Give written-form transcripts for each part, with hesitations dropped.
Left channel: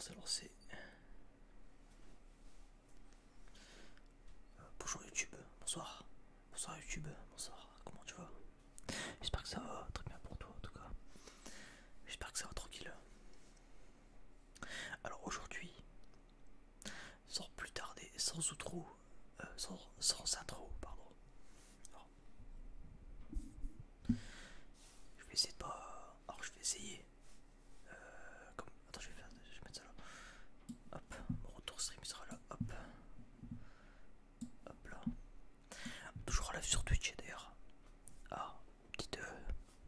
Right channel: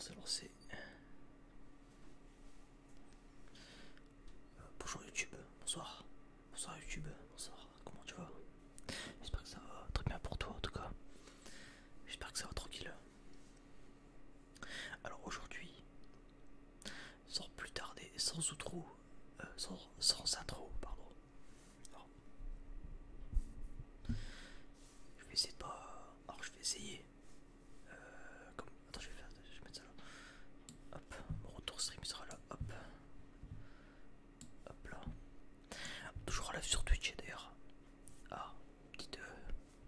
c'est lancé. Bonjour YouTube, bonsoir. Bonsoir YouTube, bonsoir. Comment tu vas? J'espère que ça va très bien pour toi en tout cas. J'espère que ça va tranquille. Alors aujourd'hui, sans plus tarder, sans outro, sans intro, pardon. Alors, je vais essayer de pas. Alors je vais essayer. Comme. Attends, je vais mettre ça là. Hop, mon retour stream sera là. Hop. Hop là. Toujours en live sur Twitch d'ailleurs. Ah, petite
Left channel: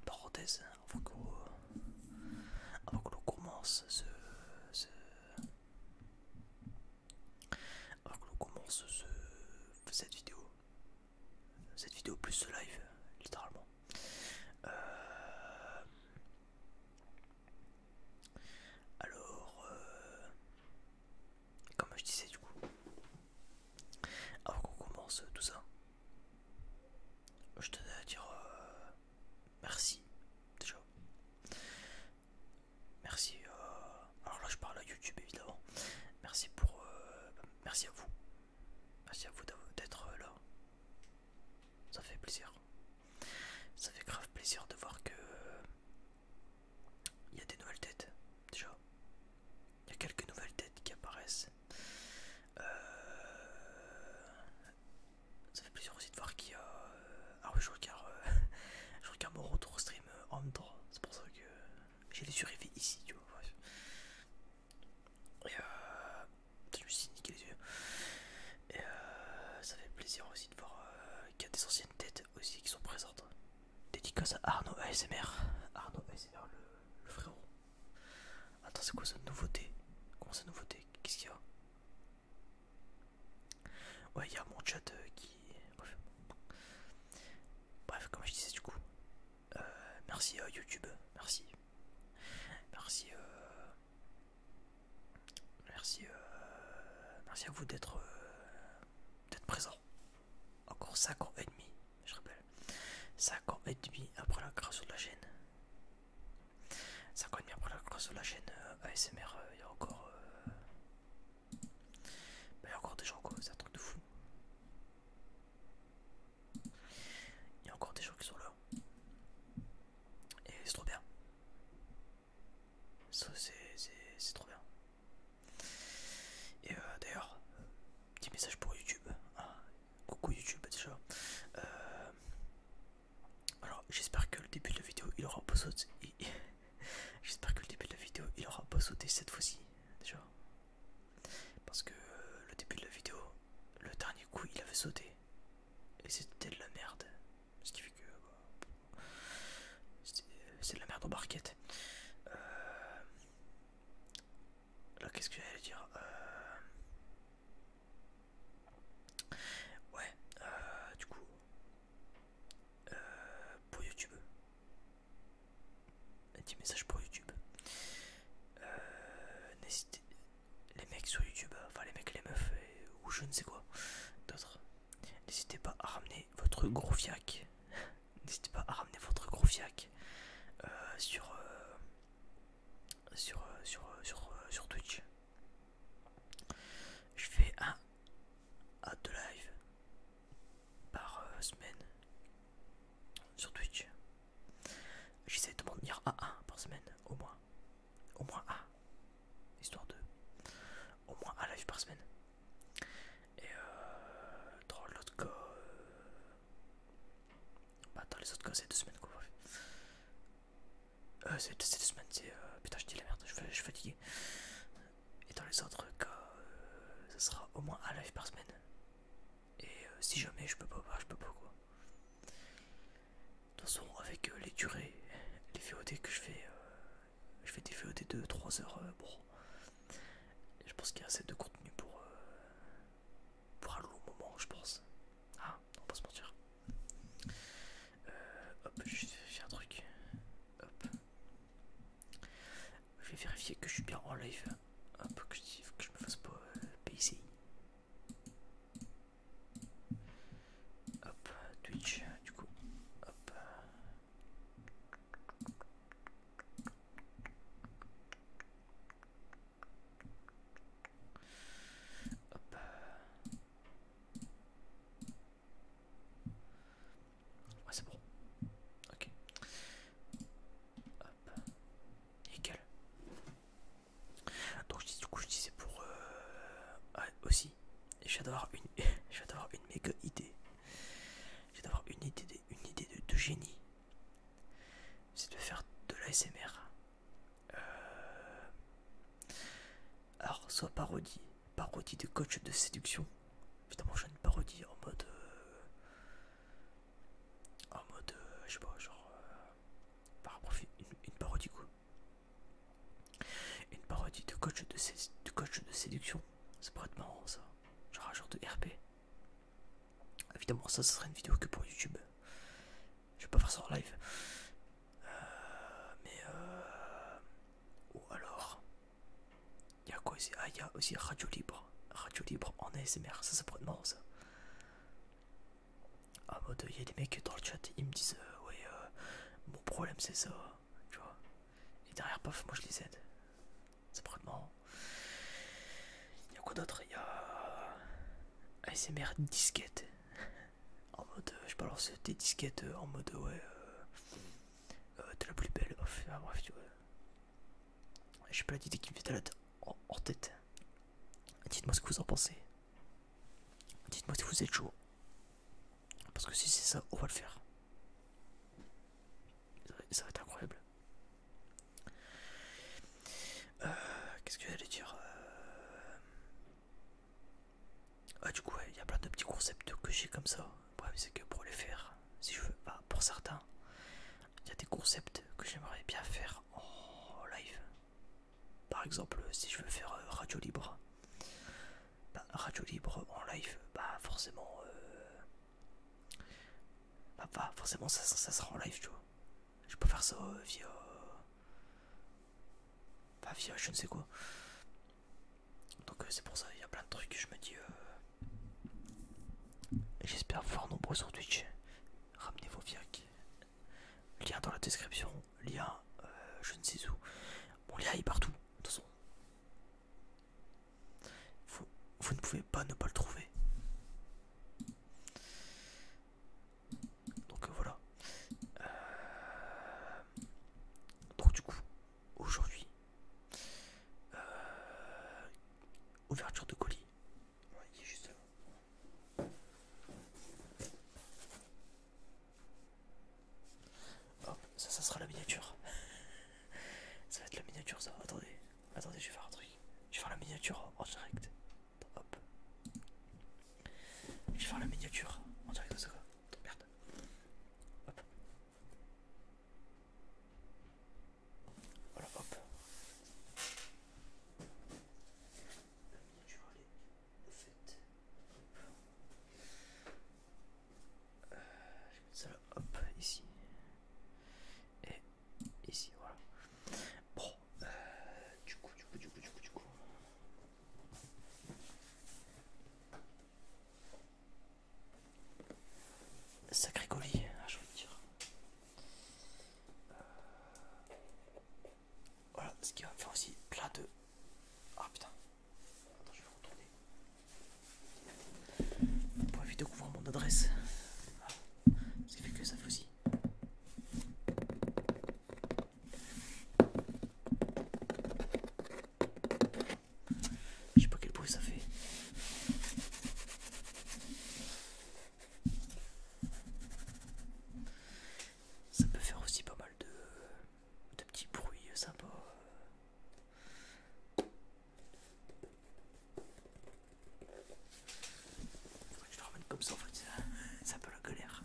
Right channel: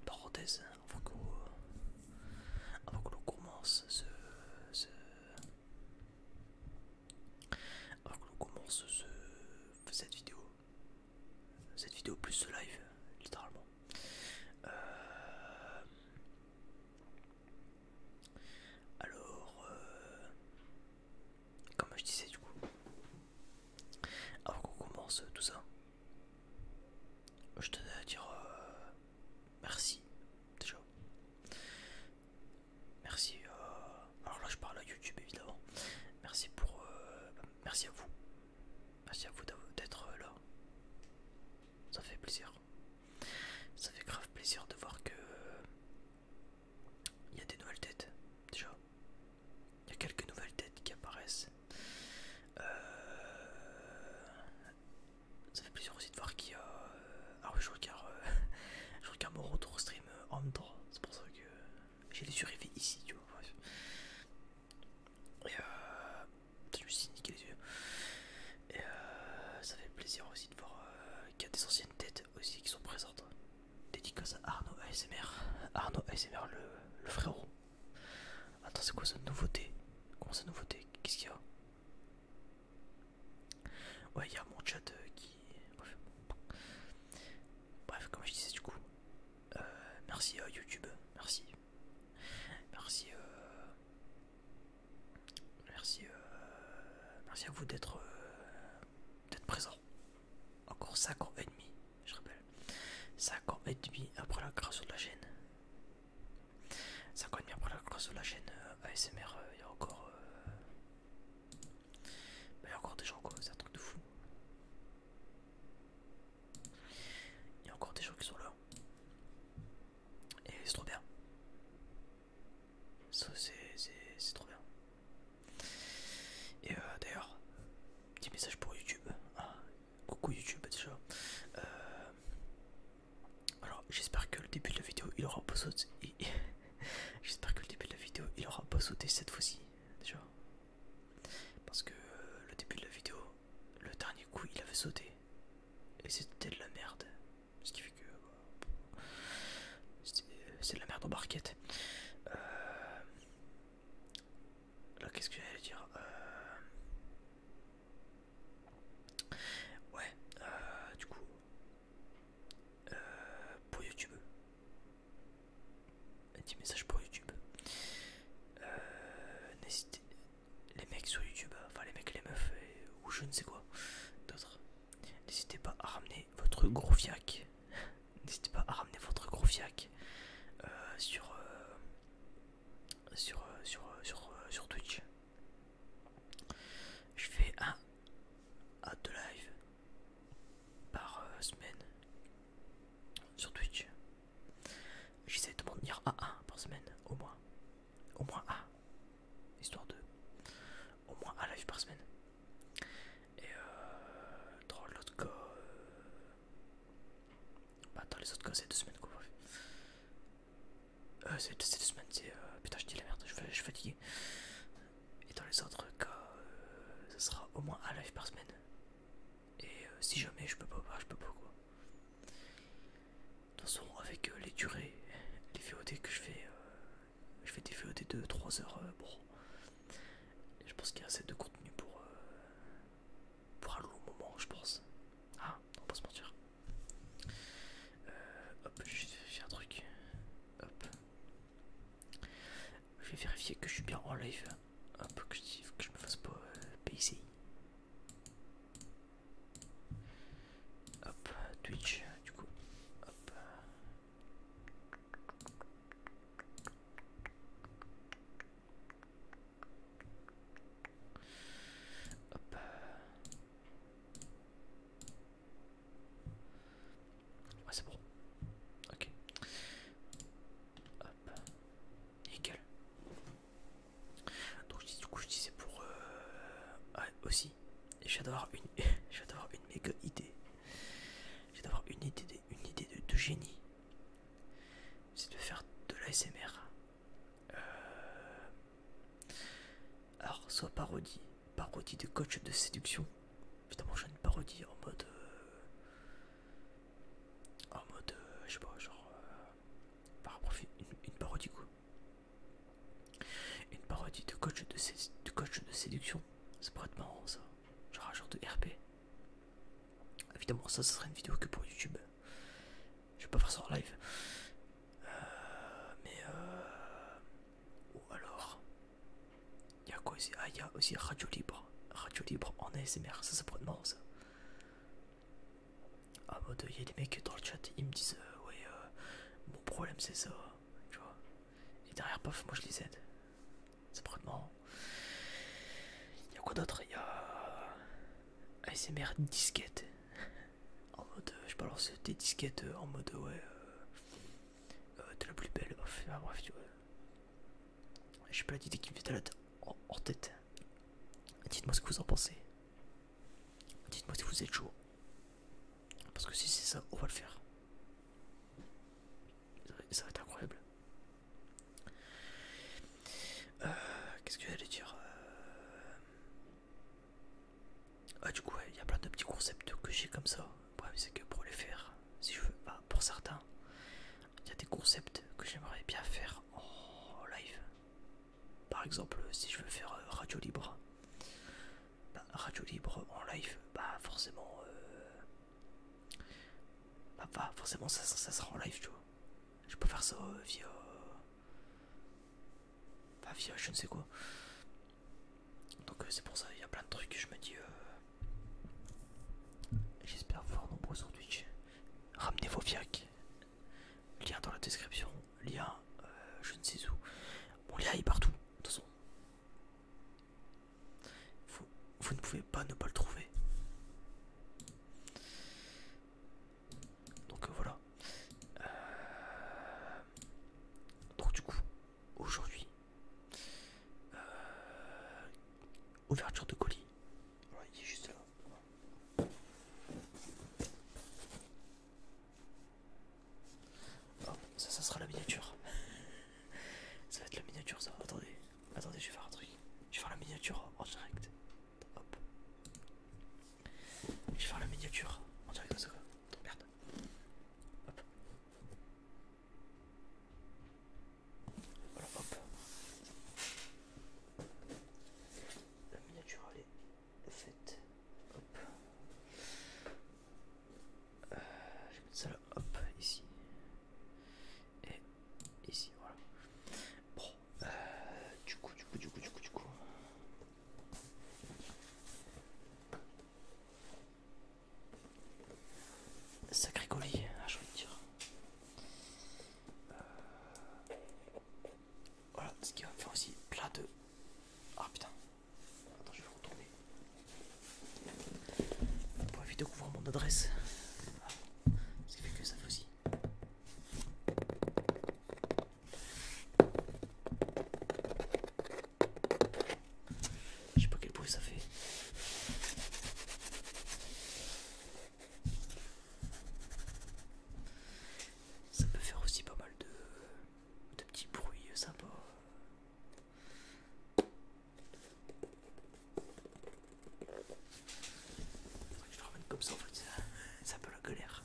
parenthèse avant que l'on commence avant que l'on commence cette vidéo plus ce live, littéralement. Euh, comme je disais du coup, avant qu'on commence tout ça, je tenais à dire merci déjà. Merci. Alors là, je parle à YouTube évidemment. Merci merci à vous. Merci à vous d'être là. Ça fait plaisir. Ça fait grave plaisir de voir que il y a des nouvelles têtes. Déjà, il y a quelques nouvelles têtes qui apparaissent. Ça fait plaisir aussi de voir qu'il y a. Ah oui, je regarde mon retour stream en même temps. C'est pour ça que j'ai les yeux rivés ici, tu vois. Bref. Et je me suis niqué les yeux. Et ça fait plaisir aussi de voir qu'il y a des anciennes têtes aussi qui sont présentes. Dédicace à Arnaud ASMR. Arnaud ASMR, le frérot. Attends, c'est quoi cette nouveauté? Comment cette nouveauté? Qu'est-ce qu'il y a? Ouais, il y a mon chat qui. Bref, comme je disais du coup. Merci à YouTube. Merci. Merci. Merci à vous d'être présent. Encore 5 ans et demi, je rappelle. 5 ans et demi après la création de la chaîne. 5 ans et demi après la création de la chaîne ASMR, il y a encore. Il y a encore des gens quoi, c'est un truc de fou. Il y a encore des gens qui sont là. Et c'est trop bien. Ça c'est trop bien. Et d'ailleurs, petit message pour YouTube. Ah, coucou YouTube déjà. Alors j'espère que le début de la vidéo il aura pas sauté. J'espère que le début de la vidéo il aura pas sauté cette fois-ci déjà. Parce que le début de la vidéo, le dernier coup il avait sauté. Et c'était de la merde. Ce qui fait que c'est de la merde en barquette. Là qu'est-ce que j'allais dire ouais, du coup, pour YouTube, un petit message pour YouTube. N'hésitez, les mecs sur YouTube, enfin les mecs, les meufs, ou je ne sais quoi, d'autres, n'hésitez pas à ramener votre gros fiac. N'hésitez pas à ramener votre gros fiac sur Twitch. Je fais 1 à 2 lives par semaine sur Twitch. J'essaie de m'en tenir à 1 par semaine, au moins. Au moins 1. Histoire de. Au moins 1 live par semaine. Et dans l'autre cas. Bah, dans les autres cas, c'est 2 semaines quoi. C'est 2 semaines, c'est. Putain, je dis la merde, je suis fatigué. Et dans les autres cas, ça sera au moins 1 live par semaine. Et si jamais je peux pas, bah, je peux pas quoi. De toute façon, avec les durées, les VOD que je fais des VOD de 3 heures. Bon, je pense qu'il y a assez de contenu pour un long moment, je pense. Ah, on va pas se mentir. Hop, je vais vérifier un truc. Hop. Je vais vérifier que je suis bien en live. Hop, que je me fasse pas PICI. Hop, Twitch, du coup. Hop. aussi, je viens d'avoir une, je viens d'avoir une méga idée. Je viens d'avoir une idée de génie. C'est de faire de l'ASMR. Alors, soit parodie de coach de séduction. Évidemment, j'ai une parodie je sais pas, genre, une parodie quoi. Une parodie de coach de séduction. Ça pourrait être marrant ça. Genre un genre de RP. Évidemment, ça serait une vidéo que pour YouTube. Je vais pas faire ça en live. Ou alors. Il y a quoi aussi? Ah, il y a aussi Radio Libre. Radio Libre en ASMR. Ça pourrait être marrant ça. En mode, il y a des mecs dans le chat, ils me disent ouais, mon problème c'est ça. Tu vois. Et derrière, paf, moi je les aide. Ça pourrait être marrant. Il y a quoi d'autre? Il y a ASMR disquette. En mode, je balance des disquettes en mode, ouais, t'es la plus belle. Enfin, bref, tu vois. J'ai pas d'idée qui me fait en tête. Dites-moi ce que vous en pensez. Dites-moi si vous êtes chaud. Parce que si c'est ça, on va le faire. Ça va être incroyable. Qu'est-ce que j'allais dire? Ah, du coup, il y a plein de petits concepts que j'ai comme ça. Le problème, c'est que pour les faire, si je veux, bah, pour certains, il y a des concepts que j'aimerais bien faire en live. Par exemple, si je veux faire Radio Libre, bah, Radio Libre en live, bah forcément, forcément ça sera en live, tu vois. Je peux faire ça via je ne sais quoi. Donc c'est pour ça, il y a plein de trucs, je me dis, j'espère vous voir nombreux sur Twitch. Ramenez vos fiacs. Lien dans la description, lien je ne sais où. Mon lien est partout, de toute façon. Vous ne pouvez pas ne pas le trouver. Donc voilà. Donc du coup, aujourd'hui, ouverture de colis. Ouais, il est juste là. Hop, ça sera la miniature. Ça va être la miniature ça. Attendez, je vais faire un truc. Je vais faire la miniature en direct. Hop. Je vais faire la miniature en direct de ça quoi. Merde. Hop. Voilà, hop. La miniature elle est faite. Hop. Je vais mettre ça là, hop, ici. Et ici, voilà. Bon, du coup. Sacré colis, j'ai envie de dire. Voilà, ce qui va me faire aussi plein de... Ah putain. Attends, je vais retourner. Pour éviter qu'on voit mon adresse. Ce qui fait que ça fait aussi. Je sais pas quel bruit ça fait. Ça peut faire aussi pas mal de petits bruits sympas. Faudrait que je le ramène comme ça en fait. C'est un peu la galère.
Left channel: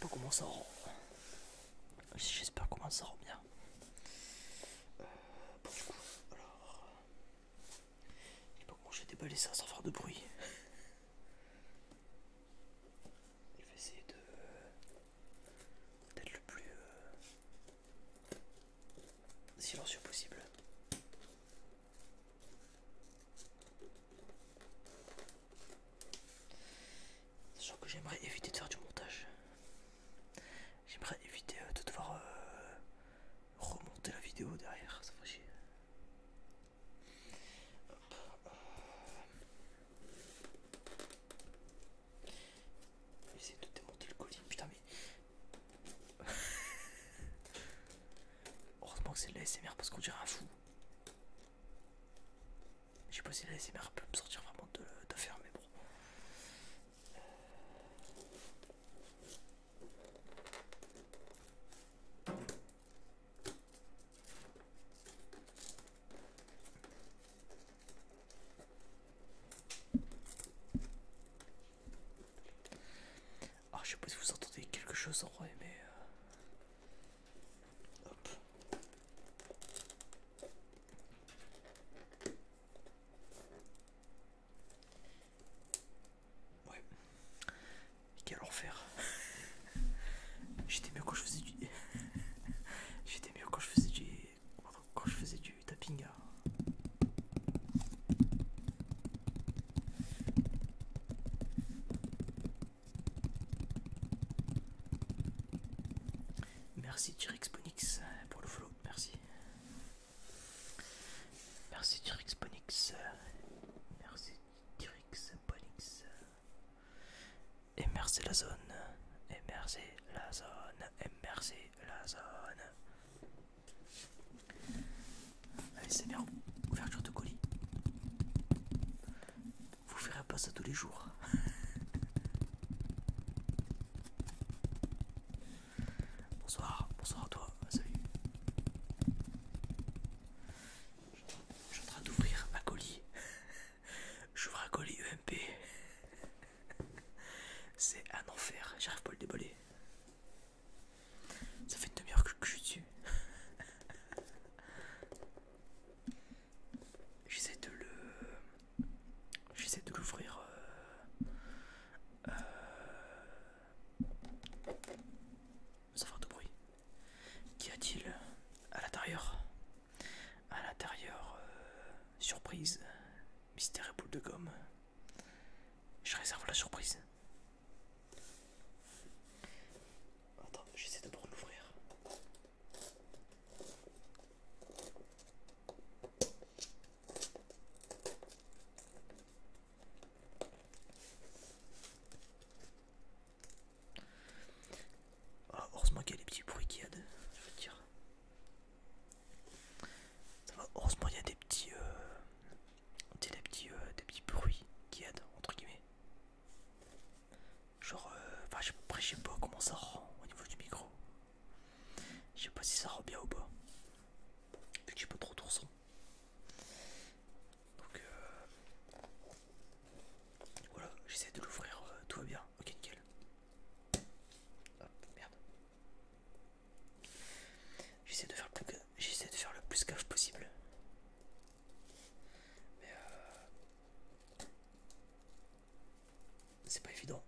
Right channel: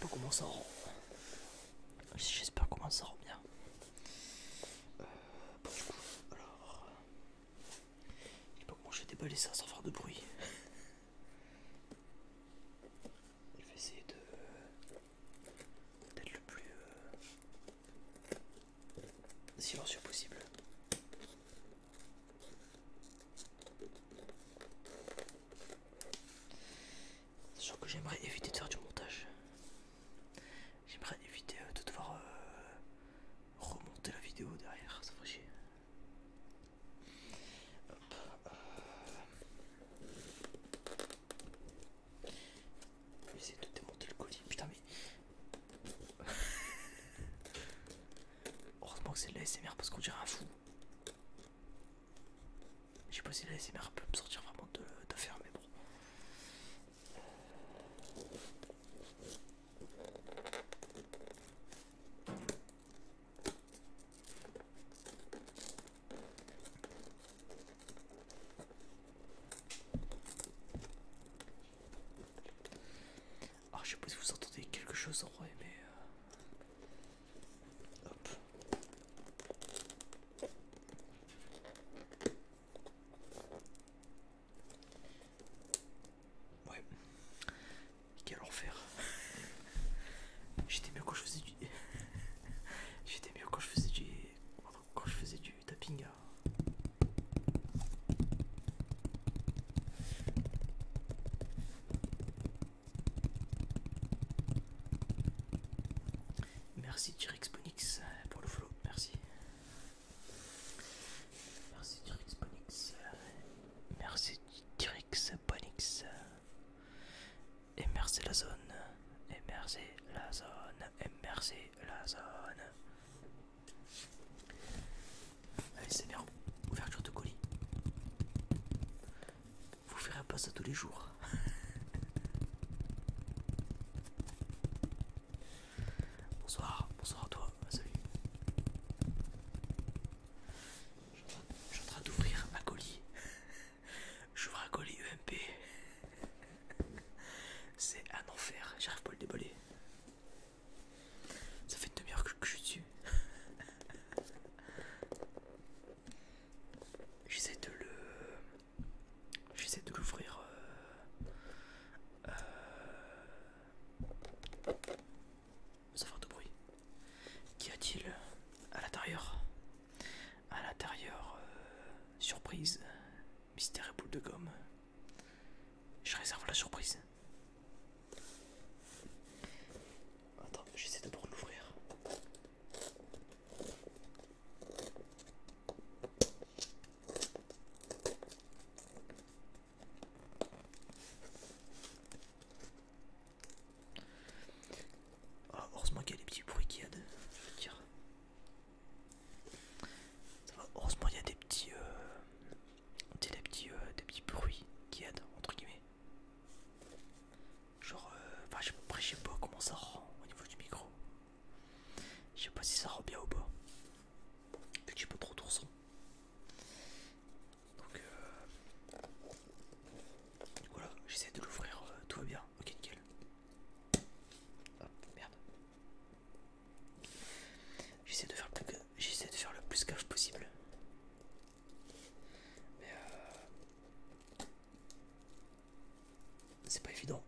pas comment ça rend. J'espère comment ça rend bien. Bon, du coup, alors. Je sais pas comment je vais déballer ça sans faire de bruit. Je vais essayer d'être le plus silencieux possible. Sachant que j'aimerais éviter de faire du montage. J'aimerais éviter de devoir remonter la vidéo derrière, ça ferait chier. Hop, je vais essayer de démonter le colis. Putain, mais. Heureusement que c'est de la l'ASMR parce qu'on dirait un fou. Je sais pas si la l'ASMR peut me sortir vraiment d'affaire, mais bon. Alors je sais pas si vous entendez quelque chose en vrai, mais hop. Ouais. Quel enfer. J'étais mieux quand je faisais du. J'étais mieux quand je faisais du. Quand je faisais du tapping. Merci T-Rex Ponix pour le follow, merci. Merci T-Rex Ponix. Merci T-Rex Ponix. Et merci la zone. Et merci la zone. Et merci la zone. Allez, c'est bien. Ouverture de colis. Vous verrez pas ça tous les jours. Bonsoir, bonsoir à toi, salut. Je suis en train d'ouvrir un colis. J'ouvre un colis EMP. C'est un enfer, j'arrive pas à le déballer. Ça fait une demi-heure que je suis dessus. J'essaie de l'ouvrir. Sans faire de bruit. Qu'y a-t-il à l'intérieur? À l'intérieur, surprise, mystère et boule de gomme. Je réserve la surprise. Attends, j'essaie d'abord de l'ouvrir. Ah, heureusement qu'il y a des petits bruits qui aident, je veux te dire. Ça va, heureusement il y a des petits, des petits bruits qui aident, entre guillemets. Genre, enfin, après, je sais pas comment ça rend au niveau du micro. Je sais pas si ça rend bien ou pas. Vu que j'ai pas trop de son. Donc, voilà, j'essaie de l'ouvrir, tout va bien. Ok, nickel. Hop, merde. J'essaie de faire le plus gaffe possible. Mais c'est pas évident.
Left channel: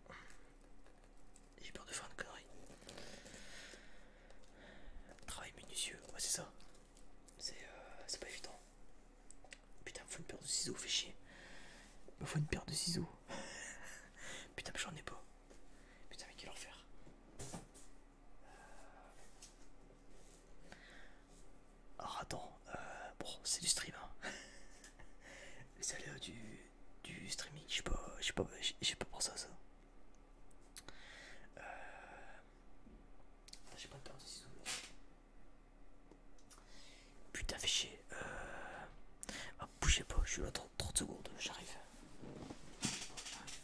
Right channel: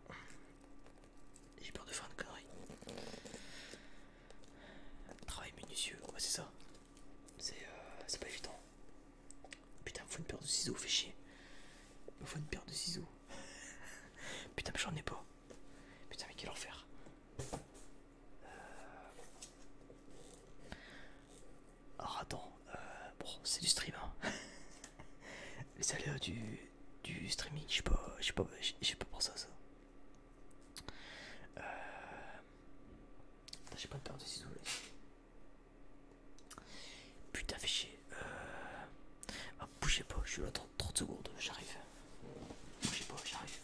J'ai peur de faire une connerie. Travail minutieux, ouais c'est ça. C'est pas évident. Putain, me faut une paire de ciseaux, fait chier. Me faut une paire de ciseaux. Putain, mais j'en ai pas. Putain, mais quel enfer. Alors attends, bon, c'est du stream, hein. Les aléas du streaming, j'ai pas pensé à ça. J'ai pas de paire de ciseaux là. Putain, fait chier. Ah, bougez pas, je suis là 30 secondes, j'arrive. Bougez pas, j'arrive.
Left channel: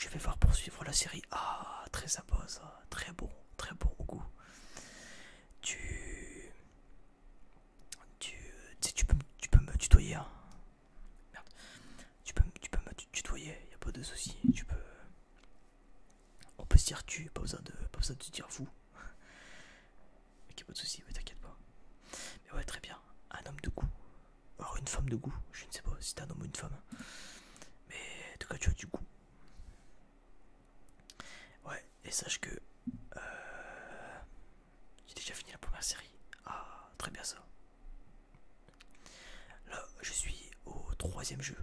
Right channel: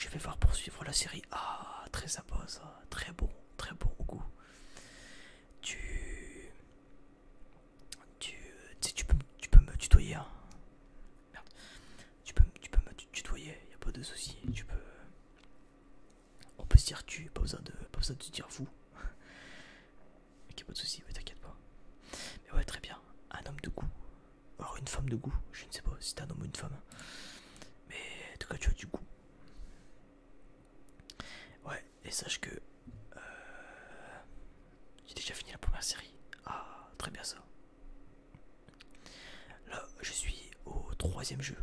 je vais voir poursuivre la série. Ah, très sympa ça, très bon au goût. Tu, tu peux me tutoyer, hein. Merde. Tu peux me tutoyer, y a pas de souci. On peut se dire pas besoin de se dire vous. Ok, pas de souci, mais t'inquiète pas. Mais ouais, très bien. Un homme de goût. Alors une femme de goût, je ne sais pas si t'es un homme ou une femme. Mais en tout cas, tu as du goût. Ouais, et sache que j'ai déjà fini la première série. Ah, très bien ça. Là, je suis au troisième jeu.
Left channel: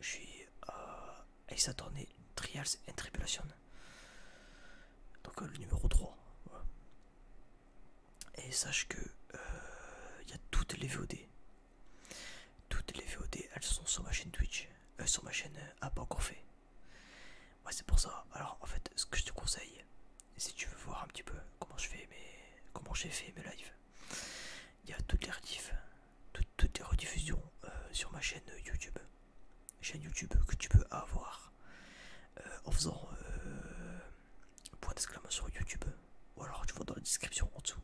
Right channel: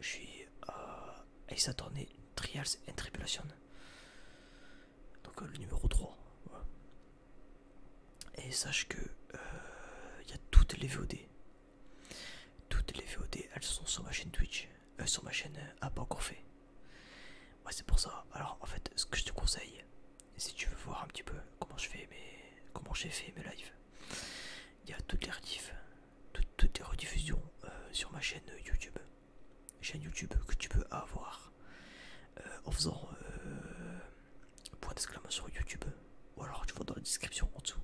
Je suis à Ace Attorney Trials and Tribulation. Donc le numéro 3. Voilà. Et sache que il y a toutes les VOD. Toutes les VOD, elles sont sur ma chaîne Twitch. Sur ma chaîne pas encore fait. Ouais, c'est pour ça. Alors en fait, ce que je te conseille, si tu veux voir un petit peu comment j'ai fait mes lives, il y a toutes les rediffs, toutes les rediffusions sur ma chaîne YouTube. Chaîne YouTube que tu peux avoir en faisant point d'exclamation YouTube. Ou alors tu vois dans la description en dessous.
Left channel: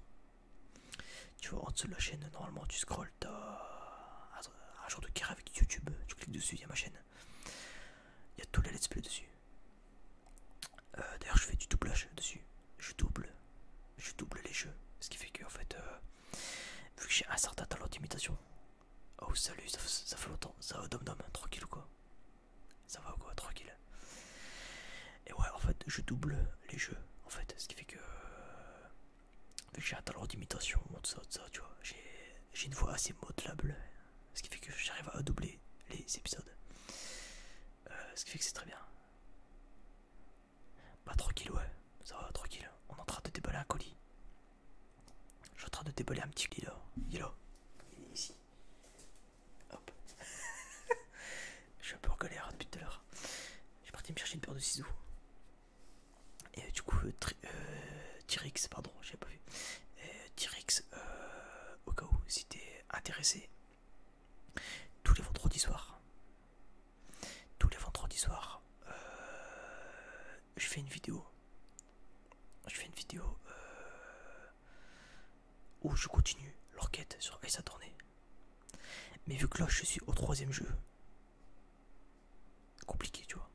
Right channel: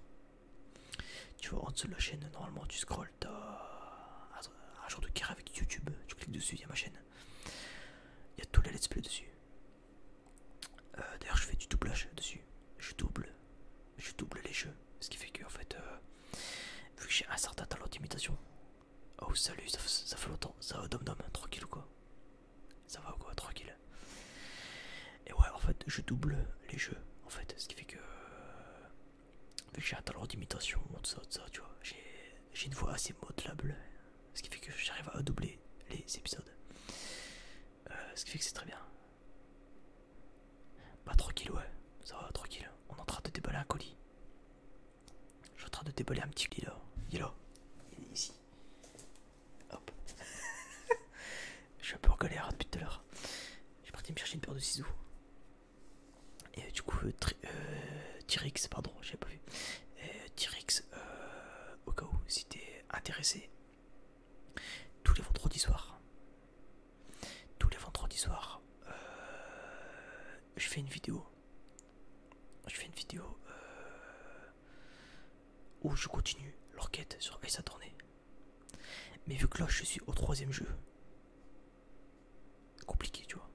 Tu vois en dessous de la chaîne, normalement tu scrolls, t'as un genre de carré avec YouTube. Tu cliques dessus, il y a ma chaîne. Il y a tous les let's play dessus. D'ailleurs je fais du doublage dessus. Je double les jeux. Ce qui fait que en fait vu que j'ai un certain talent d'imitation. Oh salut, ça fait longtemps. Ça va dom dom, tranquille ou quoi? Ça va ou quoi, tranquille. Et ouais, en fait je double les jeux. En fait, ce qui fait que vu que j'ai un talent d'imitation, tout ça, tu vois, j'ai une voix assez modelable. Ce qui fait que j'arrive à doubler les épisodes. Ce qui fait que c'est très bien. Bah tranquille, ouais, ça va, tranquille. On est en train de déballer un colis. Je suis en train de déballer un petit colis là. Il est là. Il est ici. Hop. Je suis un peu en galère depuis tout à l'heure. J'ai parti me chercher une paire de ciseaux. Et du coup, T-Rex, pardon, j'ai pas vu. T-Rex, au cas où, si t'es intéressé, tous les vendredis soirs, je fais une vidéo. Où je continue l'enquête sur Ace Attorney. Mais vu que là je suis au troisième jeu, compliqué, tu vois.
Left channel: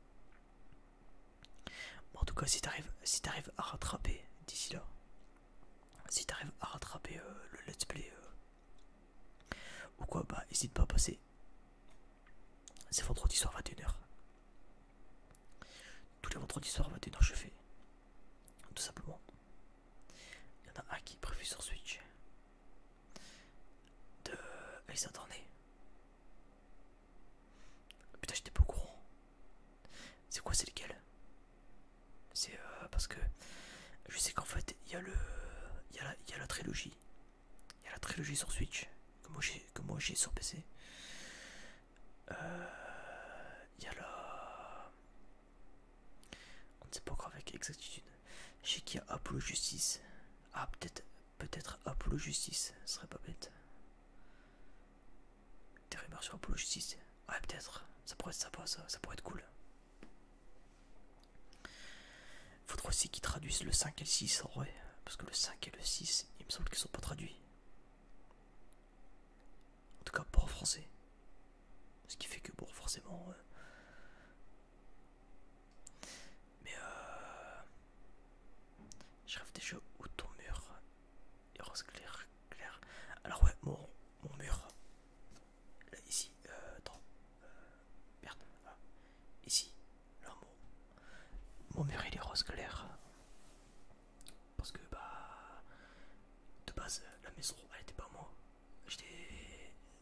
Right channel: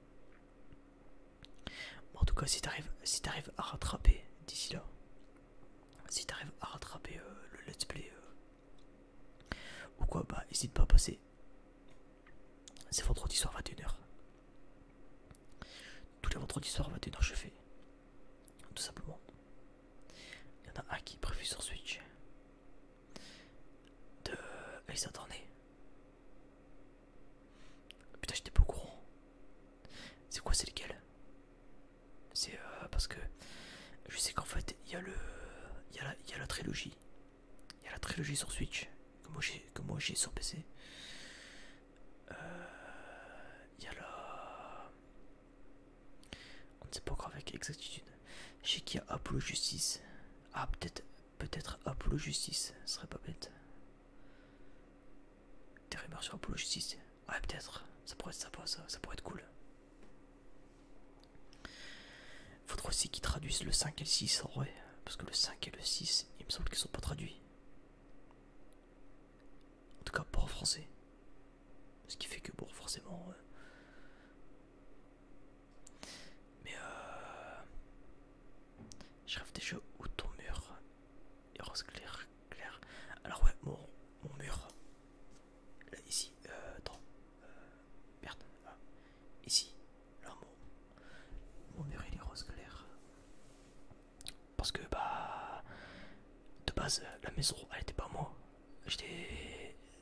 Bon, en tout cas, si t'arrives à rattraper d'ici là, si t'arrives à rattraper le let's play ou quoi, bah n'hésite pas à passer. C'est vendredi soir 21h. Tous les vendredis soirs 21h je fais. Tout simplement. Il y en a un qui est prévu sur Switch. De Ace Attorney. Putain, j'étais pas au courant. C'est quoi, c'est lequel? C'est parce que je sais qu'en fait il y a la trilogie. Il y a la trilogie sur Switch que moi j'ai sur PC. Il y a la... On ne sait pas encore avec exactitude. Je sais qu'il y a Apollo Justice. Ah, peut-être Apollo Justice, ce serait pas bête. Des rumeurs sur Apollo Justice. Ouais, peut-être. Ça pourrait être sympa, ça pourrait être cool. Faudra aussi qu'ils traduisent le 5 et le 6 en vrai. Parce que le 5 et le 6, il me semble qu'ils sont pas traduits. En tout cas, pas en français. Ce qui fait que, bon, forcément... Mais je rêve déjà où ton mur est rose clair. Alors ouais, mon mur... Là, ici, attends. Merde. Ah. Ici. Là, mon mur, il est rose clair. Parce que, bah... De base, la maison, elle était pas à moi.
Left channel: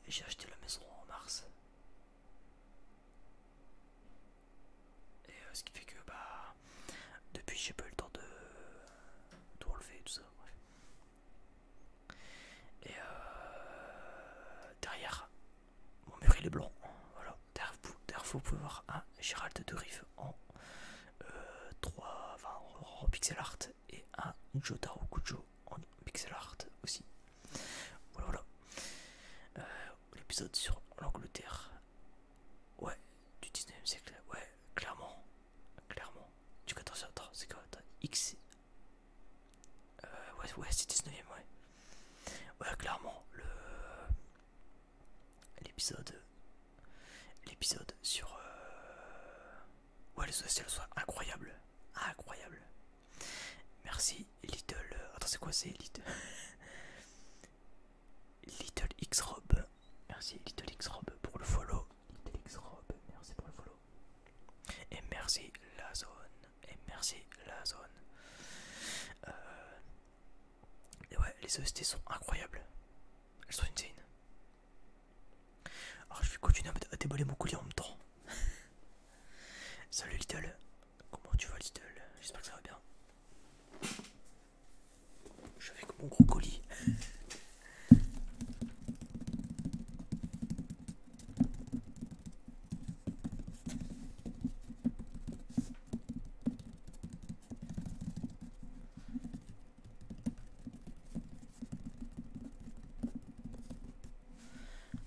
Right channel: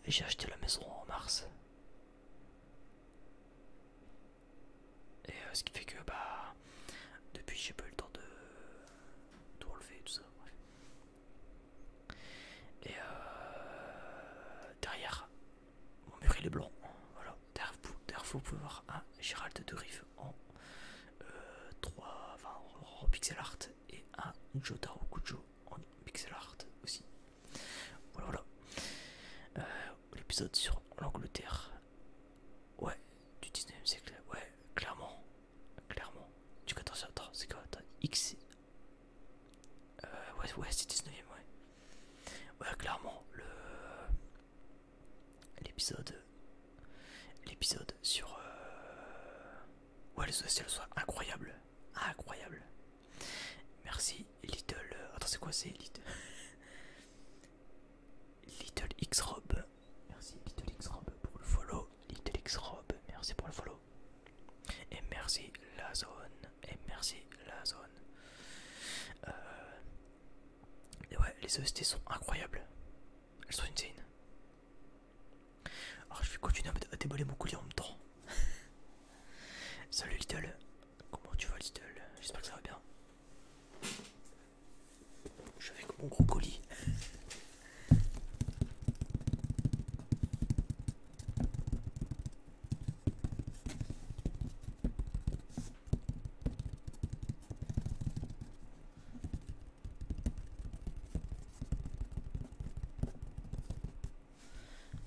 J'ai acheté la maison en mars. Et ce qui fait que bah depuis j'ai pas eu le temps de tout relever tout ça. Bref. Et derrière mon mur il est blanc. Voilà. Derrière vous pouvez voir un Gérald de Riff en 3, enfin, en pixel art et un Jotaro Kujo en pixel art aussi. Voilà. L'épisode sur l'Angleterre. Ouais, du 19e siècle. Ouais, clairement. attends, c'est quoi? Attends, X. Ouais, c'est 19ème, ouais. Ouais, clairement, l'épisode. L'épisode sur. Ouais, les OST sont incroyables. Incroyable. Merci, Little. Attends, c'est quoi, c'est Little. Little X Rob. Merci, Little X Rob pour le follow. Little X Rob, merci pour le follow. Et merci, la zone. Et merci, la zone. Et ouais, les OST sont incroyables. Elles sont insane. Alors je vais continuer à déballer mon colis en même temps. Salut Little. Comment tu vas Little? J'espère que ça va bien. Je suis avec mon gros colis.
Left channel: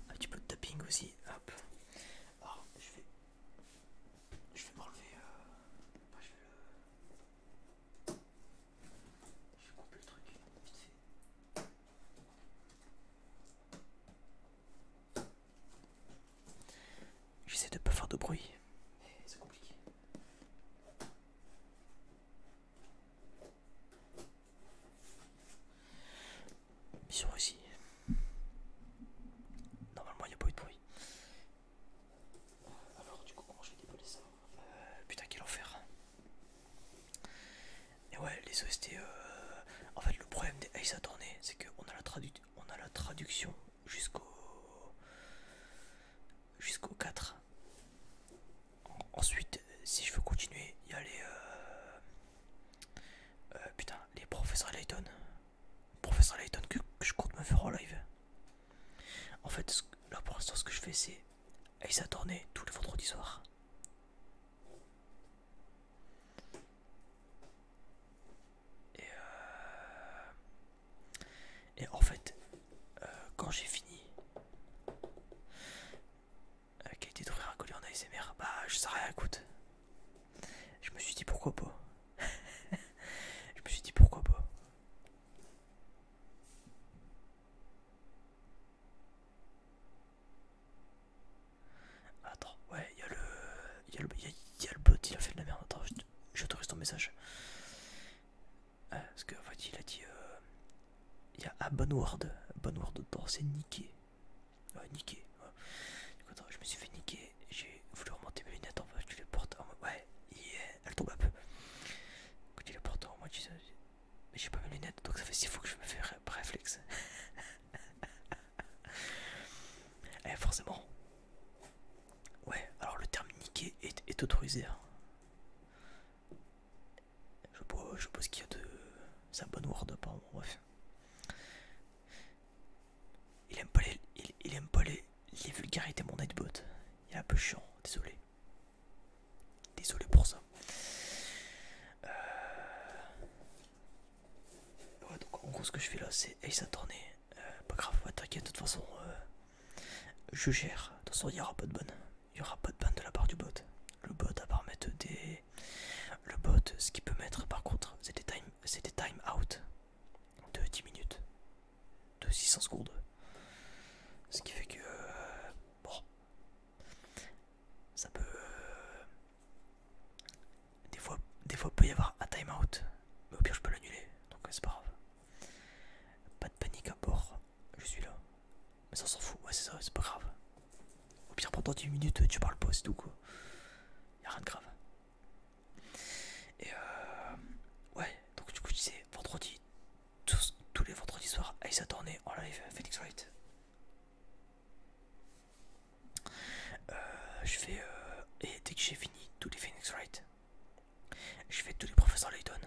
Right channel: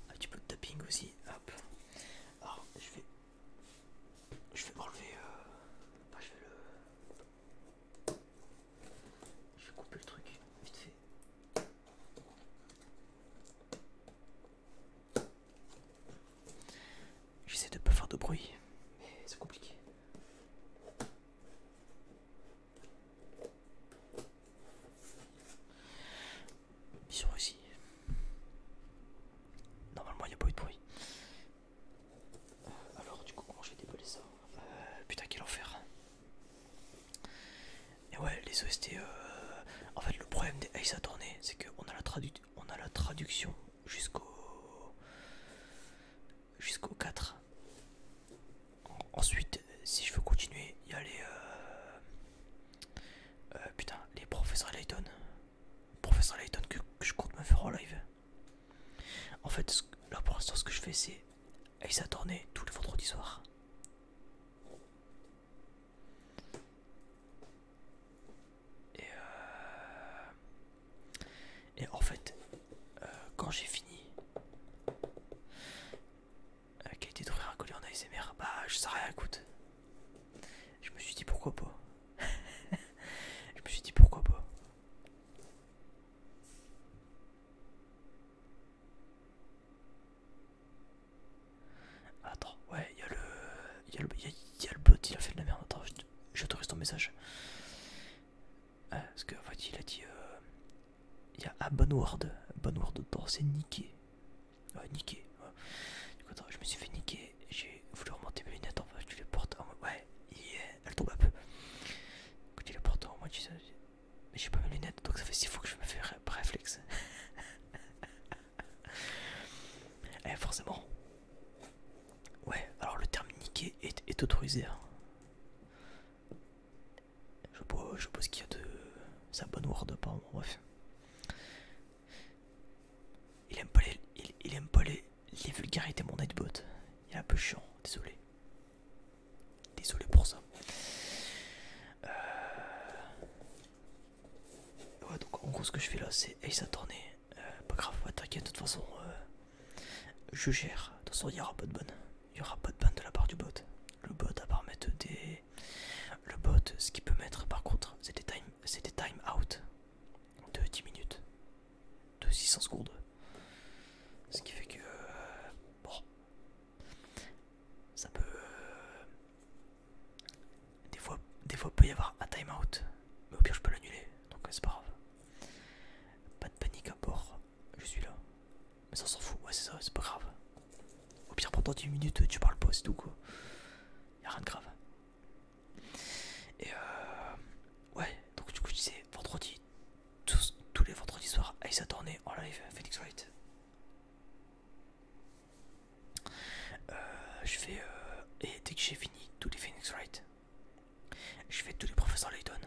Un petit peu de tapping aussi. Hop. Alors je vais m'enlever. Enfin, je vais couper le truc vite fait. J'essaie de pas faire de bruit, mais c'est compliqué. Mission réussie. Normalement, il n'y a pas eu de bruit. Alors, du coup, comment je vais déballer ça? Putain, quel enfer. Et ouais, les OST. En fait, le problème des Ace Attorney, c'est qu'on a la traduction jusqu'au 4. Ensuite, si je veux continuer, il y a les. Putain, les professeurs Layton. Professeur Layton que je compte me faire en live. En fait, là pour l'instant, ce que je fais, c'est Ace Attorney tous les vendredis soirs. Et en fait, quand j'ai fini, qualité d'ouvrir un colis en ASMR, bah je sais rien, écoute. Je me suis dit pourquoi pas. Je me suis dit pourquoi pas. Attends, ouais, il y a le bot, il a fait de la merde. Attends, j'autorise ton message. Parce qu'en fait, il a dit. Il y a Bonward dedans, c'est niqué. Ouais, niqué. Ouais. Du coup, attends, je me suis fait niquer. J'ai voulu remonter mes lunettes en fait, tu les portes en mode. Ouais, elle tombe un peu. Quand tu les portes en mode, mais j'ai pas mes lunettes, donc ça fait 6 fois que je me fais réflexe. Forcément. Ouais, alors le terme niqué est autorisé. Hein. Je suppose qu'il y a de. C'est un Bonward apparemment, bref. Il aime pas les vulgarités, mon Nightbot. Il est un peu chiant, désolé. Désolé pour ça. Ouais, donc en gros, ce que je fais là, c'est Ace Attorney. Pas grave, ouais, t'inquiète, de toute façon, je gère. De toute façon, il n'y aura pas de ban. Il n'y aura pas de ban de la part du bot. Le bot, à part mettre des. Le bot, ce qu'il peut mettre par contre, c'est des time out de 10 minutes, de 600 secondes. Ce qui fait que. Bon. Ça peut. Des fois, peut y avoir un time out. Mais au pire, je peux l'annuler. Donc, c'est pas grave. Pas de panique à bord. Je suis là. Mais ça, on s'en fout. Ouais, c'est ça, c'est pas grave. Au pire, pendant 10 minutes, tu parles pas, c'est tout quoi. Y'a rien de grave. Et ouais, donc du coup, je disais vendredi, tous les vendredis soirs, Ace Attorney en live, Phoenix Wright. Je fais. Et dès que j'ai fini tous les Phoenix Wright, je fais tous les professeurs Layton.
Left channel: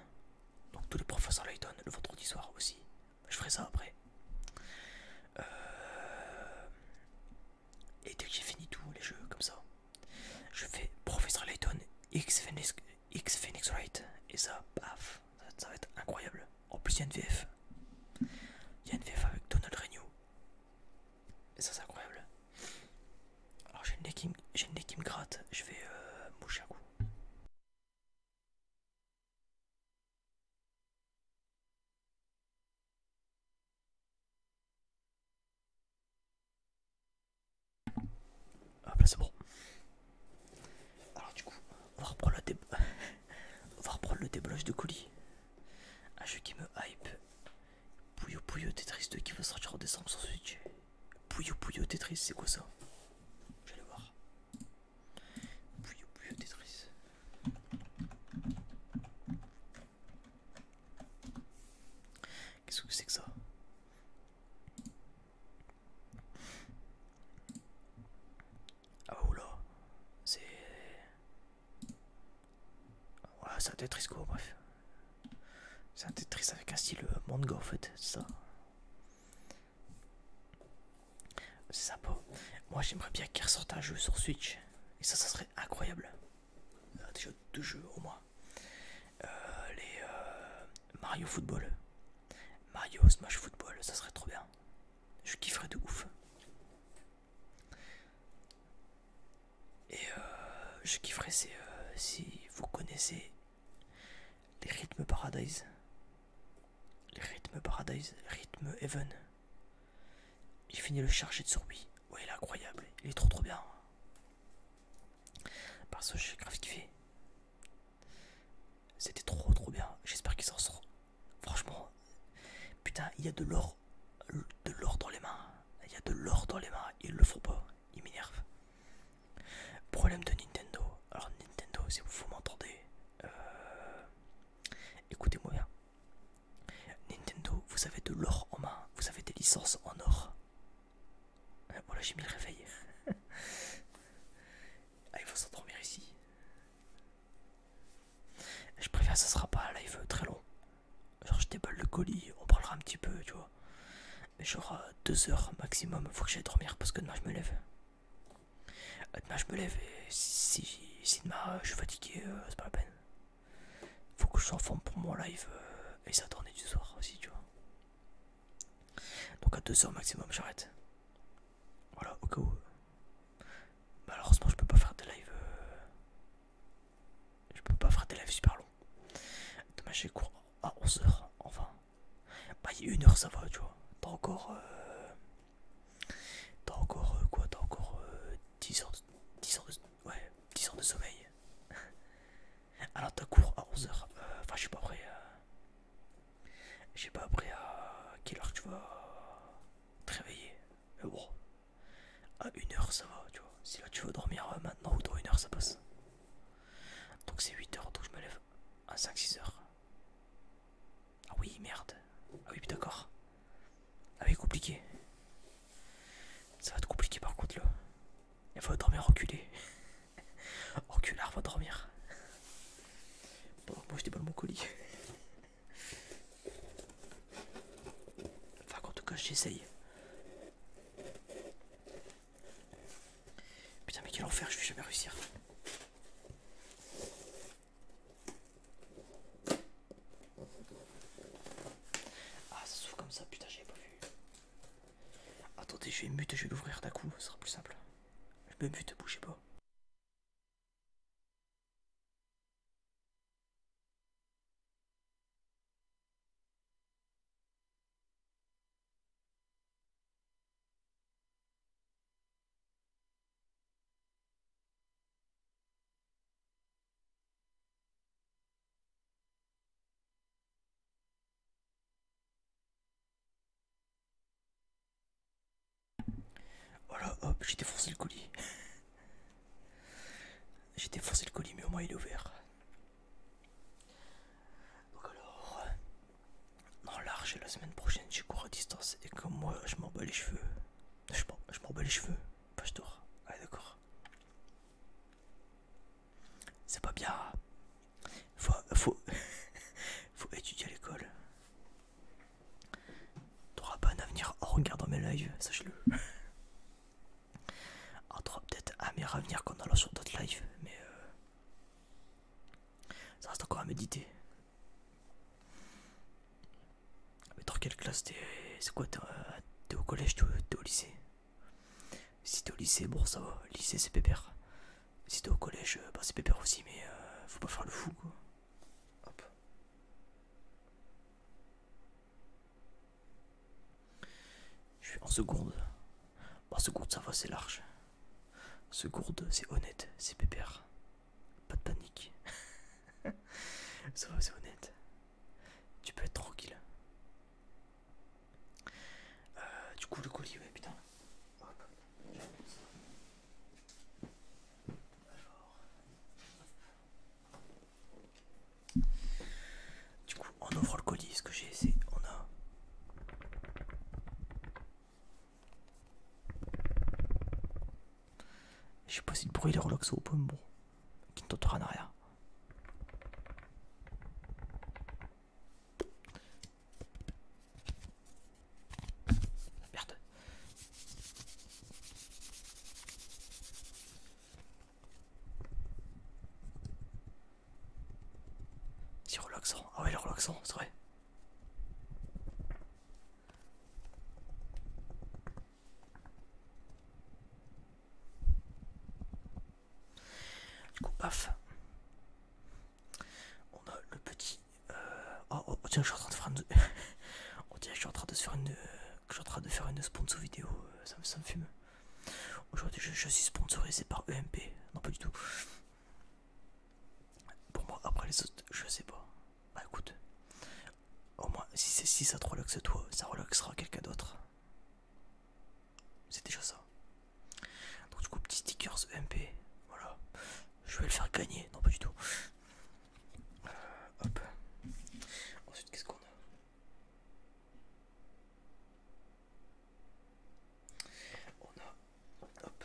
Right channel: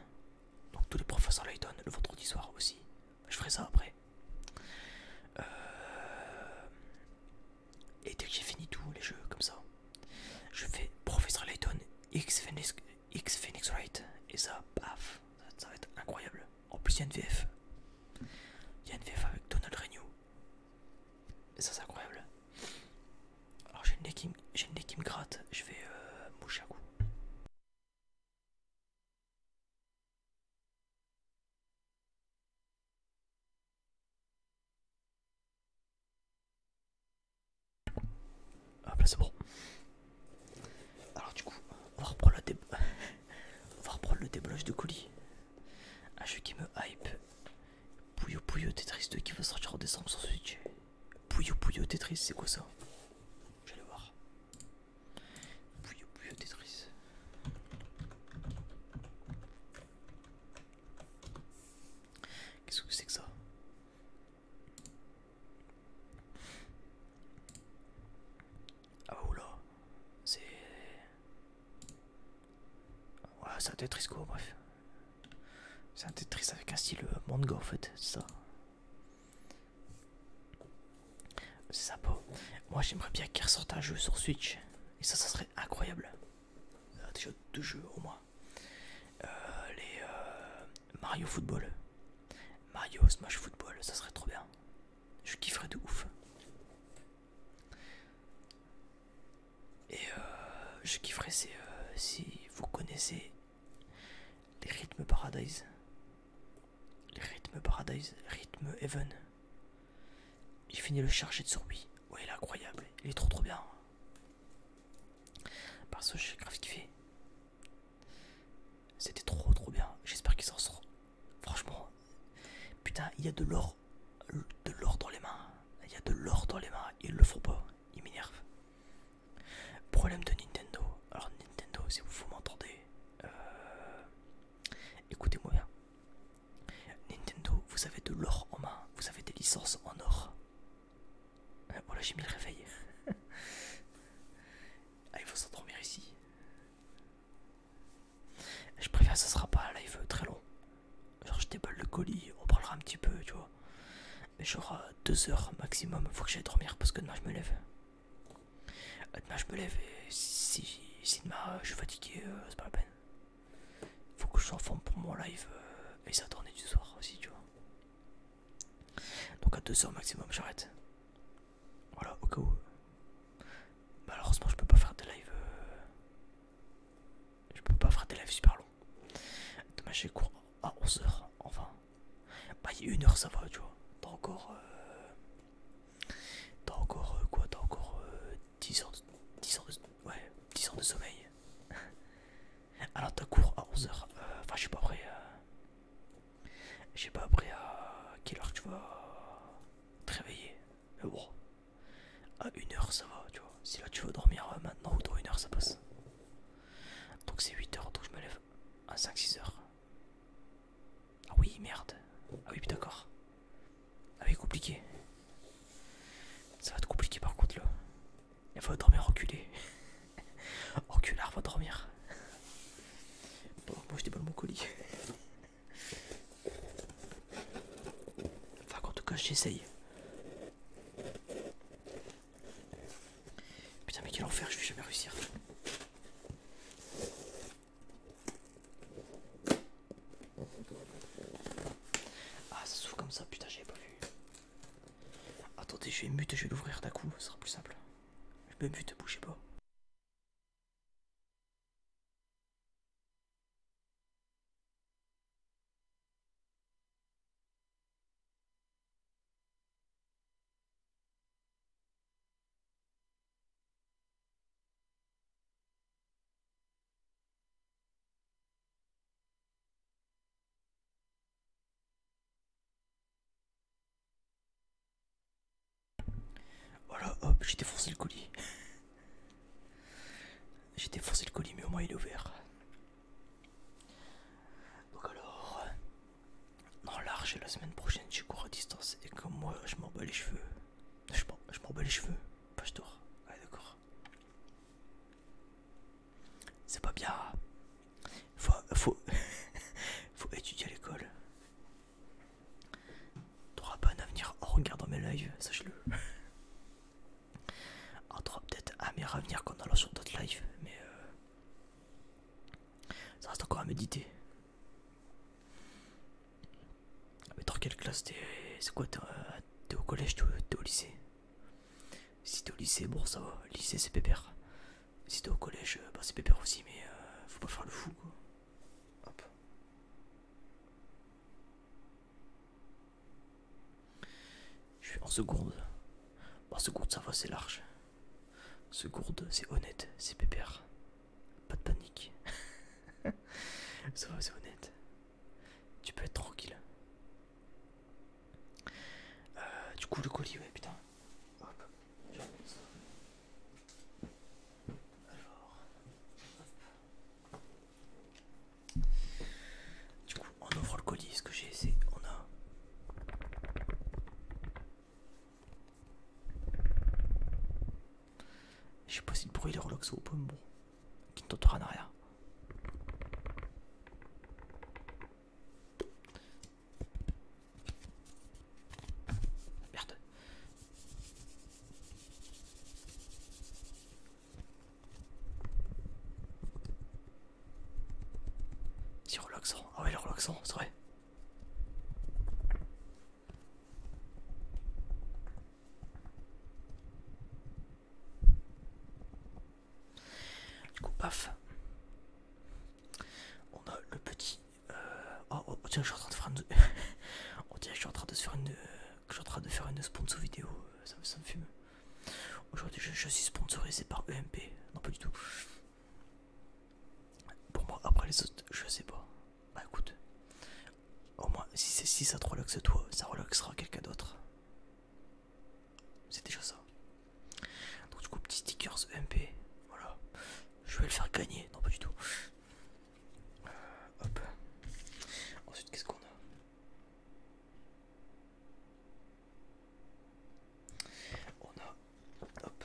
Donc tous les professeurs Layton le vendredi soir aussi. Je ferai ça après. Et dès que j'ai fini tous les jeux comme ça, je fais professeur Layton X Phoenix Wright. Et ça, paf, ça va être incroyable. En plus, il y a une VF. Il y a une VF avec Donald Renew. Et ça, c'est incroyable. Alors, j'ai le nez qui me gratte. Je vais moucher un coup. là c'est bon. Alors du coup, on va reprendre, on va reprendre le déballage de colis. Un jeu qui me hype. Puyo Puyo Tetris 2 qui va sortir en décembre sur Switch. Puyo Puyo Tetris, c'est quoi ça? J'allais voir. Puyo Puyo Tetris. Qu'est-ce que c'est que ça? Ah oula, c'est... Ouais, c'est un Tetris quoi, bref. C'est un Tetris avec un style manga en fait, c'est ça. C'est sympa. Moi j'aimerais bien qu'il ressorte un jeu sur Switch. Et ça serait incroyable. Déjà 2 jeux au moins. Les Mario Football. Mario Smash Football, ça serait trop bien. Je kifferais de ouf. Et je kifferais si vous connaissez les rythmes Paradise. Les rythmes Paradise, rythme Heaven. J'ai fini le charger de sur Wii. Ouais, il est incroyable. Il est trop bien. Parce que j'ai grave kiffé. C'était trop bien. J'espère qu'il s'en sort. Franchement, putain, il y a de l'or dans les mains. Il y a de l'or dans les mains. Ils le font pas. Ils m'énervent. Problème de Nintendo. Alors Nintendo, si vous m'entendez, écoutez-moi bien. Nintendo, vous avez de l'or en main. Vous avez des licences en or. Voilà, j'ai mis le réveil. Ah, il faut s'endormir ici. Je préviens, ça sera pas un live très long. Genre, je déballe le colis, on parlera un petit peu, tu vois. Mais genre 2 heures maximum, faut que j'aille dormir parce que demain je me lève. Demain je me lève et si demain je suis fatigué, c'est pas la peine. Faut que je sois en forme pour mon live et ça tournait du soir aussi, tu vois. Donc à 2 heures maximum, j'arrête. Voilà, au cas où. Malheureusement, je peux pas faire des lives. Je peux pas faire des lives super longs. Demain j'ai cours à 11 heures, enfin. Bah, il y a 1 heure, ça va, tu vois. T'as encore. Quoi? T'as encore 10 heures de. 10 heures de. Ouais, 10 heures de sommeil. Alors t'as cours à 11 heures. Enfin, je sais pas après. Je sais pas après à quelle heure tu vas te réveiller. Mais bon. À 1 heure, ça va, tu vois. Si là tu veux dormir maintenant ou dans 1 heure, ça passe. Donc c'est 8 heures, donc je me lève à 5-6 heures. Ah oui, merde. Ah oui, d'accord. Ah oui, compliqué. Ça va être compliqué par contre là. Il va dormir reculé. Enculard va dormir. Bon, moi je déballe mon colis. Enfin, en tout cas, j'essaye. Putain, mais quel enfer, je vais jamais réussir. Ah, ça s'ouvre comme ça, putain, j'avais pas vu. Attendez, je vais mute, je vais l'ouvrir d'un coup, ce sera plus simple. Je me mute, bougez pas. Voilà, hop, j'ai défoncé le colis. J'ai défoncé le colis, mais au moins il est ouvert. Donc alors, non, large, la semaine prochaine, j'ai cours à distance. Et comme moi, je m'en bats les cheveux. Je m'en bats les cheveux. Pas je dors. Ouais, d'accord. C'est pas bien. Faut faut étudier à l'école. T'auras pas un avenir en regardant mes lives, sache-le. Alors t'auras peut-être un meilleur avenir qu'en allant sur d'autres lives, mais ça reste encore à méditer. Mais dans quelle classe t'es? C'est quoi, t'es au collège, t'es au lycée? Si t'es au lycée, bon ça va, lycée c'est pépère. Si t'es au collège, bah c'est pépère aussi, mais faut pas faire le fou quoi. Hop. Je suis en seconde. Bon, en seconde ça va, c'est large. Ce gourde, c'est honnête, c'est pépère. Pas de panique. Ça va, c'est honnête. Tu peux être tranquille. Du coup, le colis, ouais, putain. Hop. Du coup, on ouvre le colis. Ce que j'ai, c'est. On a. Je sais pas si le bruit est relaxé ou pas, mais bon. Qui ne t'entendra en arrière. Merde. C'est relaxant. Ah ouais, il est relaxant, c'est vrai. Du coup, paf. On a le petit. Oh, tiens, je suis en train de faire une. On dirait que je suis en train de se faire une. Que je suis en train de faire une sponsor vidéo. Ça me fume. Aujourd'hui, je suis sponsorisé par EMP. Non, pas du tout. Pour moi, après les autres, je sais pas. Bah écoute. Au moins, si ça te relaxe toi, ça relaxera quelqu'un d'autre. C'est déjà ça. Donc du coup, petit stickers EMP. Voilà. Je vais le faire gagner. Non, pas du tout. Hop. Ensuite, qu'est-ce qu'on a? On a. Hop.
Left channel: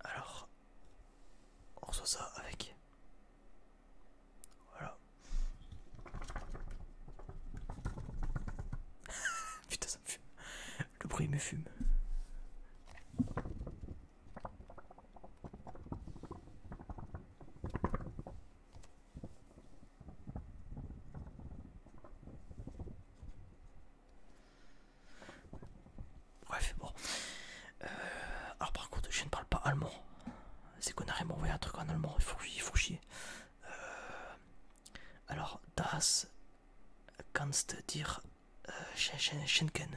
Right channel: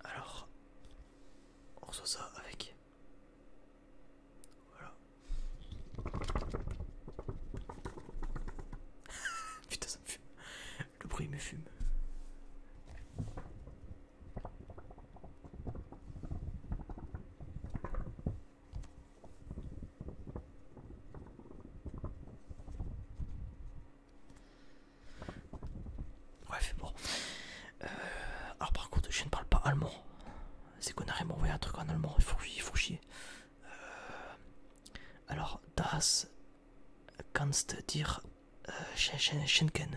Alors. On reçoit ça avec. Voilà. Putain, ça me fume. Le bruit me fume. Bref, bon. Alors par contre, je ne parle pas allemand. C'est qu'on a m'envoyé un truc en allemand, il faut chier. Alors, das kannst dir schenken.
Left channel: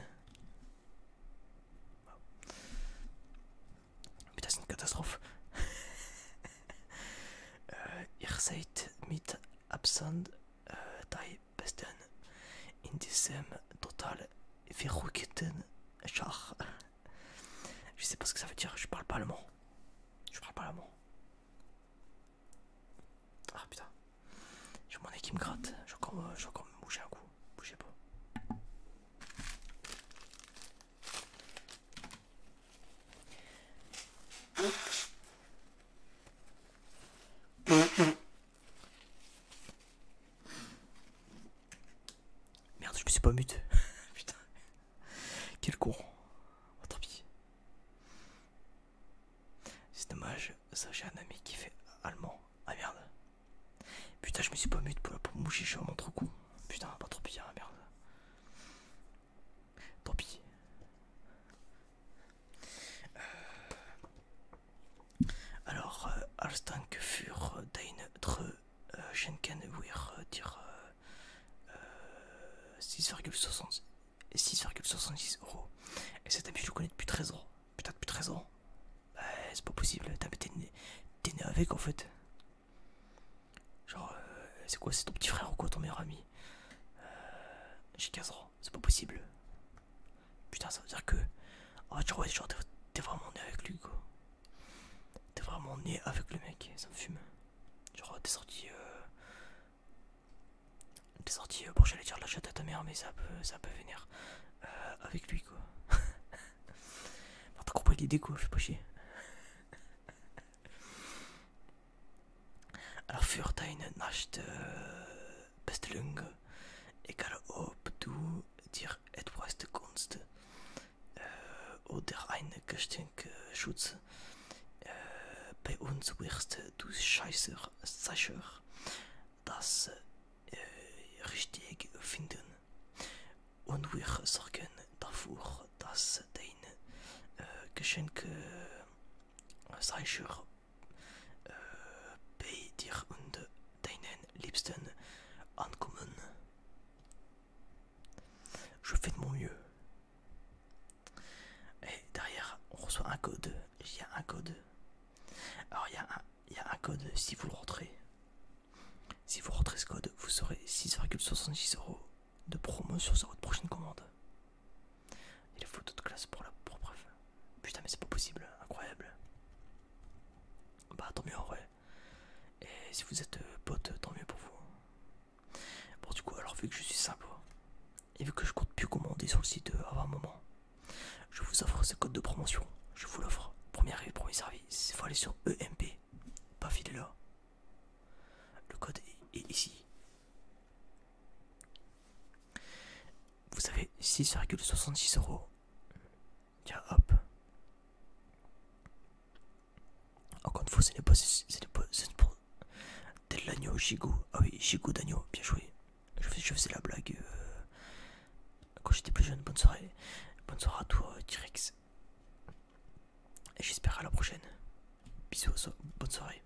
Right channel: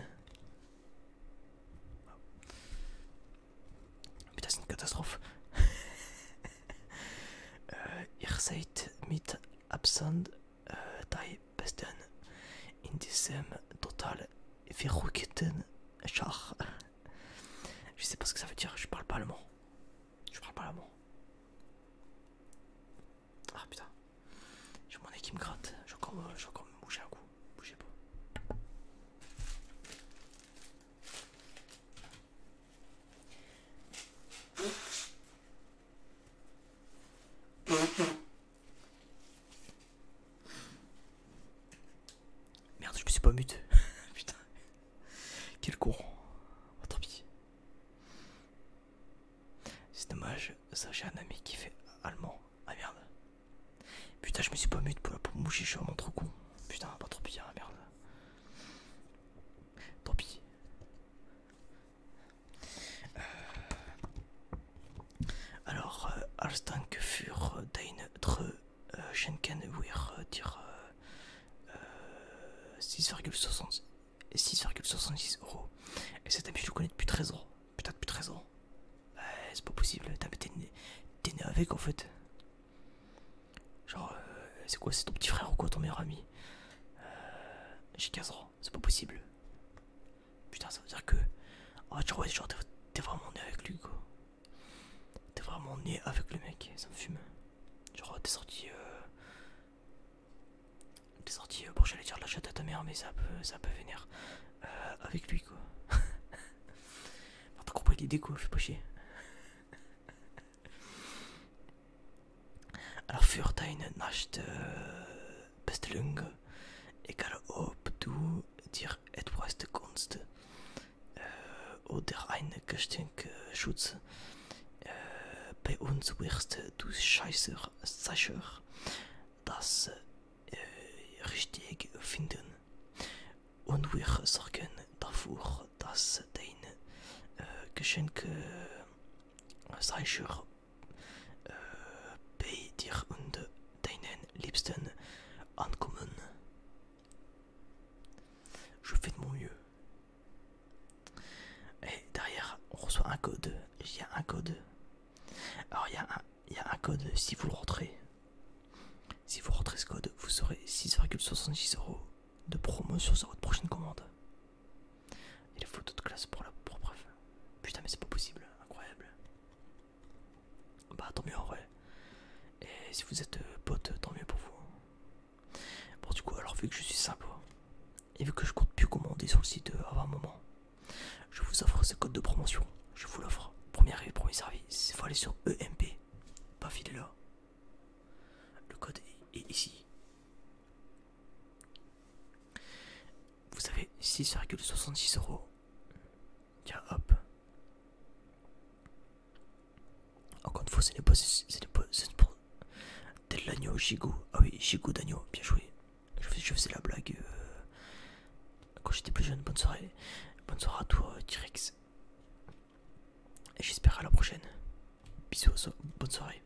Putain, c'est une catastrophe. Ihr seid mit Abstand die Besten in diesem total verrückten Schach. Je sais pas ce que ça veut dire, je parle pas allemand. Je parle pas allemand. Ah putain. J'ai mon nez qui me gratte. J'ai encore me bouger un coup. Bougez pas. Merde, je me suis pas mute. Putain. Quel con. Oh, tant pis. C'est dommage. Ça, j'ai un ami qui fait allemand. Ah merde. Putain, je me suis pas mute pour me bouger. Je suis vraiment trop con. Putain, pas trop bien. Merde. Tant pis. Alors, als Dank für deine Schenken wir dir 6,66 €. Et cet ami, je le connais depuis 13 ans. Putain, depuis 13 ans. C'est pas possible. T'es né avec en fait. Genre, c'est quoi? C'est ton petit frère ou quoi, ton meilleur ami? J'ai 15 ans. C'est pas possible. Putain, ça veut dire que. Ah, genre, ouais, genre t'es vraiment né avec lui quoi. T'es vraiment né avec le mec. Ça me fume. Genre, t'es sorti. Bon, j'allais dire la chatte à ta mère, mais ça peut venir avec lui quoi. T'as compris l'idée quoi, fais pas chier. Alors, für deine Nachtbestellung, egal ob du dir etwas Kunst oder ein Geschenkschutz, bei uns wirst du sicher das richtig finden. Und wir sorgen dafür, dass dein Geschenk sicher bei dir und deinen Liebsten ankommen. Je fais de mon mieux. Et derrière, on reçoit un code. Il y a un code. ce code, vous aurez 6,66 € de promotion sur votre prochaine commande. Et les photos de classe pour preuve. Putain, mais c'est pas possible, incroyable. Bah, tant mieux en vrai. Et si vous êtes pote, tant mieux pour vous. Bon, du coup, alors vu que je suis simple, et vu que je compte plus commander sur le site avant un moment, je vous offre ce code de promotion. Je vous l'offre. Premier arrivé, premier service. Il faut aller sur EMP. Pas filer là. Le code est ici. Vous avez 6,66 €. Tiens, hop. Encore une fois, c'est pour tel l'agneau, gigot. Ah oui, gigot d'agneau, bien joué. Je faisais la blague quand j'étais plus jeune. Bonne soirée. Bonne soirée à toi, T-Rex. Et j'espère à la prochaine. Bisous, bonne soirée.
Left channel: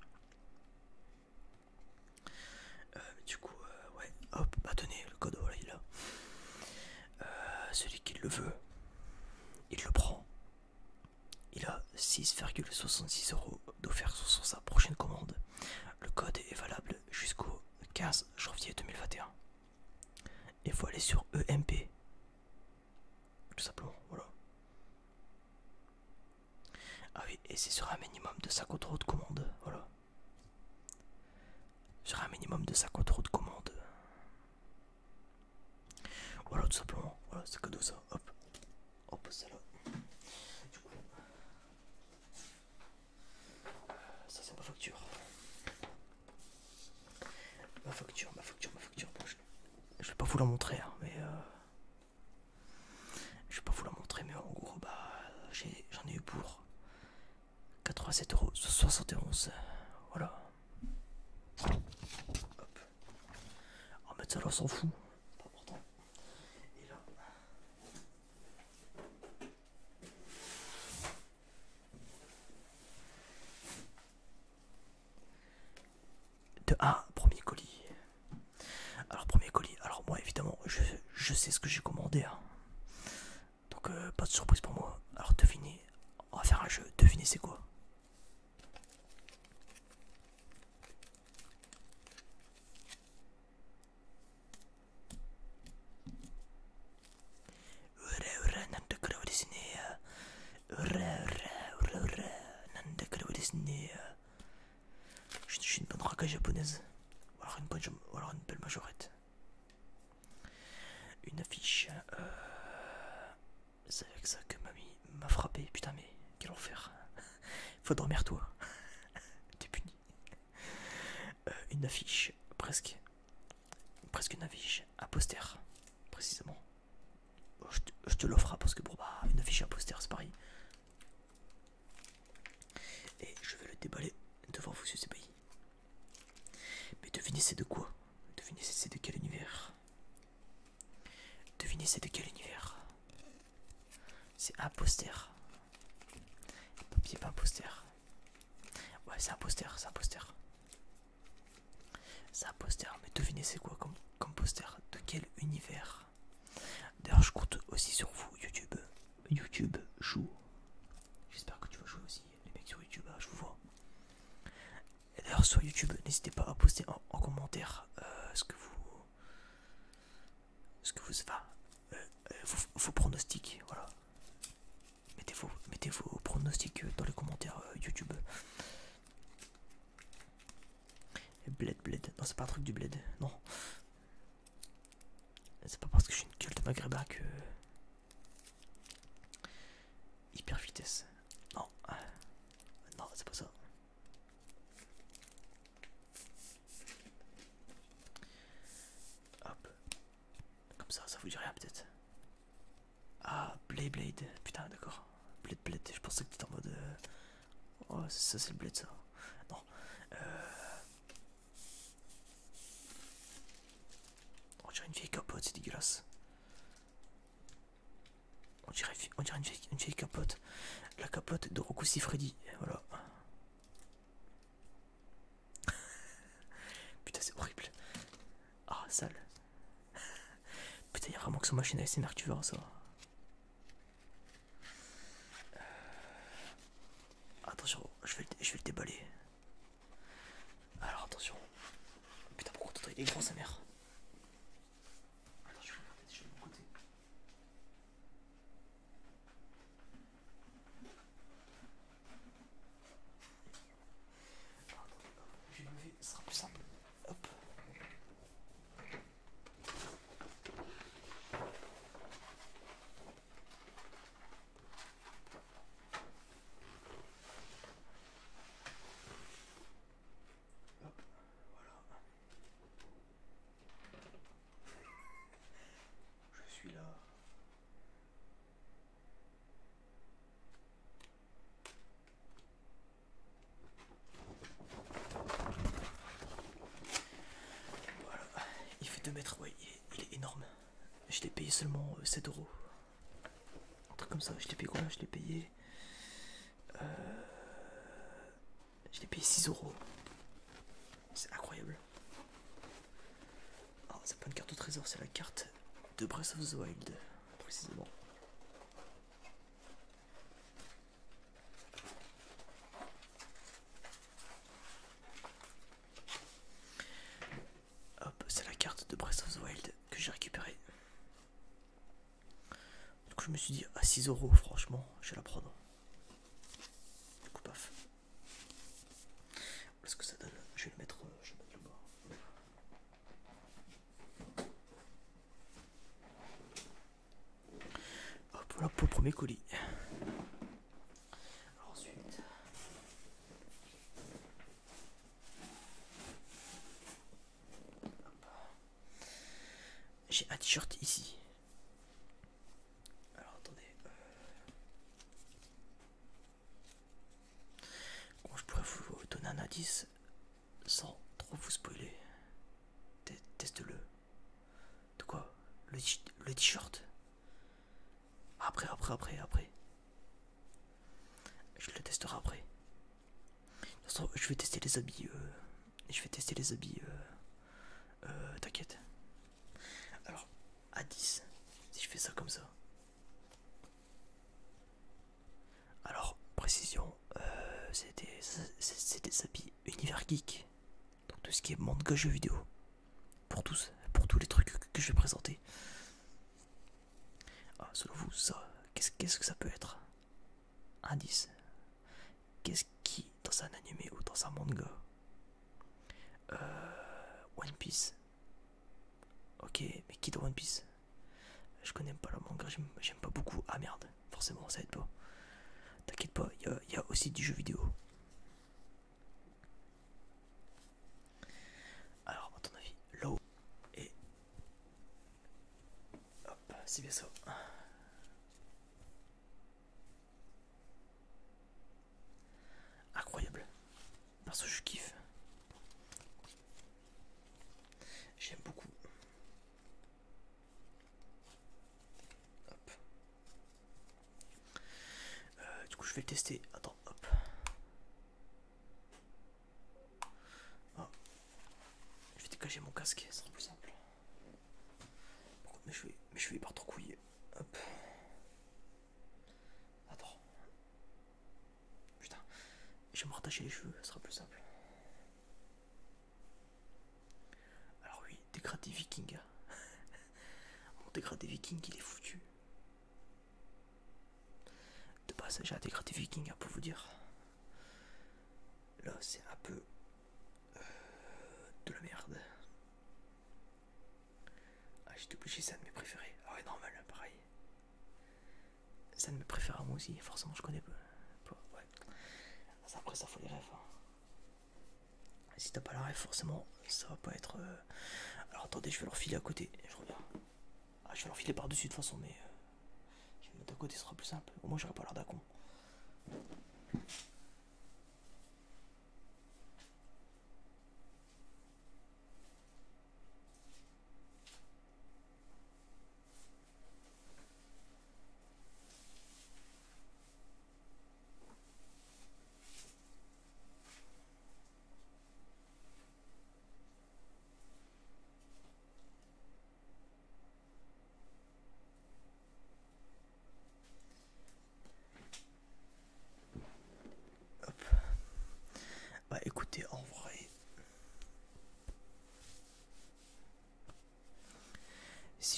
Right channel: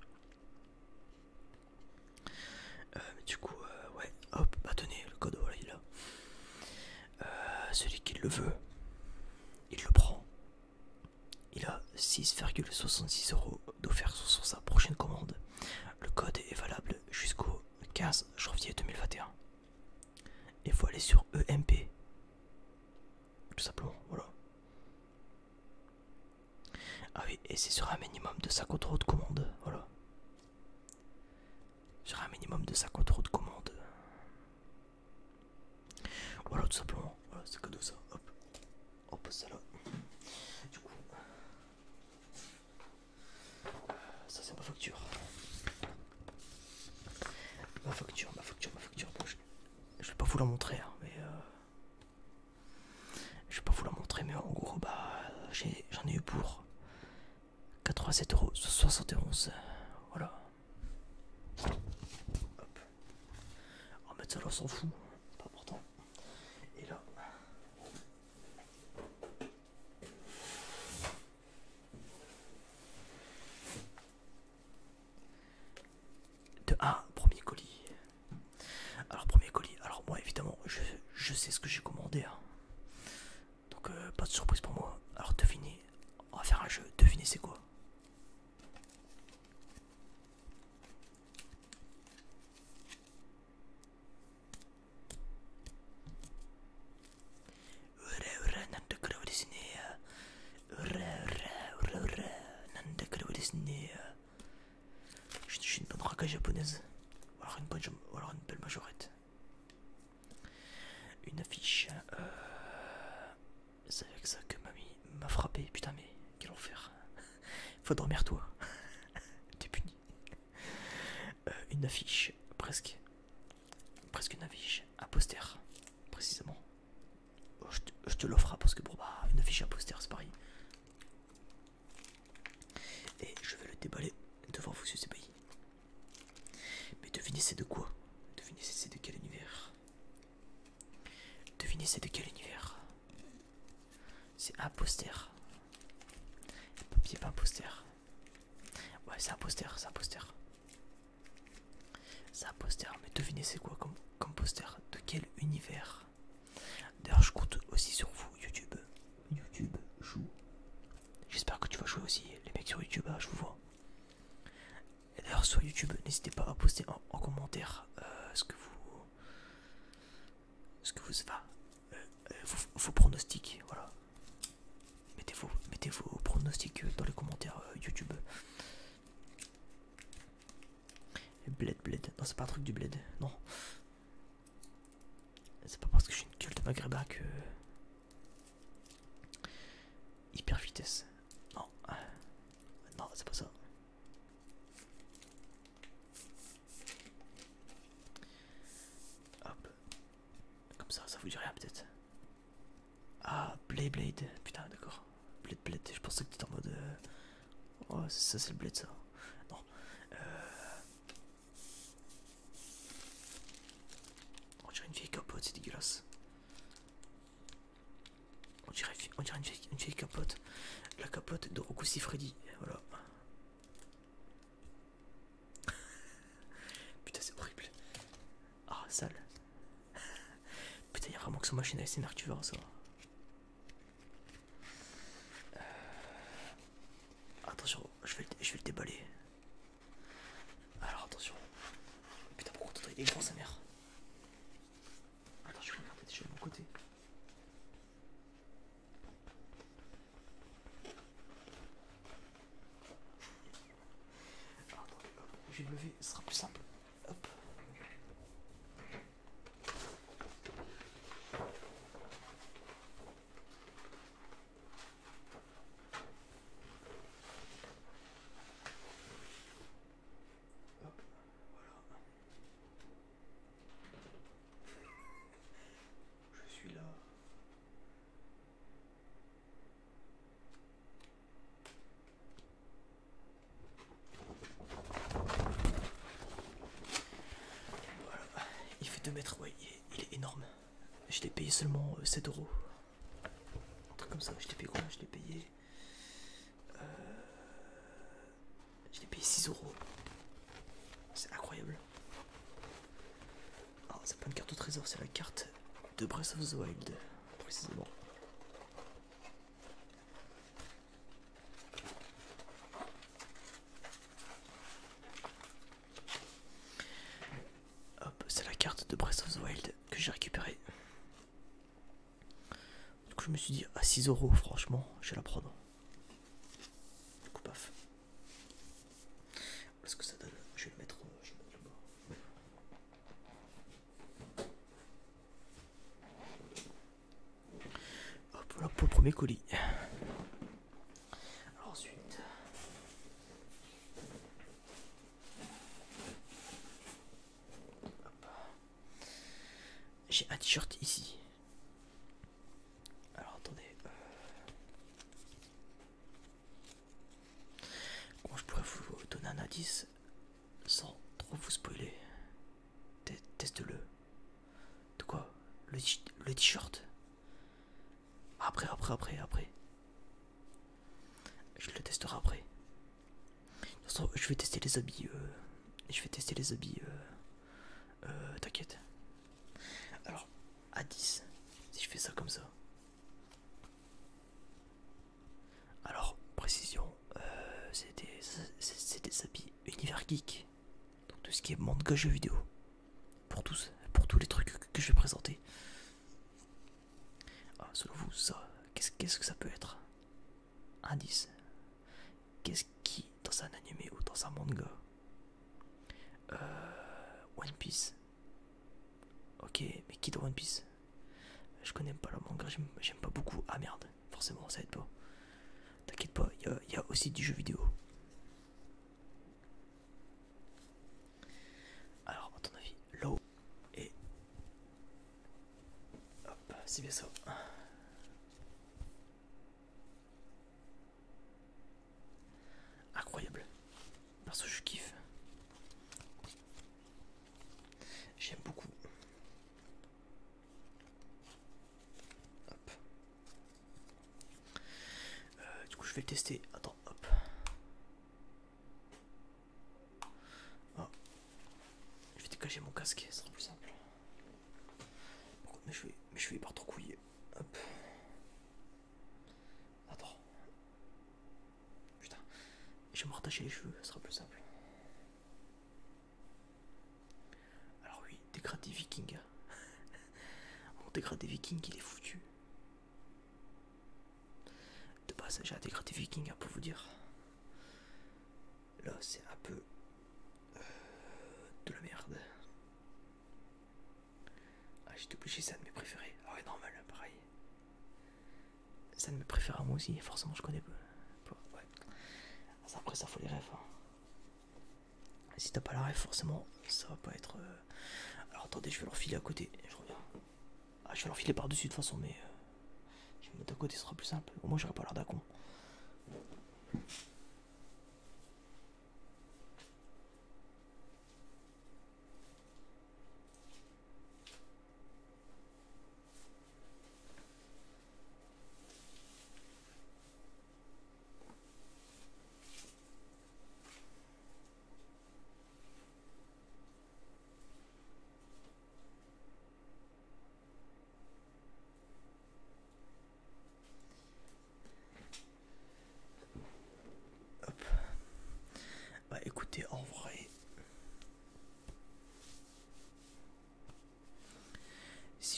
Du coup, ouais, hop, bah tenez, le code, voilà, il est là. Celui qui le veut, il le prend. Il a 6,66 € d'offert sur sa prochaine commande. Le code est valable jusqu'au 15 janvier 2021. Il faut aller sur EMP. Tout simplement, voilà. Ah oui, et c'est sur un minimum de 50 € de commande, voilà. Sur un minimum de 50 € de commande. Voilà, tout simplement. Voilà, c'est cadeau ça. Hop. On pose ça là. Du coup, ça c'est ma facture. Ma facture. Bon, je vais pas vous la montrer, hein, mais je vais pas vous la montrer, mais en gros, bah, j'en ai eu pour 87,71 €. Voilà. Hop. On va mettre ça là, on s'en fout. Pas important. Et là. De 1, premier colis. Alors, premier colis. Alors, moi, évidemment, je sais ce que j'ai commandé. Hein. Donc, pas de surprise pour moi. Alors, devinez. On va faire un jeu. Devinez, c'est quoi? Je suis une bonne raka japonaise. Ou alors une belle majorette. Une affiche. C'est avec ça que mamie m'a frappé. Putain, mais quel enfer. Faut dormir, toi. T'es puni. Une affiche. Presque une affiche. Un poster. Précisément. Bon, je te l'offre parce que bon, bah, une affiche et un poster, c'est pareil. Et je vais le déballer devant vous, c'est pays. Mais devinez c'est de quoi? Devinez c'est de quel univers? Devinez c'est de quel univers? C'est un poster. Papier, pas un poster. Ouais, c'est un poster, c'est un poster. C'est un poster, mais devinez c'est quoi comme poster? De quel univers? D'ailleurs, je compte aussi sur vous, YouTube. YouTube, joue. J'espère que tu vas jouer aussi, les mecs sur YouTube, je vous vois. Et d'ailleurs, sur YouTube, n'hésitez pas à poster en commentaire vos pronostics, voilà. Mettez vos pronostics dans les commentaires YouTube. Et bled. Non, c'est pas un truc du bled, non. C'est pas parce que je suis une gueule de maghrébin que... Hyper vitesse. Non. Non, c'est pas ça. Hop. Comme ça vous dit rien peut-être. Ah, Blade. Putain, d'accord. Blade. Je pensais que t'étais en mode... Oh, ça c'est le blade, ça. Non. On dirait une vieille capote, c'est dégueulasse. On dirait une vieille capote. La capote de Rocco Siffredi. Voilà. Putain, c'est horrible. Ah, sale. Putain, y'a vraiment que son machine à SMR que tu verras ça. Attention, je vais le déballer. Alors attention. Putain, pourquoi Il est grand sa mère. Attends, je vais regarder déjà de mon côté. Alors, attendez, hop, je vais me lever, ce sera plus simple. Hop. Hop, voilà. Je suis là. Voilà. Il fait 2 mètres, ouais, il est énorme. Je l'ai payé seulement 7 euros. Un truc comme ça, je l'ai payé combien? Je l'ai payé 6 euros. C'est incroyable. Alors, c'est pas une carte au trésor, c'est la carte de Breath of the Wild, précisément. Hop, c'est la carte de Breath of the Wild que j'ai récupérée. Donc je me suis dit, à 6 euros, franchement, je vais la prendre. Du coup, paf. Voilà ce que ça donne. Je vais le mettre là-bas. Hop, voilà pour le premier colis. Alors ensuite... J'ai un t-shirt ici. Alors attendez. Comment je pourrais vous donner un indice sans trop vous spoiler? Teste-le. De quoi? Le t-shirt? Après. Je le testerai après. De toute façon, je vais tester les habits. T'inquiète. Alors, à 10, si je fais ça comme ça. Alors, précision, c'est des habits univers geek. Donc tout ce qui est manga jeux vidéo. Pour tous les trucs que je vais présenter. Ah, selon vous, ça, qu'est-ce que ça peut être? Indice. Qu'est-ce qui, dans un animé ou dans un manga? One Piece. Ok, mais qui dans One Piece? Je connais pas le manga, j'aime pas beaucoup. Ah merde, forcément ça aide pas. T'inquiète pas, il y a aussi du jeu vidéo. Alors, à ton avis, l'eau et... Hop, c'est bien ça. Incroyable. Parce que je kiffe. J'aime beaucoup. Hop. Du coup, je vais le tester. Attends, hop. Oh. Je vais dégager mon casque, ce sera plus simple. Mais je vais pas trop couiller. Hop. Attends. Putain. Je vais me rattacher les cheveux, ce sera plus simple. Alors oui, dégradé viking. Mon dégradé viking, il est foutu. De base, j'ai un dégradé viking, pour vous dire. Là, c'est un peu de la merde. Ah, j'ai obligé, c'est un de mes préférés. Ah ouais, normal, pareil. C'est un de mes préférés, moi aussi, forcément, je connais pas. Ouais. Après, ça faut les rêves. Hein. Si t'as pas la rêve, forcément, ça va pas être. Alors attendez, je vais leur filer à côté. Je reviens. Ah, je vais leur filer par-dessus de toute façon, mais. Je vais me mettre à côté, ce sera plus simple. Au moins, j'aurai pas l'air d'un con.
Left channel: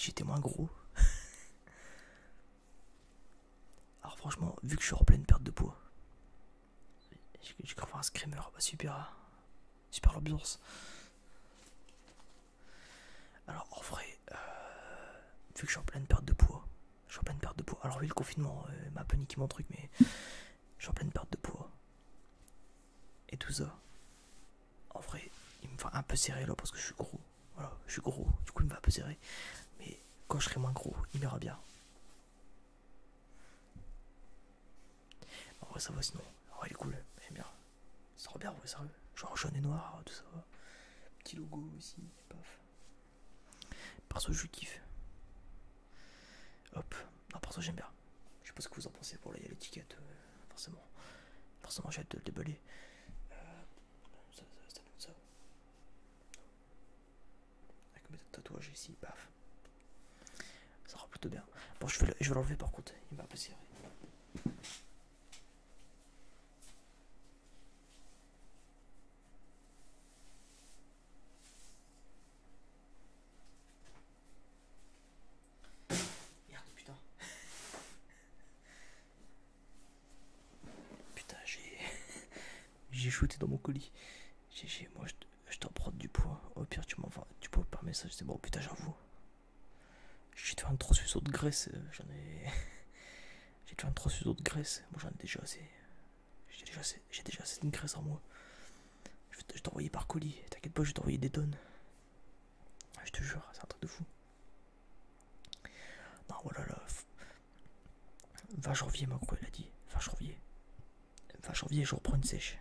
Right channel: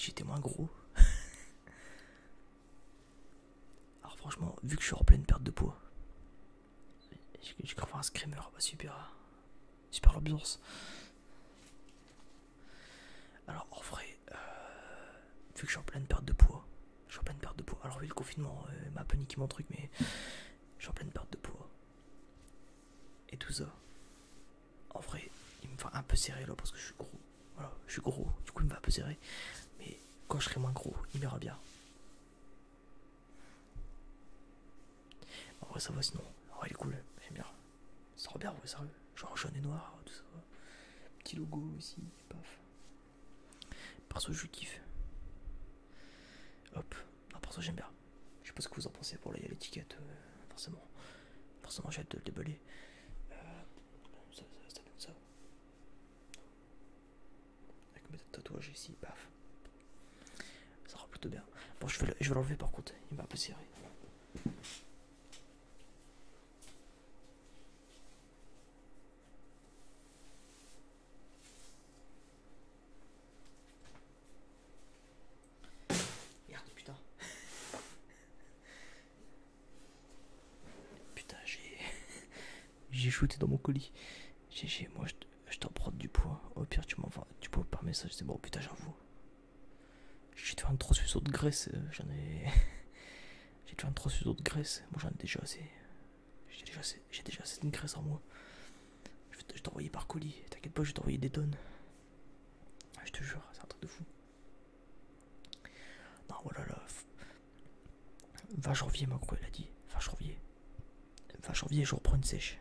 si j'étais moins gros. Alors franchement, vu que je suis en pleine perte de poids, j'ai cru voir un screamer, bah super, super l'ambiance. Alors en vrai, vu que je suis en pleine perte de poids, alors oui le confinement m'a un peu niqué mon truc, mais je suis en pleine perte de poids. Et tout ça, en vrai, il me va un peu serrer là parce que je suis gros. Voilà, je suis gros, du coup il me va un peu serrer. Mais quand je serai moins gros, il m'ira bien. En vrai ça va sinon, en vrai il est cool, j'aime bien. Ça sera bien, ouais, sérieux. Genre jaune et noir, tout ça. Petit logo aussi, paf. Perso je kiffe. Hop, non perso j'aime bien. Je sais pas ce que vous en pensez, pour là il y a l'étiquette, forcément. Forcément j'ai hâte de le déballer. Ça donne ça. Avec mes tatouages ici, paf. Ça rend plutôt bien. Bon je vais l'enlever par contre, il m'a un peu serré. Merde putain. Putain j'ai shooté dans mon colis. Moi je t'en prends du poids. Au pire tu m'envoies du poids par message, c'est bon. Putain j'avoue. J'ai fait une transfusion de graisse, j'en ai. J'ai fait une transfusion de graisse, moi j'en ai déjà assez. J'ai déjà assez de graisse en moi. Je vais t'envoyer par colis, t'inquiète pas, je vais t'envoyer des tonnes. Je te jure, c'est un truc de fou. Non voilà là. 20 janvier, ma gros, elle a dit. 20 janvier. 20 janvier, je reprends une sèche.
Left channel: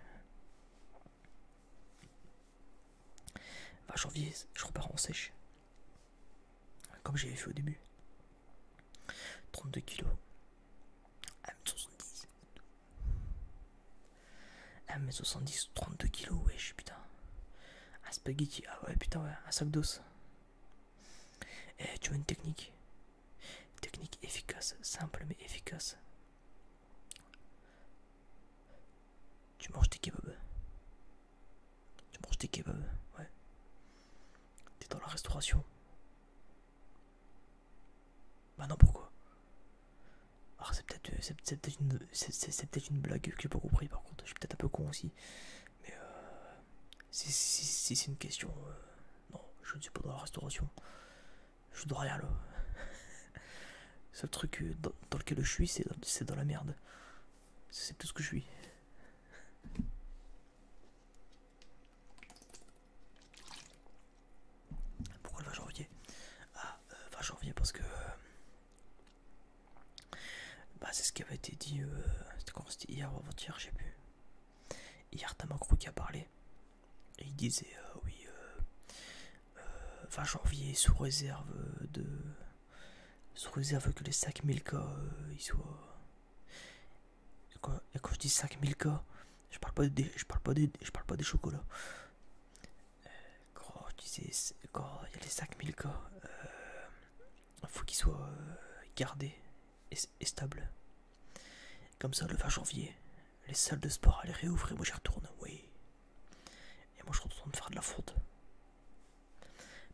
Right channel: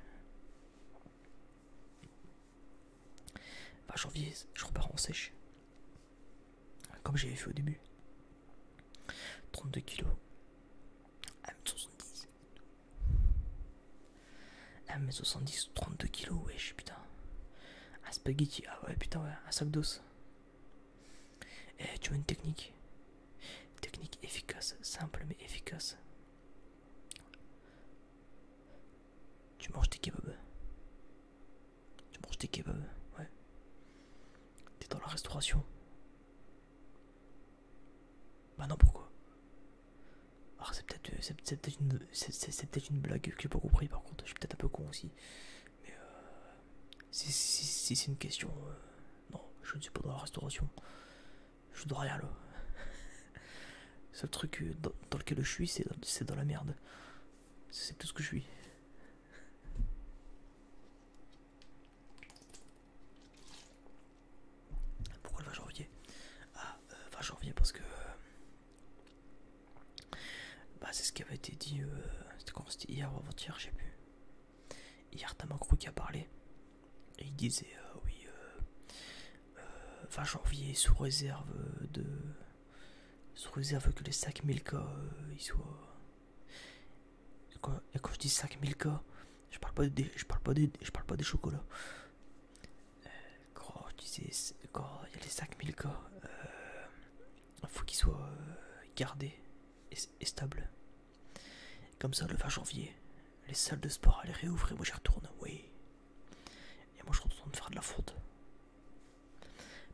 20 janvier, je repars en sèche. Comme j'avais fait au début. 32 kilos. 1m70. 1m70, 32 kilos, wesh, putain. Un spaghetti, ah ouais, putain, ouais, un sac d'os. Eh, tu veux une technique? Technique efficace, simple mais efficace. Tu manges tes kebabs. Tu manges tes kebabs, ouais. T'es dans la restauration. Bah non, pourquoi? Alors c'est peut-être une blague que j'ai pas compris par contre. Je suis peut-être un peu con aussi. Mais si c'est une question, non, je ne suis pas dans la restauration. Je suis dans rien là. Le seul truc dans lequel je suis, c'est dans la merde. C'est tout ce que je suis. Pourquoi le 20 janvier? Ah, 20 janvier parce que bah c'est ce qui avait été dit. C'était quand? C'était hier ou avant-hier, je sais plus. Hier t'as Macron qui a parlé et il disait oui 20 janvier sous réserve que les 5000 cas ils soient. Et quand je dis 5000 cas, je parle pas des chocolats. Quand il y a les 5000 cas, faut qu'ils soient gardés et stables. Comme ça, le 20 janvier, les salles de sport allaient réouvrir, moi j'y retourne, oui. Et moi je retourne faire de la fonte.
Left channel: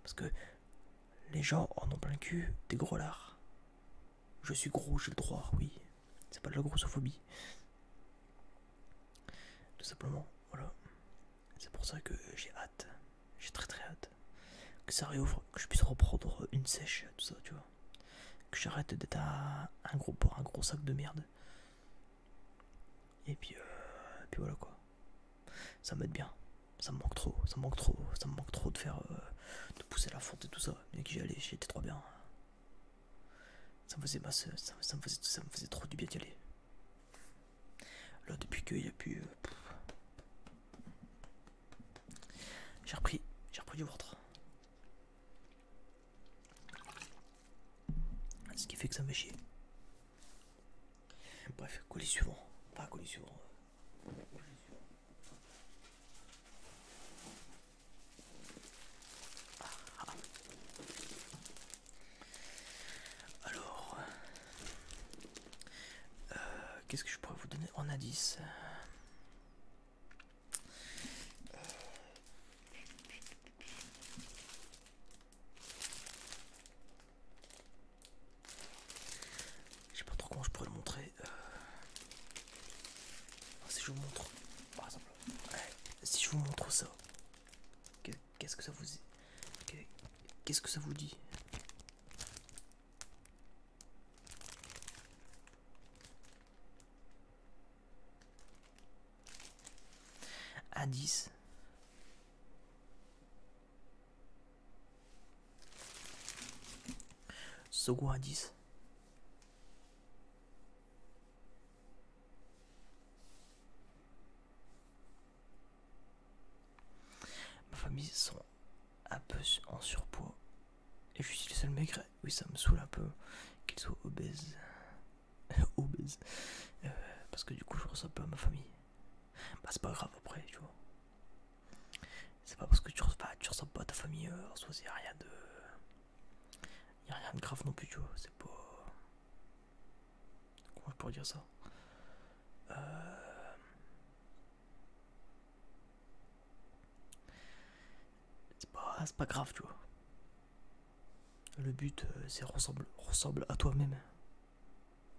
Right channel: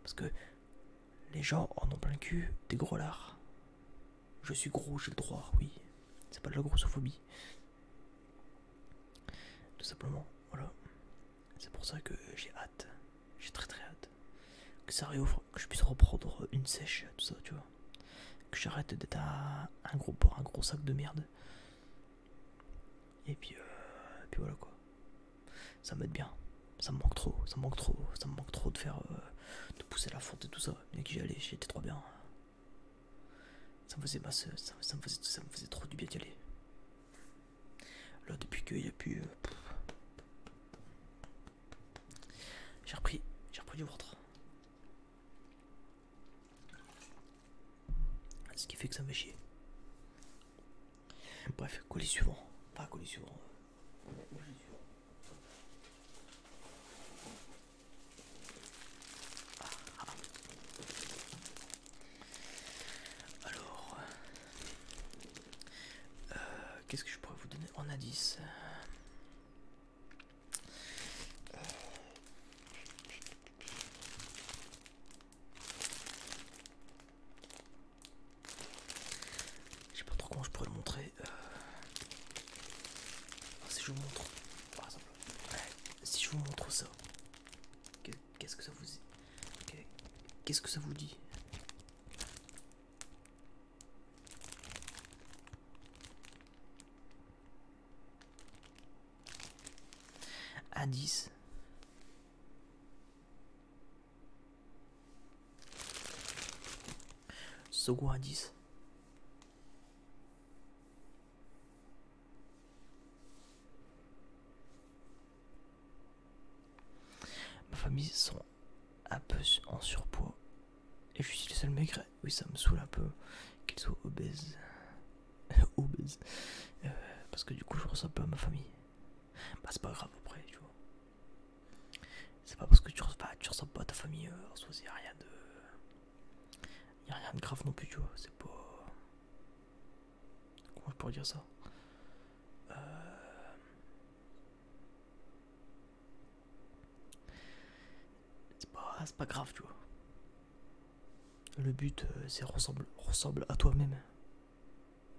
Parce que les gens en ont plein le cul des gros lards. Je suis gros, j'ai le droit, oui. C'est pas de la grossophobie. Tout simplement, voilà. C'est pour ça que j'ai hâte. J'ai très très hâte. Que ça réouvre, que je puisse reprendre une sèche, tout ça, tu vois. Que j'arrête d'être un gros sac de merde. Et puis voilà quoi. Ça m'aide bien. Ça me manque trop de faire, de pousser la fonte et tout ça. Bien que j'y allais, j'étais trop bien. Ça me faisait trop du bien d'y aller. Là, depuis qu'il n'y a plus. J'ai repris du ventre. Ce qui fait que ça me fait chier. Bref, colis suivant. Pas colis suivant. Alors, qu'est-ce que je pourrais vous donner en indice? ça? Qu'est-ce que ça vous... Qu'est-ce que ça vous dit? Indice. Second indice. Ma famille sont un peu en surpoids. Et je suis le seul maigre. Oui, ça me saoule un peu qu'ils soient obèses. Obèses. Parce que du coup, je ressemble pas à ma famille. Bah, c'est pas grave après, tu vois. C'est pas parce que tu ressembles pas à ta famille, en soi, y a rien de. Y a rien de grave non plus, tu vois. C'est pas. Comment je pourrais dire ça? C'est pas grave, tu vois. Le but, c'est ressemble à toi-même.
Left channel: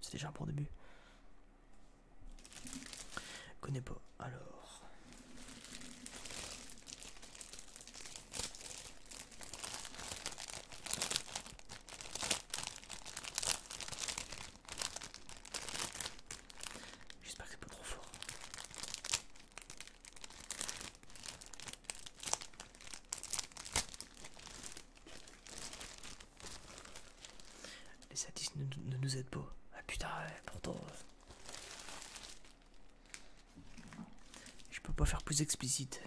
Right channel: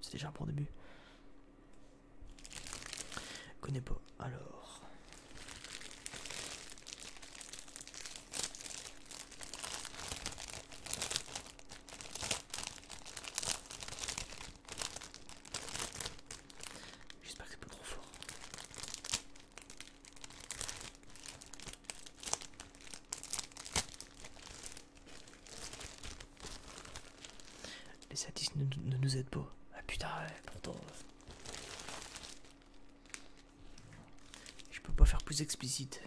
C'est déjà un bon début. Connais pas. Alors. J'espère que c'est pas trop fort. Les statistiques ne nous aident pas. Ah putain, ouais, pourtant. Je peux pas faire plus explicite.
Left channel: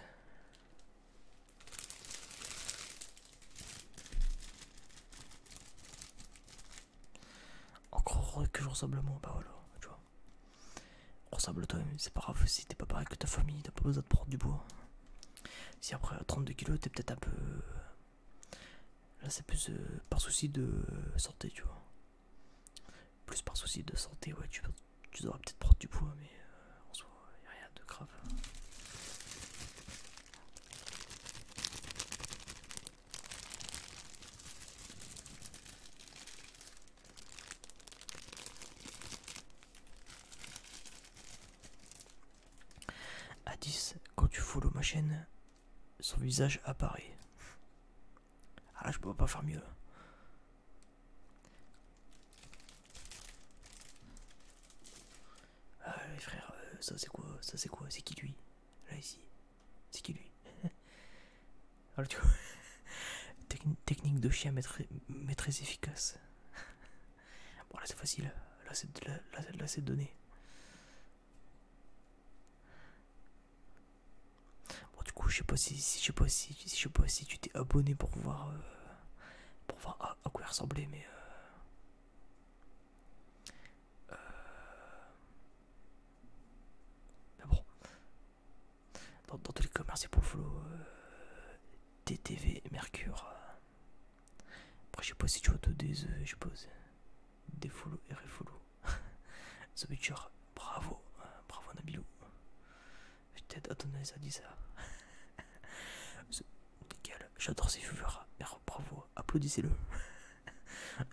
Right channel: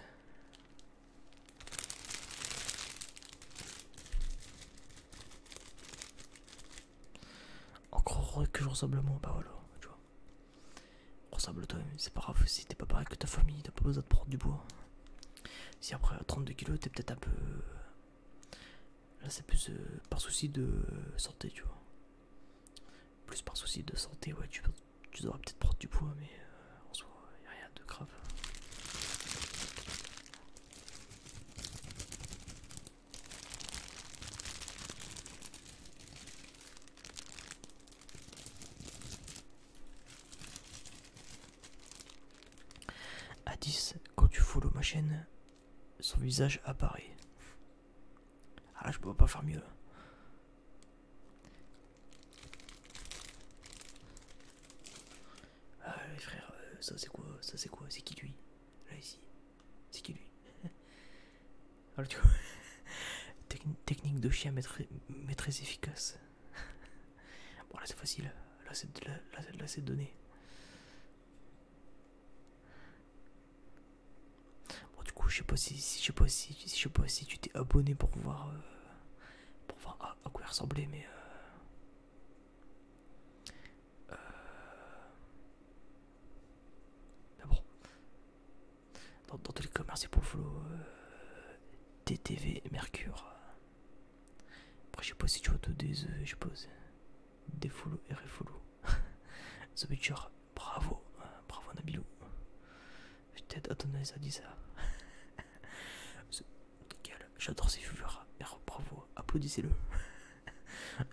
Encore heureux que je ressemble à moi, bah voilà, tu vois. Ressemble à toi-même, c'est pas grave si t'es pas pareil que ta famille, t'as pas besoin de prendre du poids. Si après à 32 kilos, t'es peut-être un peu. Là, c'est plus par souci de santé, tu vois. Plus par souci de santé, ouais, tu devrais peut-être prendre du poids, mais en soi, y a rien de grave. À 10, quand tu follow ma chaîne, son visage apparaît. Ah là, je peux pas faire mieux. Ah les frères, ça c'est quoi? Ça c'est quoi? C'est qui lui? Là ici. C'est qui lui? Alors tu vois. Technique de chien mais très efficace. Bon là c'est facile. Là c'est donné. Bon du coup je sais pas si tu t'es abonné pour voir à quoi il ressemblait, mais bon. Dans tous les cas, merci pour le follow. TTV Mercure. Après, je sais pas si tu vas te des. Je suppose. Des follow et refollow. The Witcher, bravo. Bravo Nabilou. Peut-être Adonis a dit ça. Nickel. J'adore ces viewers. Bravo. Applaudissez-le.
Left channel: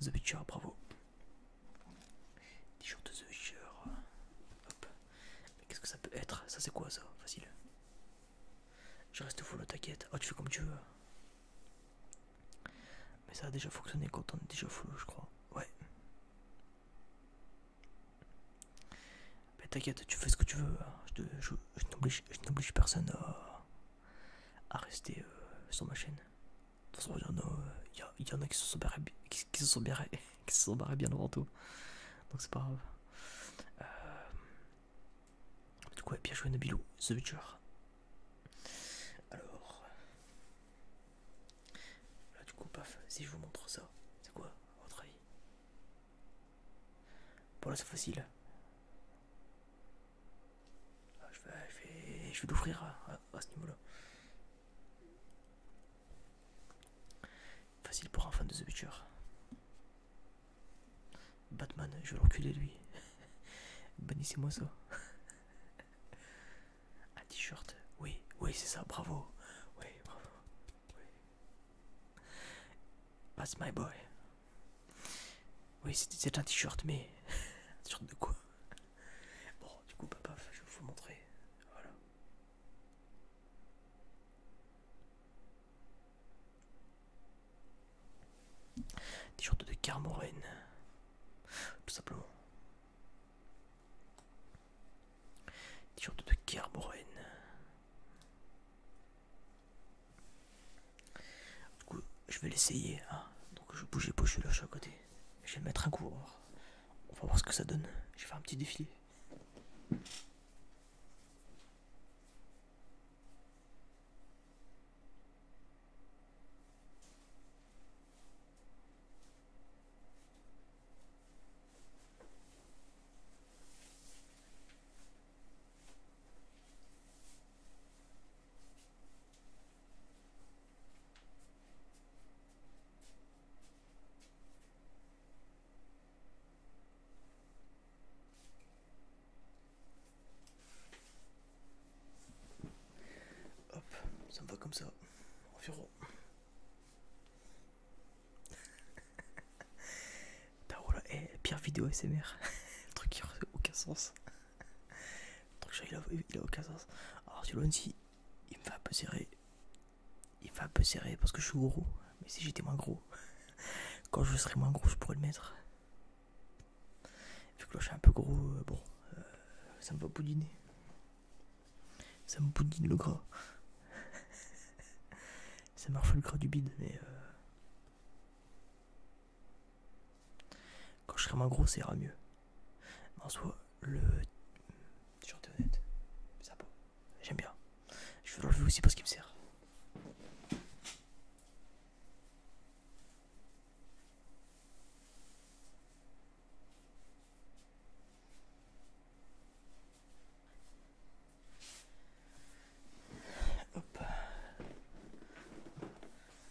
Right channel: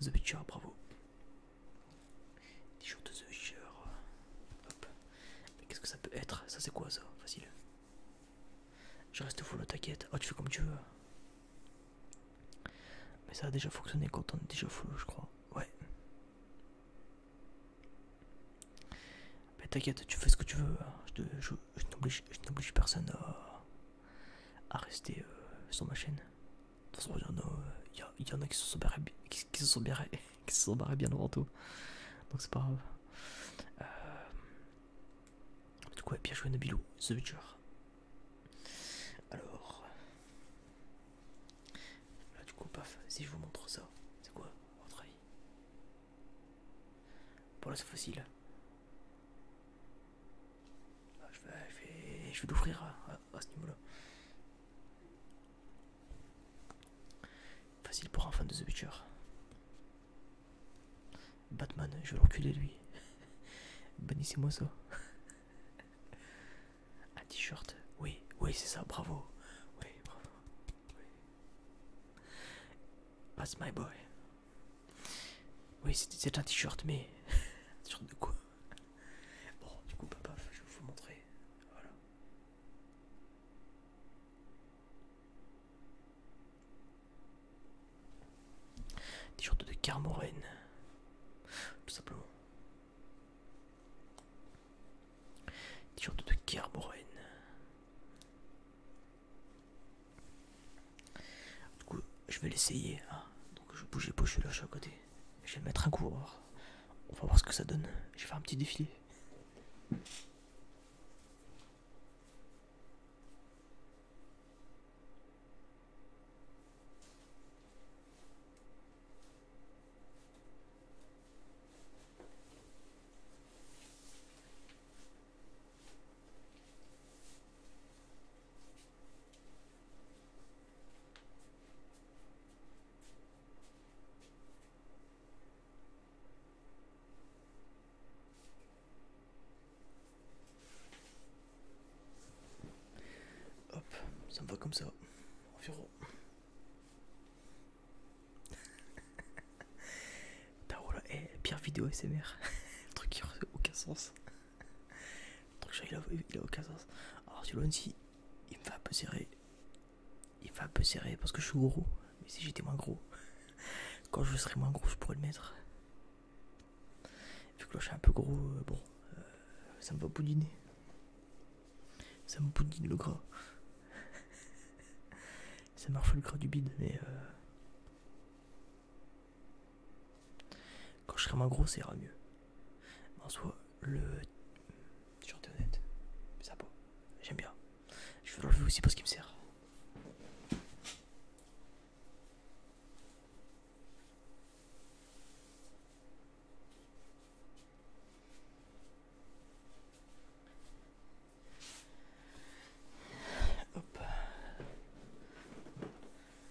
The Witcher, bravo. T-shirt de The Witcher. Hop. Mais qu'est-ce que ça peut être? Ça, c'est quoi ça? Facile. Je reste follow, t'inquiète. Oh, tu fais comme tu veux. Mais ça a déjà fonctionné quand on est déjà follow, je crois. Ouais. Mais t'inquiète, tu fais ce que tu veux. Je n'oblige personne à rester sur ma chaîne. De toute façon, il y en a qui se sont barrés, qui se sont barrés bien avant tout. Donc c'est pas grave. Du coup, bien joué Nabilou, The Witcher. Alors. Là, du coup, paf, si je vous montre ça, c'est quoi, à votre avis? Bon, là, c'est facile. Là, je vais l'ouvrir à ce niveau-là. Facile pour un fan de The Witcher. Batman, je vais l'enculer lui. Bannissez-moi ça. Un t-shirt, oui, c'est ça, bravo. Oui, bravo. Oui. That's my boy. Oui, c'est un t-shirt, mais. Un t-shirt de quoi? Bon, du coup, papa, je vais vous montrer. Voilà. T-shirt de Kermoren. Tout simplement. T-shirt de Kermoren. Du coup, je vais l'essayer. Hein. Donc je bouge les poches là, je suis à côté. Je vais le mettre un coup. Alors. On va voir ce que ça donne. Je vais faire un petit défilé. Hop, ça me va comme ça. Environ. Putain, voilà, pire vidéo SMR. Le truc qui n'a aucun sens. Le truc, il a aucun sens. Alors, tu vois, si il me fait un peu serrer. Il me fait un peu serrer parce que je suis gros. Mais si j'étais moins gros, quand je serai moins gros, je pourrais le mettre. Vu que là, je suis un peu gros, bon, ça me va boudiner. Ça me boudine le gras. Ça marche le gras du bide, mais quand je serai moins gros, ça ira mieux. Mais en soi, le t-shirt est honnête, c'est sympa. J'aime bien. Je vais l'enlever aussi parce qu'il me sert. Hop.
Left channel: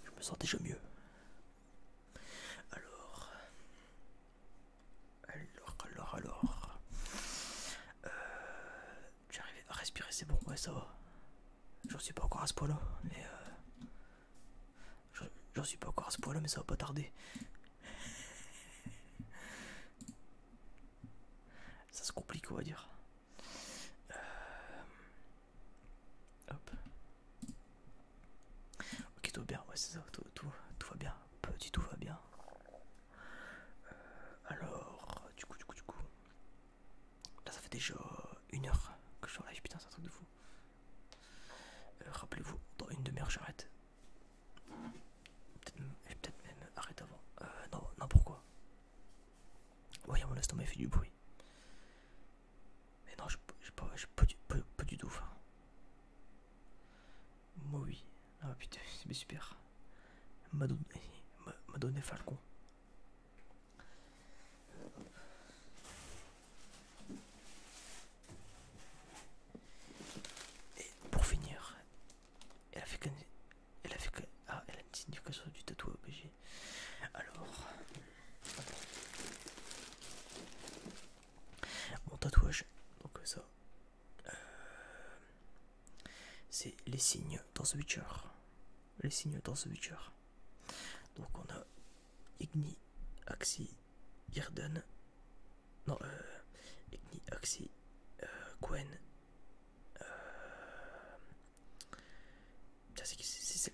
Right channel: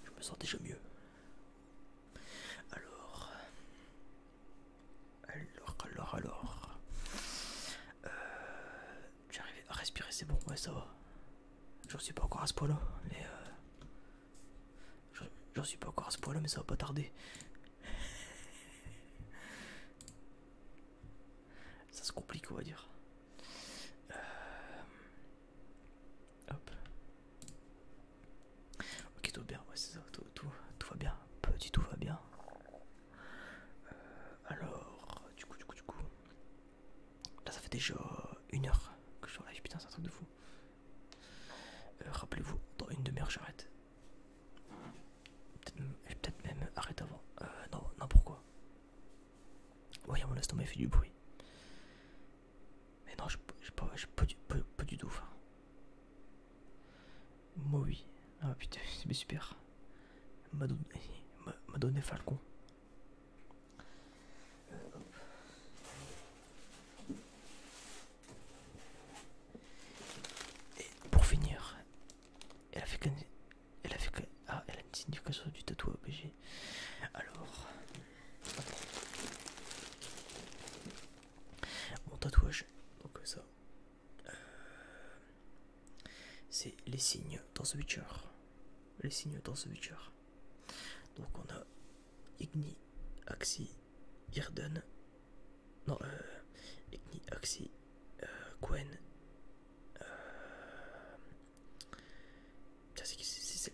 Je me sens déjà mieux. Alors. J'arrive à respirer, c'est bon, ouais, ça va. J'en suis pas encore à ce point là, mais j'en suis pas encore à ce point là, mais ça va pas tarder. Ça se complique, on va dire. Hop. Ok, tout va bien, ouais, c'est ça, tout va bien. Petit tout va bien. Alors, du coup. Là, ça fait déjà 1 heure que je suis en live, putain, c'est un truc de fou. Rappelez-vous, dans une demi-heure, j'arrête. Peut-être même arrête avant. Non, pourquoi? Ouais, mon estomac il fait du bruit. Mais non, pas du tout. Enfin. Moi, oui. Ah putain, c'est super. M'a donné Falcon. Et pour finir, elle a fait elle a une signification du tatouage obligé. Alors, mon tatouage, donc ça, c'est les signes dans The Witcher. Les signes dans The Witcher. Donc on a Igni, Axi, Irden. Non, Igni, Axi, Gwen.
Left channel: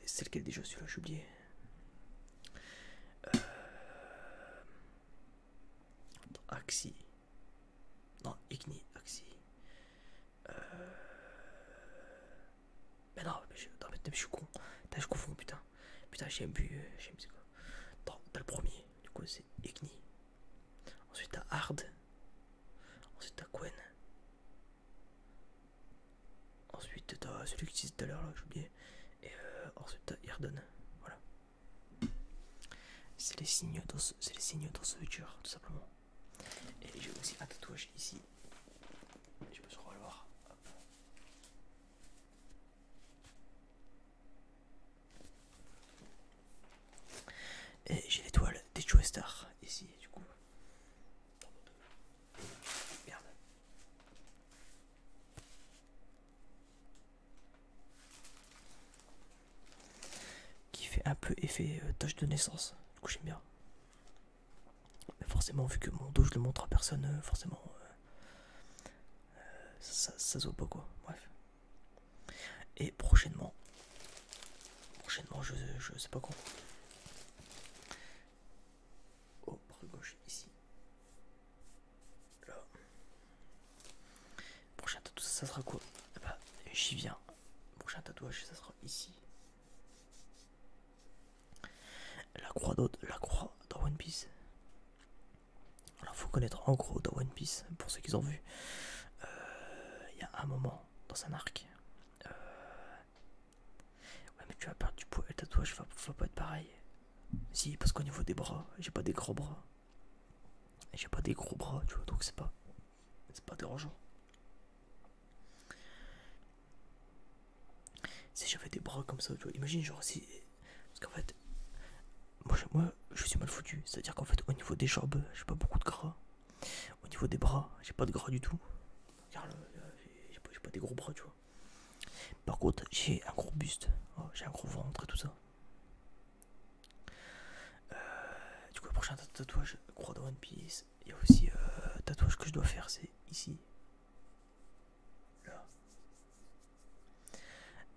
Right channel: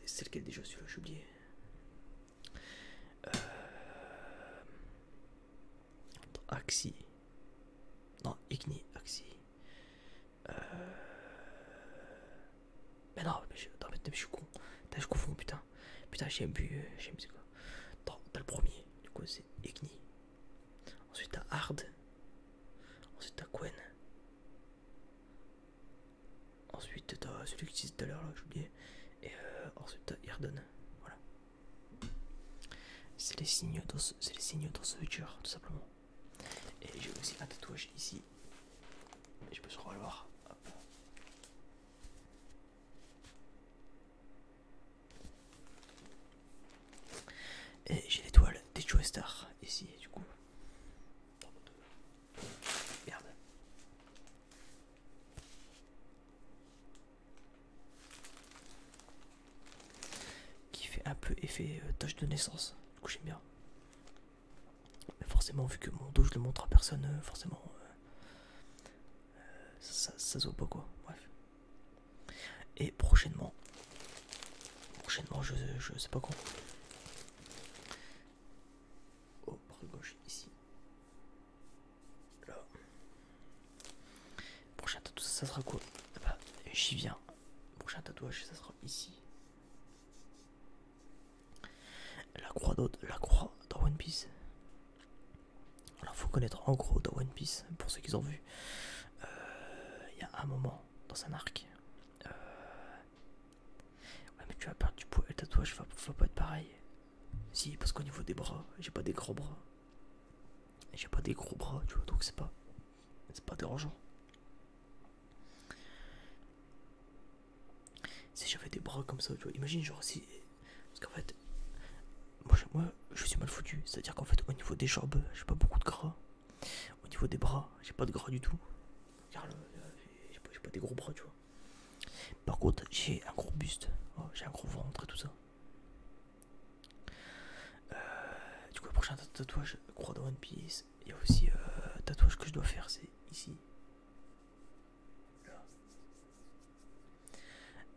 C'est lequel déjà celui-là, j'ai oublié. Axi. Non, Igni, Axi. Mais non, je suis con. Je confonds, putain. Putain, j'aime c'est quoi. T'as le premier, du coup c'est Igni. Ensuite t'as Hard. Ensuite t'as Gwen. Ensuite t'as celui que tu disais tout à l'heure là, j'ai oublié. Et ensuite t'as Irden. Voilà. C'est les signes dans ce Witcher, tout simplement. Et j'ai aussi un tatouage ici. Je peux se revoir. Hop. Et j'ai l'étoile des Joe Star ici, du coup. Merde. Qui fait un peu effet tâche de naissance. Du coup, j'aime bien. Mais forcément, vu que mon dos je le montre à personne, forcément ça se voit pas quoi. Bref. Et prochainement, je sais pas quand. ça sera quoi? Bah, j'y viens. Prochain tatouage, ça sera ici. La croix dans One Piece. Alors faut connaître en gros dans One Piece, pour ceux qui ont vu. Il y a un moment dans un arc. Ouais mais tu vas perdre du poids et le tatouage va pas être pareil. Si, parce qu'au niveau des bras, j'ai pas des gros bras. J'ai pas des gros bras, tu vois, donc c'est pas dérangeant. Si j'avais des bras comme ça, tu vois, imagine genre si... Parce qu'en fait, moi je suis mal foutu. C'est-à-dire qu'en fait au niveau des jambes, j'ai pas beaucoup de gras. Au niveau des bras, j'ai pas de gras du tout. Car j'ai pas des gros bras, tu vois. Par contre, j'ai un gros buste. Oh, j'ai un gros ventre et tout ça. Du coup, le prochain tatouage, croix de One Piece. Il y a aussi tatouage que je dois faire, c'est ici. Là.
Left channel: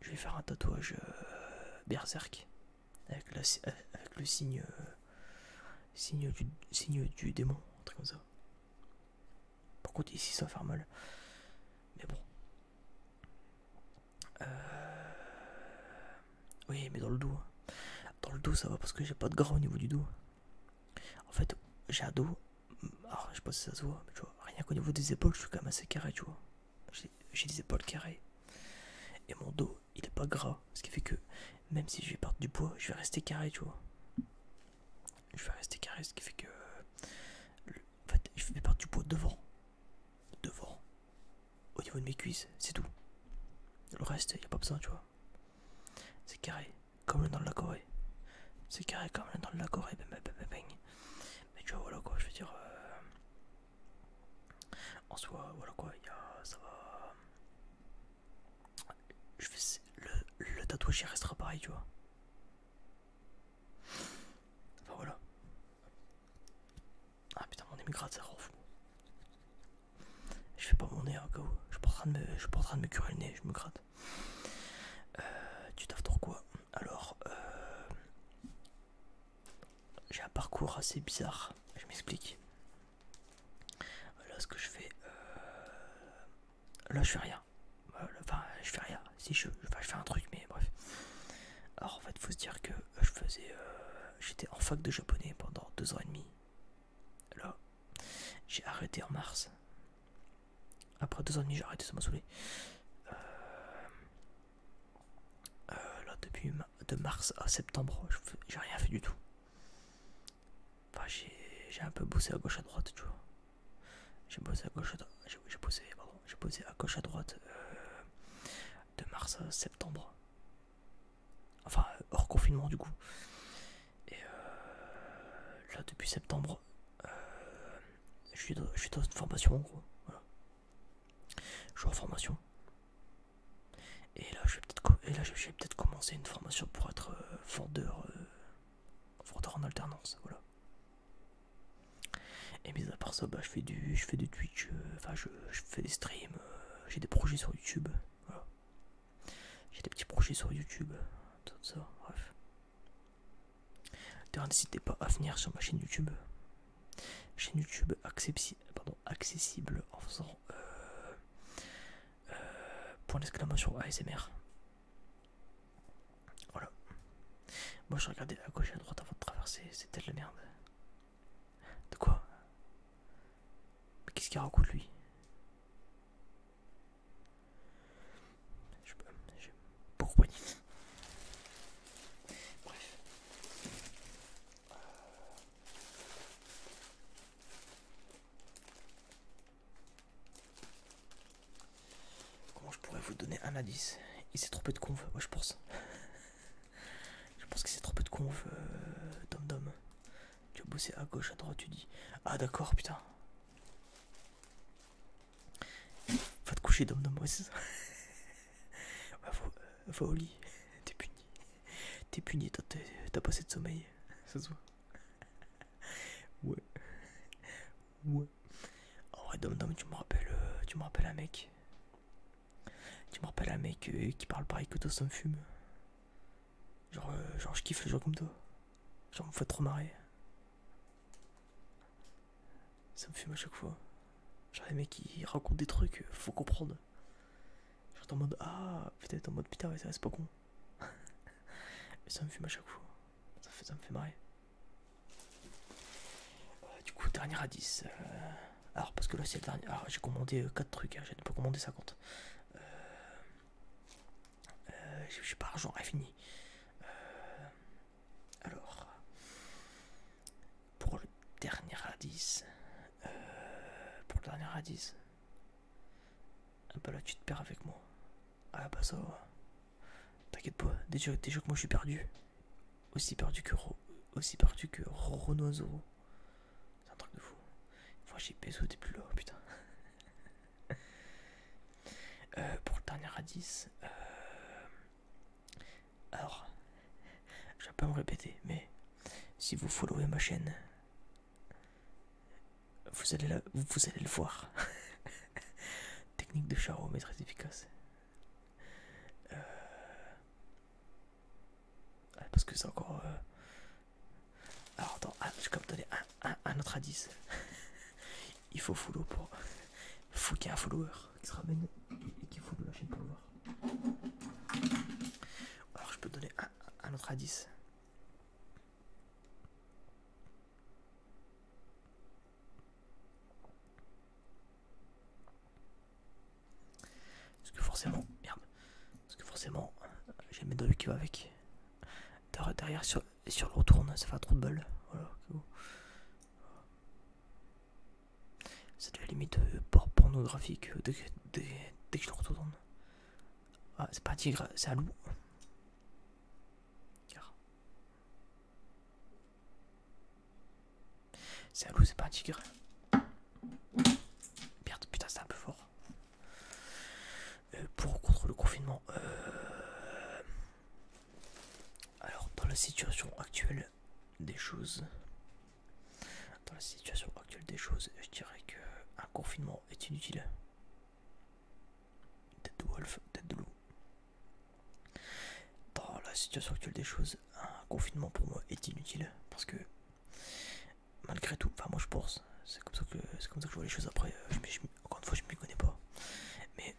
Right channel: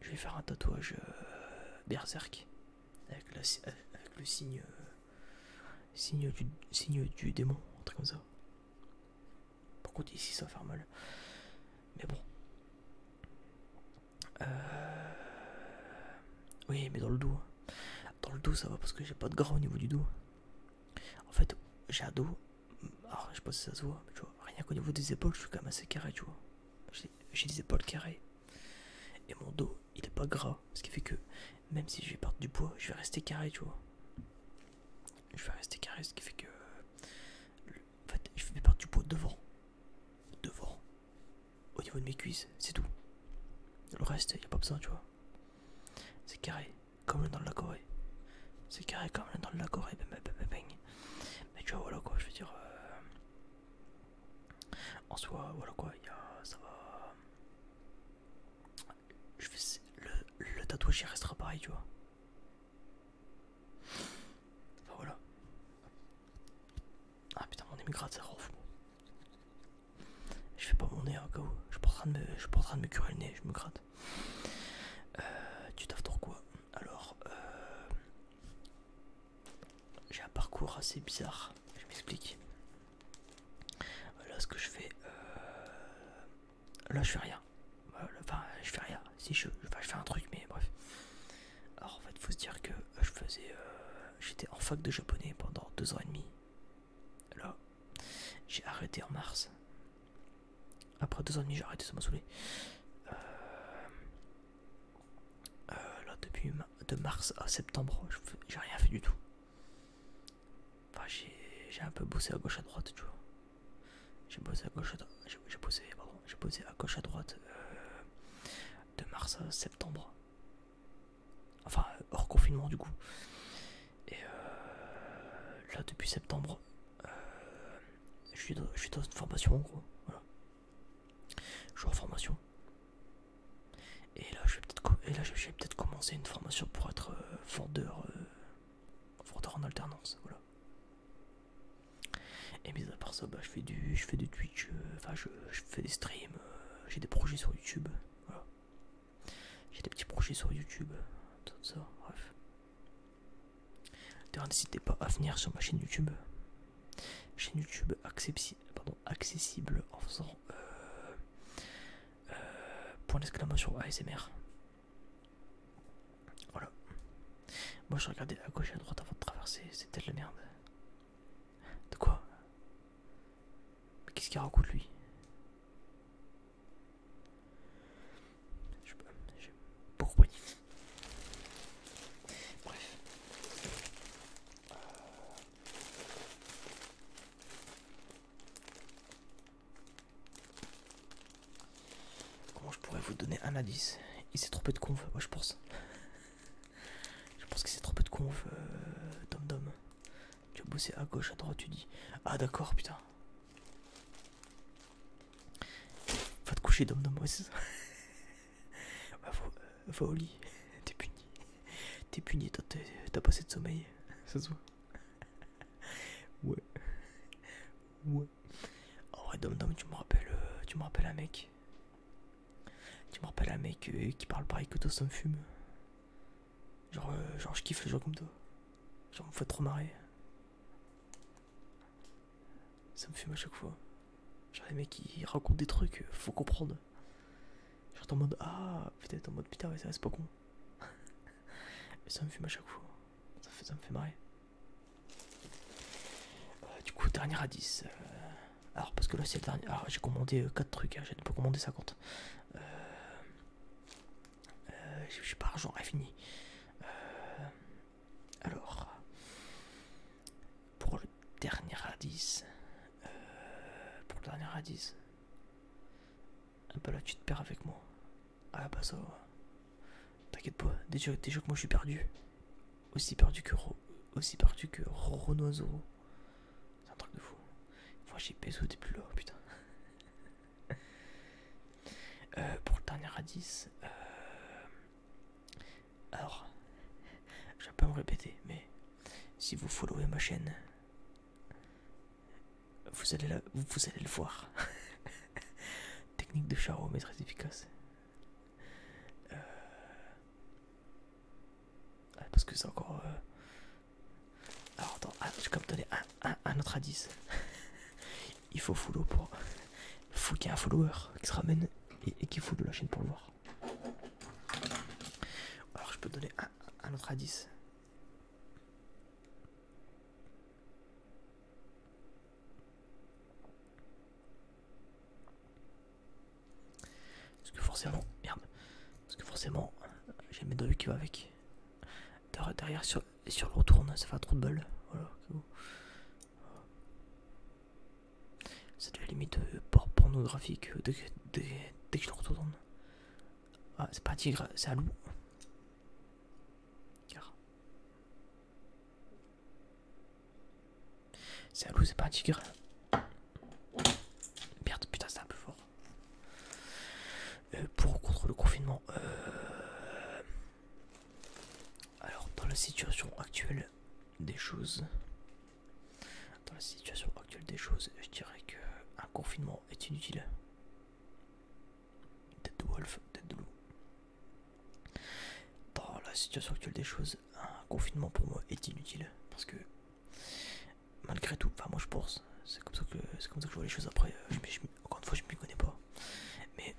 Je vais faire un tatouage berserk avec le signe du démon, un truc comme ça. Par contre, ici, ça va faire mal. Mais bon. Oui, mais dans le dos. Dans le dos, ça va parce que j'ai pas de gras au niveau du dos. En fait, j'ai un dos. Alors, je sais pas si ça se voit, mais tu vois, rien qu'au niveau des épaules, je suis quand même assez carré, tu vois. J'ai des épaules carrées. Et mon dos, il est pas gras. Ce qui fait que, même si je vais perdre du poids, je vais rester carré, tu vois. Je vais rester carré, ce qui fait que. En fait, je vais perdre du poids devant. Devant. Au niveau de mes cuisses, c'est tout. Le reste, y a pas besoin, tu vois. C'est carré, comme le dans de la Corée. C'est carré comme le dans de la Corée. Mais tu vois, voilà quoi, je veux dire. En soi, voilà quoi, ça va. Le tatouage il restera pareil, tu vois. Enfin voilà. Ah putain, mon nez me gratte, ça rend fou. Je fais pas mon nez hein, KO. Je suis pas en train de me curer le nez, je me gratte. Tu taffes dans quoi? Alors, j'ai un parcours assez bizarre. Je m'explique. Là, ce que je fais. Là, je fais rien. Enfin, je fais rien. Si je fais un truc, mais bref. Alors, en fait, faut se dire que j'étais en fac de japonais pendant 2 ans et demi. Là, j'ai arrêté en mars. Après 2 ans et demi, j'ai arrêté, ça m'a saoulé. Là, depuis de mars à septembre, j'ai rien fait du tout. Enfin, j'ai un peu bossé à gauche à droite, tu vois. J'ai bossé à gauche à droite. J'ai bossé à gauche à droite de mars à septembre. Enfin, hors confinement du coup. Et là, depuis septembre, je suis dans une formation en gros. Voilà. Je suis en formation. Et là, je vais peut-être commencer une formation pour être vendeur en alternance. Voilà. Et mis à part ça, bah, je fais du Twitch, enfin je fais des streams, j'ai des projets sur YouTube, voilà. J'ai des petits projets sur YouTube, tout ça, bref. D'ailleurs, n'hésitez pas à venir sur ma chaîne YouTube. Chaîne YouTube accessible en faisant point d'exclamation ASMR. Voilà. Moi je regardais à gauche et à droite avant de traverser, c'était de la merde. De quoi? Mais qu'est-ce qu'il raconte lui? Je pas compris. Bref. Comment je pourrais vous donner un indice? Il s'est trompé de conf, moi je pense. Je pense qu'il s'est trompé de conf, Dom. Tu as bossé à gauche, à droite, tu dis. Ah d'accord, putain. Va te coucher, Dom, ouais, c'est ça. Ouais, va au lit. T'es puni. T'es puni, t'as pas assez de sommeil. Ça se voit. Ouais. Ouais. En vrai, Dom, tu me rappelles un mec. Tu me rappelles un mec qui parle pareil que toi, ça me fume. Genre je kiffe les gens comme toi. Genre, me fait trop marrer. Ça me fume à chaque fois. Genre, les mecs qui racontent des trucs, faut comprendre. en mode ah, peut-être en mode putain, ouais, ça c'est pas con. Mais ça me fume à chaque fois. Ça me fait marrer. Du coup, dernier à 10. Alors, parce que là, c'est le dernier. Alors, j'ai commandé 4 trucs. Hein, j'ai pas commandé 50. J'ai pas argent infini. Alors, pour le dernier à 10. Pour le dernier à 10. Un peu là, tu te perds avec moi. Ah, bah ça va. T'inquiète pas. Déjà que moi, je suis perdu. Aussi perdu que Roronoa Zoro. C'est un truc de fou. Moi, j'ai Peso, t'es plus là, putain. Pour le dernier à 10. Alors, je vais pas me répéter, mais si vous followez ma chaîne, vous allez le voir. Technique de charo, mais très efficace. Parce que c'est encore. Alors attends, je vais quand même donner un autre indice. Il faut follow pour. Il faut qu'il y ait un follower qui se ramène et qui follow la chaîne pour le voir. Alors je peux donner un autre indice. Parce que forcément, merde. Parce que forcément, j'ai mes deux qui va avec. Derrière, sur le retourne, ça fait trop de bol. Voilà. Ça devient limite pornographique dès que je le retourne. Ah, c'est pas un tigre, c'est un loup. Car. C'est un loup, c'est pas un tigre. Merde, putain, c'est un peu fort. Pour contre le confinement. Alors, dans la situation actuelle des choses. Dans la situation actuelle des choses, je dirais que un confinement est inutile. Tête de wolf, tête de loup. Dans la situation actuelle des choses, un confinement pour moi est inutile. Parce que malgré tout, enfin moi je pense, c'est comme ça que je vois les choses après. Encore une fois, je m'y connais pas. Mais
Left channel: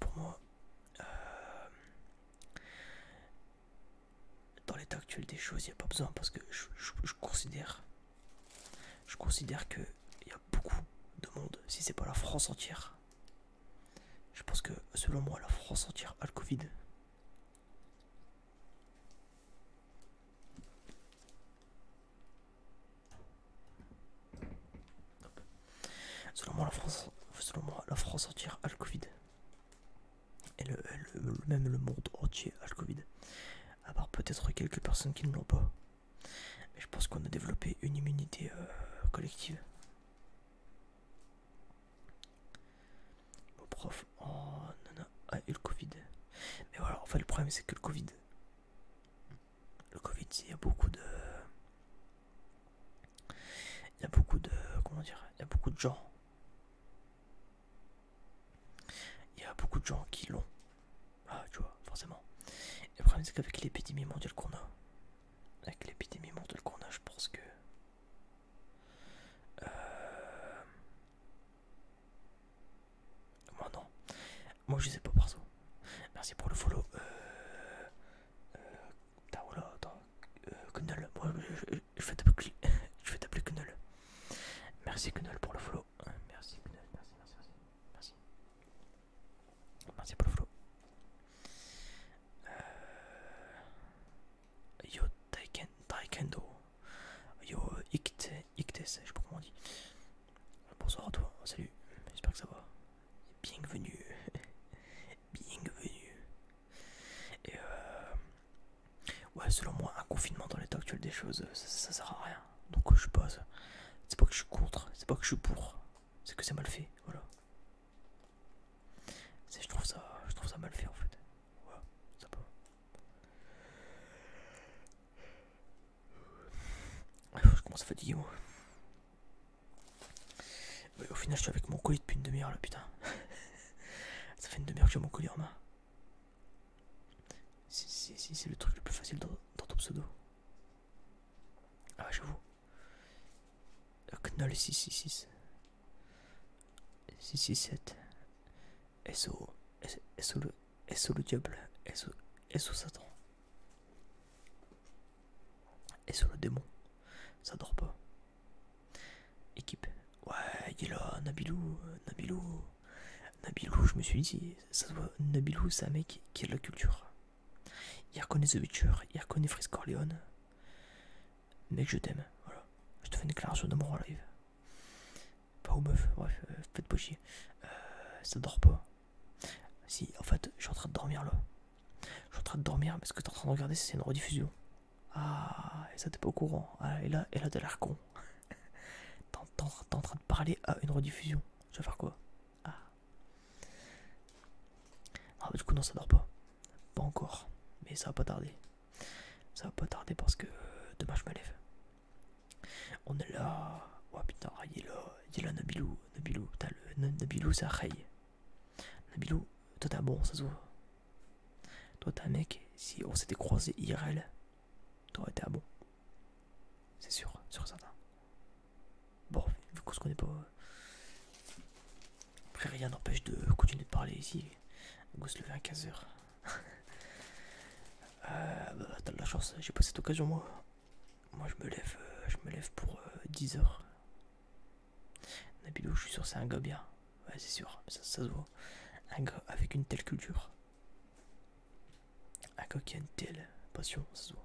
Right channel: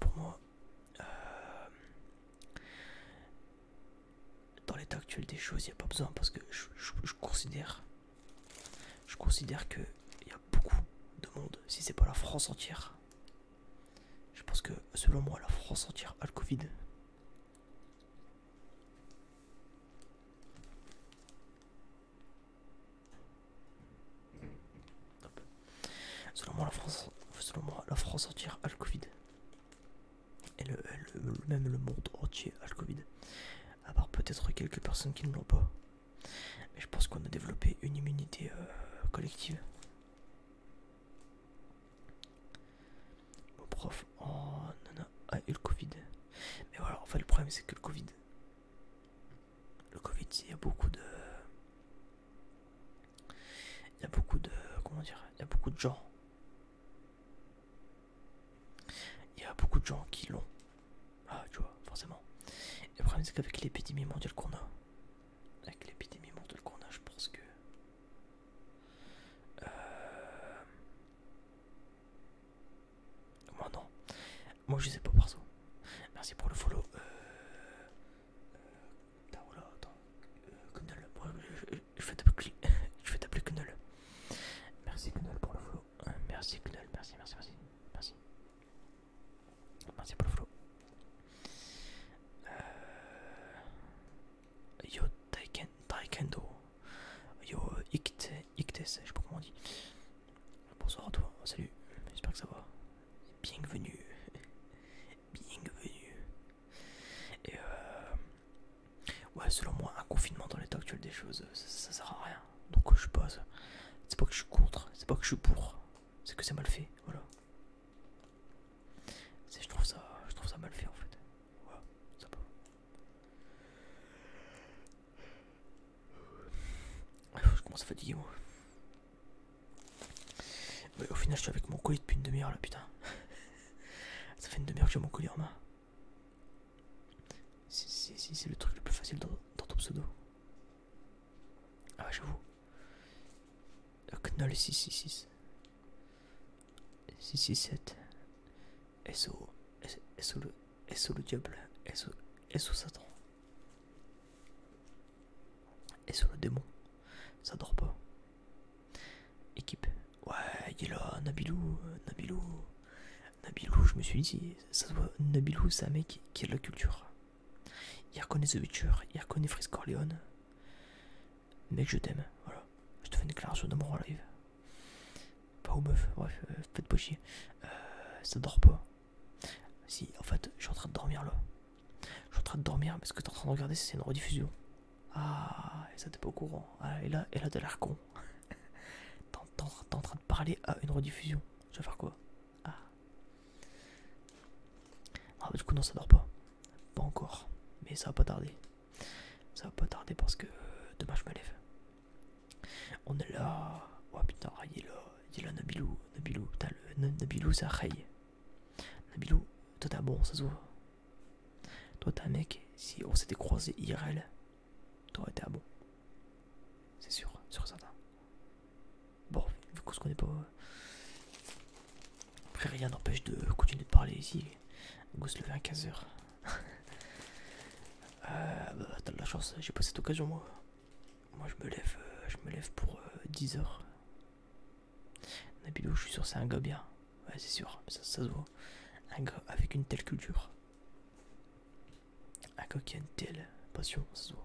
pour moi, dans l'état actuel des choses, il n'y a pas besoin parce que je considère qu'il y a beaucoup de monde, si c'est pas la France entière. Je pense que selon moi, la France entière a le Covid. Selon moi, la France entière a le Covid. Et même le monde entier a le Covid. À part peut-être quelques personnes qui ne l'ont pas. Mais je pense qu'on a développé une immunité collective. Mon prof a eu le Covid. Mais voilà, en fait le problème c'est que le Covid, il y a beaucoup de... Comment dire, il y a beaucoup de gens. Il y a beaucoup de gens qui l'ont. Ah, tu vois, forcément. Et le problème c'est qu'avec l'épidémie mondiale qu'on a, je pense que... Moi non. Moi je sais pas perso. Merci pour le follow. Attends. Kunnel. Moi je vais t'appeler Kunnel. Merci Kunnel pour le follow. Merci Kunnel. Merci. Merci pour le follow. Yo Taekendo. Yo Iktes, je sais pas comment on dit. Bonsoir à toi, salut, j'espère que ça va. Bienvenue. Et ouais, selon moi, un confinement dans l'état actuel des choses, ça sert à rien. Donc je sais pas, c'est pas que je suis contre, c'est pas que je suis pour, c'est que c'est mal fait, voilà. Je trouve ça mal fait en fait. Voilà, ça peut. Je commence à fatiguer moi. Ouais, au final, je suis avec mon colis depuis une demi-heure là, putain. Ça fait une demi-heure que j'ai mon colis en main. C'est le truc le plus facile dans ton pseudo. Ah ouais, j'avoue. Knoll 666 667 SO SO le diable, SO Satan, SO le démon, ça dort pas. Équipe, ouais, il est là, Nabilou, je me suis dit, ça se voit, Nabilou c'est un mec qui a de la culture. Il reconnaît The Witcher, il reconnaît Freeze Corleone. Mec, je t'aime, voilà. Je te fais une déclaration d'amour en live. Pas aux meufs, bref, faites pas chier. Ça dort pas. Si, en fait, je suis en train de dormir là. Je suis en train de dormir, mais ce que t'es en train de regarder, c'est une rediffusion. Ah, et ça t'es pas au courant. Ah, et là t'as l'air con. T'es en train de parler à une rediffusion. Tu vas faire quoi? Ah. Ah, bah, du coup, non, ça dort pas. Pas encore. Mais ça va pas tarder. Ça va pas tarder parce que demain je me lève. On est là. Oh putain, il est là, Nabilou. Putain, Nabilou, c'est un Ray. Nabilou, toi t'es un bon, ça se voit. Toi t'es un mec, si on s'était croisé IRL, t'aurais été un bon. C'est sûr et certain. Bon, vu qu'on se connaît pas. Après, rien n'empêche de continuer de parler ici. On va se lever à 15h. Bah, t'as de la chance, j'ai pas cette occasion moi. Moi je me lève pour 10h. Nabilou, je suis sûr c'est un gars bien. Ouais, c'est sûr, ça se voit. Un gars avec une telle culture. Un gars qui a une telle passion, ça se voit.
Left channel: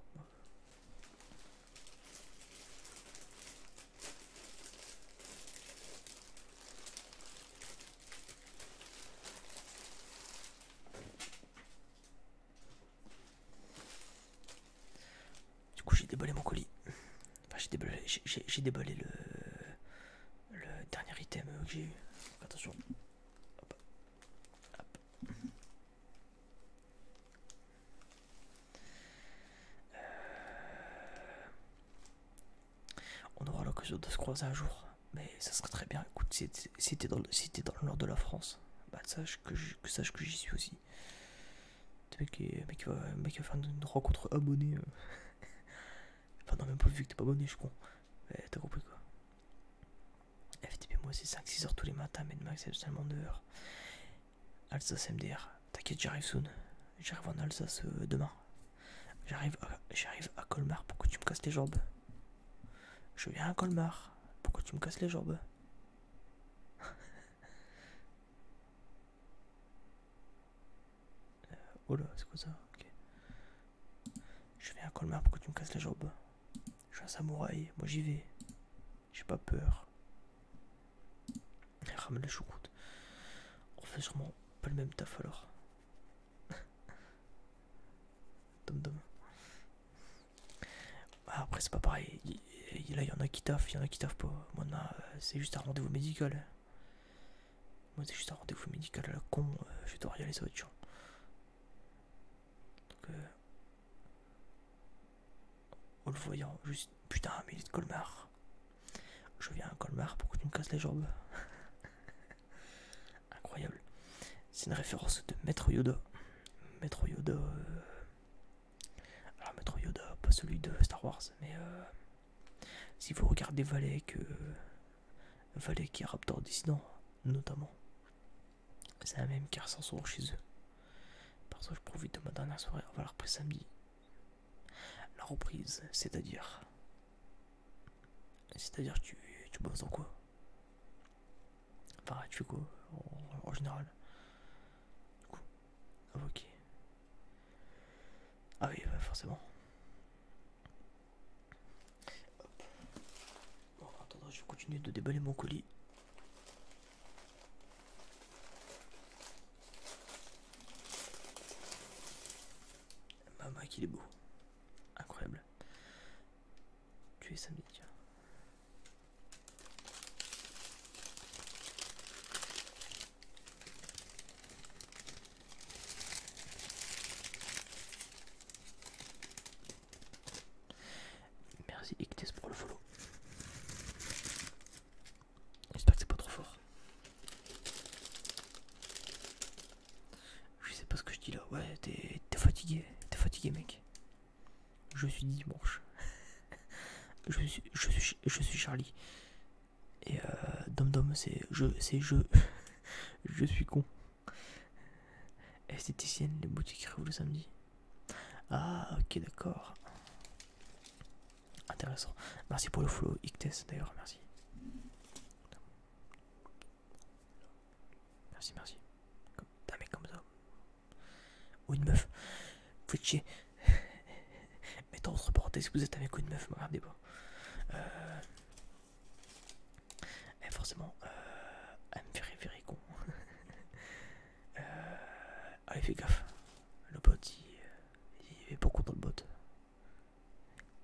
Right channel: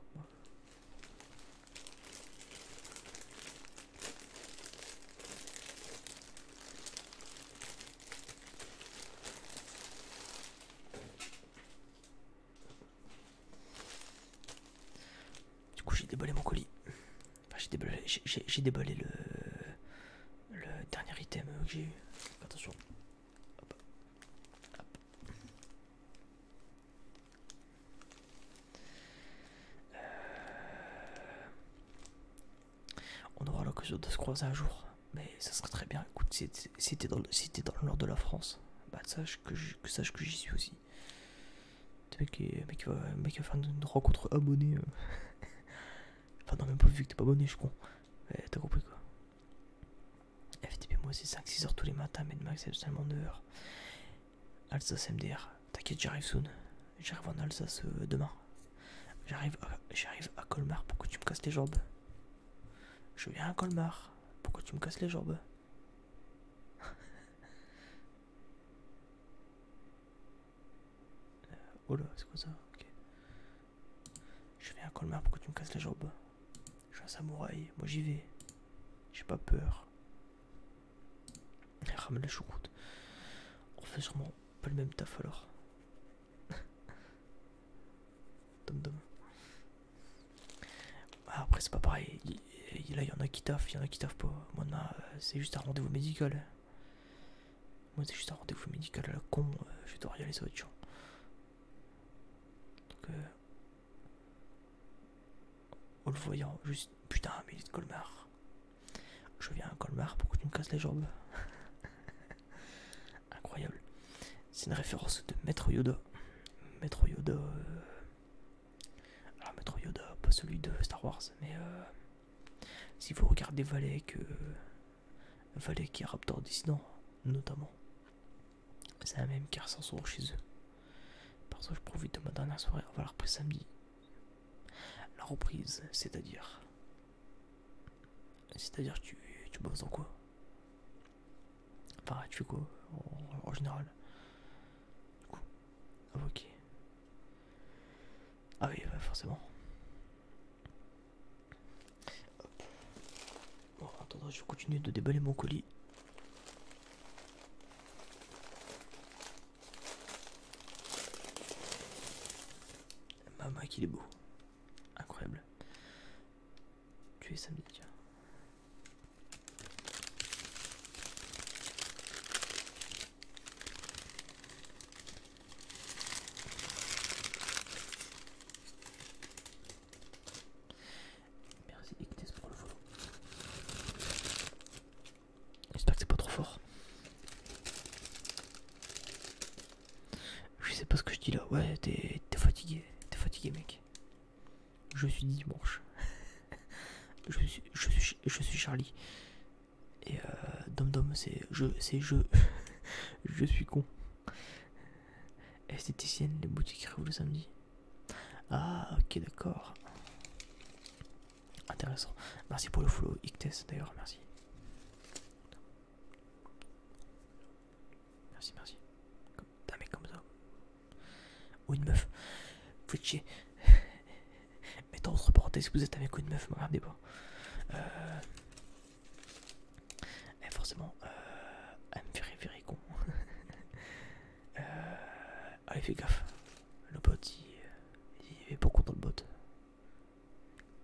Du coup, j'ai déballé mon colis. Enfin, j'ai déballé le dernier item que j'ai eu. Attention. Hop. Hop. On aura l'occasion de se croiser un jour. Mais ça serait très bien. Écoute, si t'es dans le nord de la France, bah sache que j'y suis aussi. Le mec va faire une rencontre abonnée. Enfin, non, même pas vu que t'es pas abonné, je suis con. Mais t'as compris quoi. FTP, moi c'est 5-6 heures tous les matins, mais max c'est seulement 9 heures. Alsace MDR, t'inquiète, j'arrive soon. J'arrive en Alsace demain. J'arrive à Colmar, pourquoi tu me casses les jambes? Je viens à Colmar, pourquoi tu me casses les jambes? Oh là, c'est quoi ça? Ok. Je viens à Colmar, pourquoi tu me casses les jambes? Je suis un samouraï, moi j'y vais. J'ai pas peur. Ramène la choucroute. On fait sûrement pas le même taf alors. Dom. Après c'est pas pareil. Là il y en a qui taffent, il y en a qui taffent pas. Moi c'est juste un rendez-vous médical. Moi c'est juste un rendez-vous médical à la con. Je vais devoir y aller, ça va être chiant. Donc en le voyant, juste putain, mais il est de Colmar. Je viens à Colmar, pourquoi tu me casses les jambes? Incroyable. C'est une référence de Maître Yoda. Maître Yoda. Alors Maître Yoda, pas celui de Star Wars, mais si vous regardez Valek qui est Raptor Dissident, notamment, c'est un même qui ressent souvent chez eux. Parce que je profite de ma dernière soirée, on va la reprise samedi. La reprise, c'est-à-dire tu bosses en quoi? Enfin, tu fais quoi en général? Du coup, ah, ok. Ah oui, bah, forcément. Hop. Bon, attends, je vais continuer de déballer mon colis. Maman, qu'il est beau. Incroyable. Tu es samedi, tiens. Merci Ictes pour le follow. J'espère que c'est pas trop fort. Je sais pas ce que je dis là. Ouais, t'es fatigué. T'es fatigué, mec. Je suis dimanche. je suis Charlie. Et Dom c'est je. Je suis con. Esthéticienne, les boutiques réouvrent le samedi. Ah, ok, d'accord. Intéressant. Merci pour le follow, Ictes d'ailleurs, merci. Merci, merci. Un mec comme ça. Ou une meuf. Vous êtes chier. Mettez entre parenthèses que vous êtes un mec ou une meuf, me regardez pas. Et forcément, elle me ferait virer con. Allez, fais gaffe. Le bot, il est pas content le bot.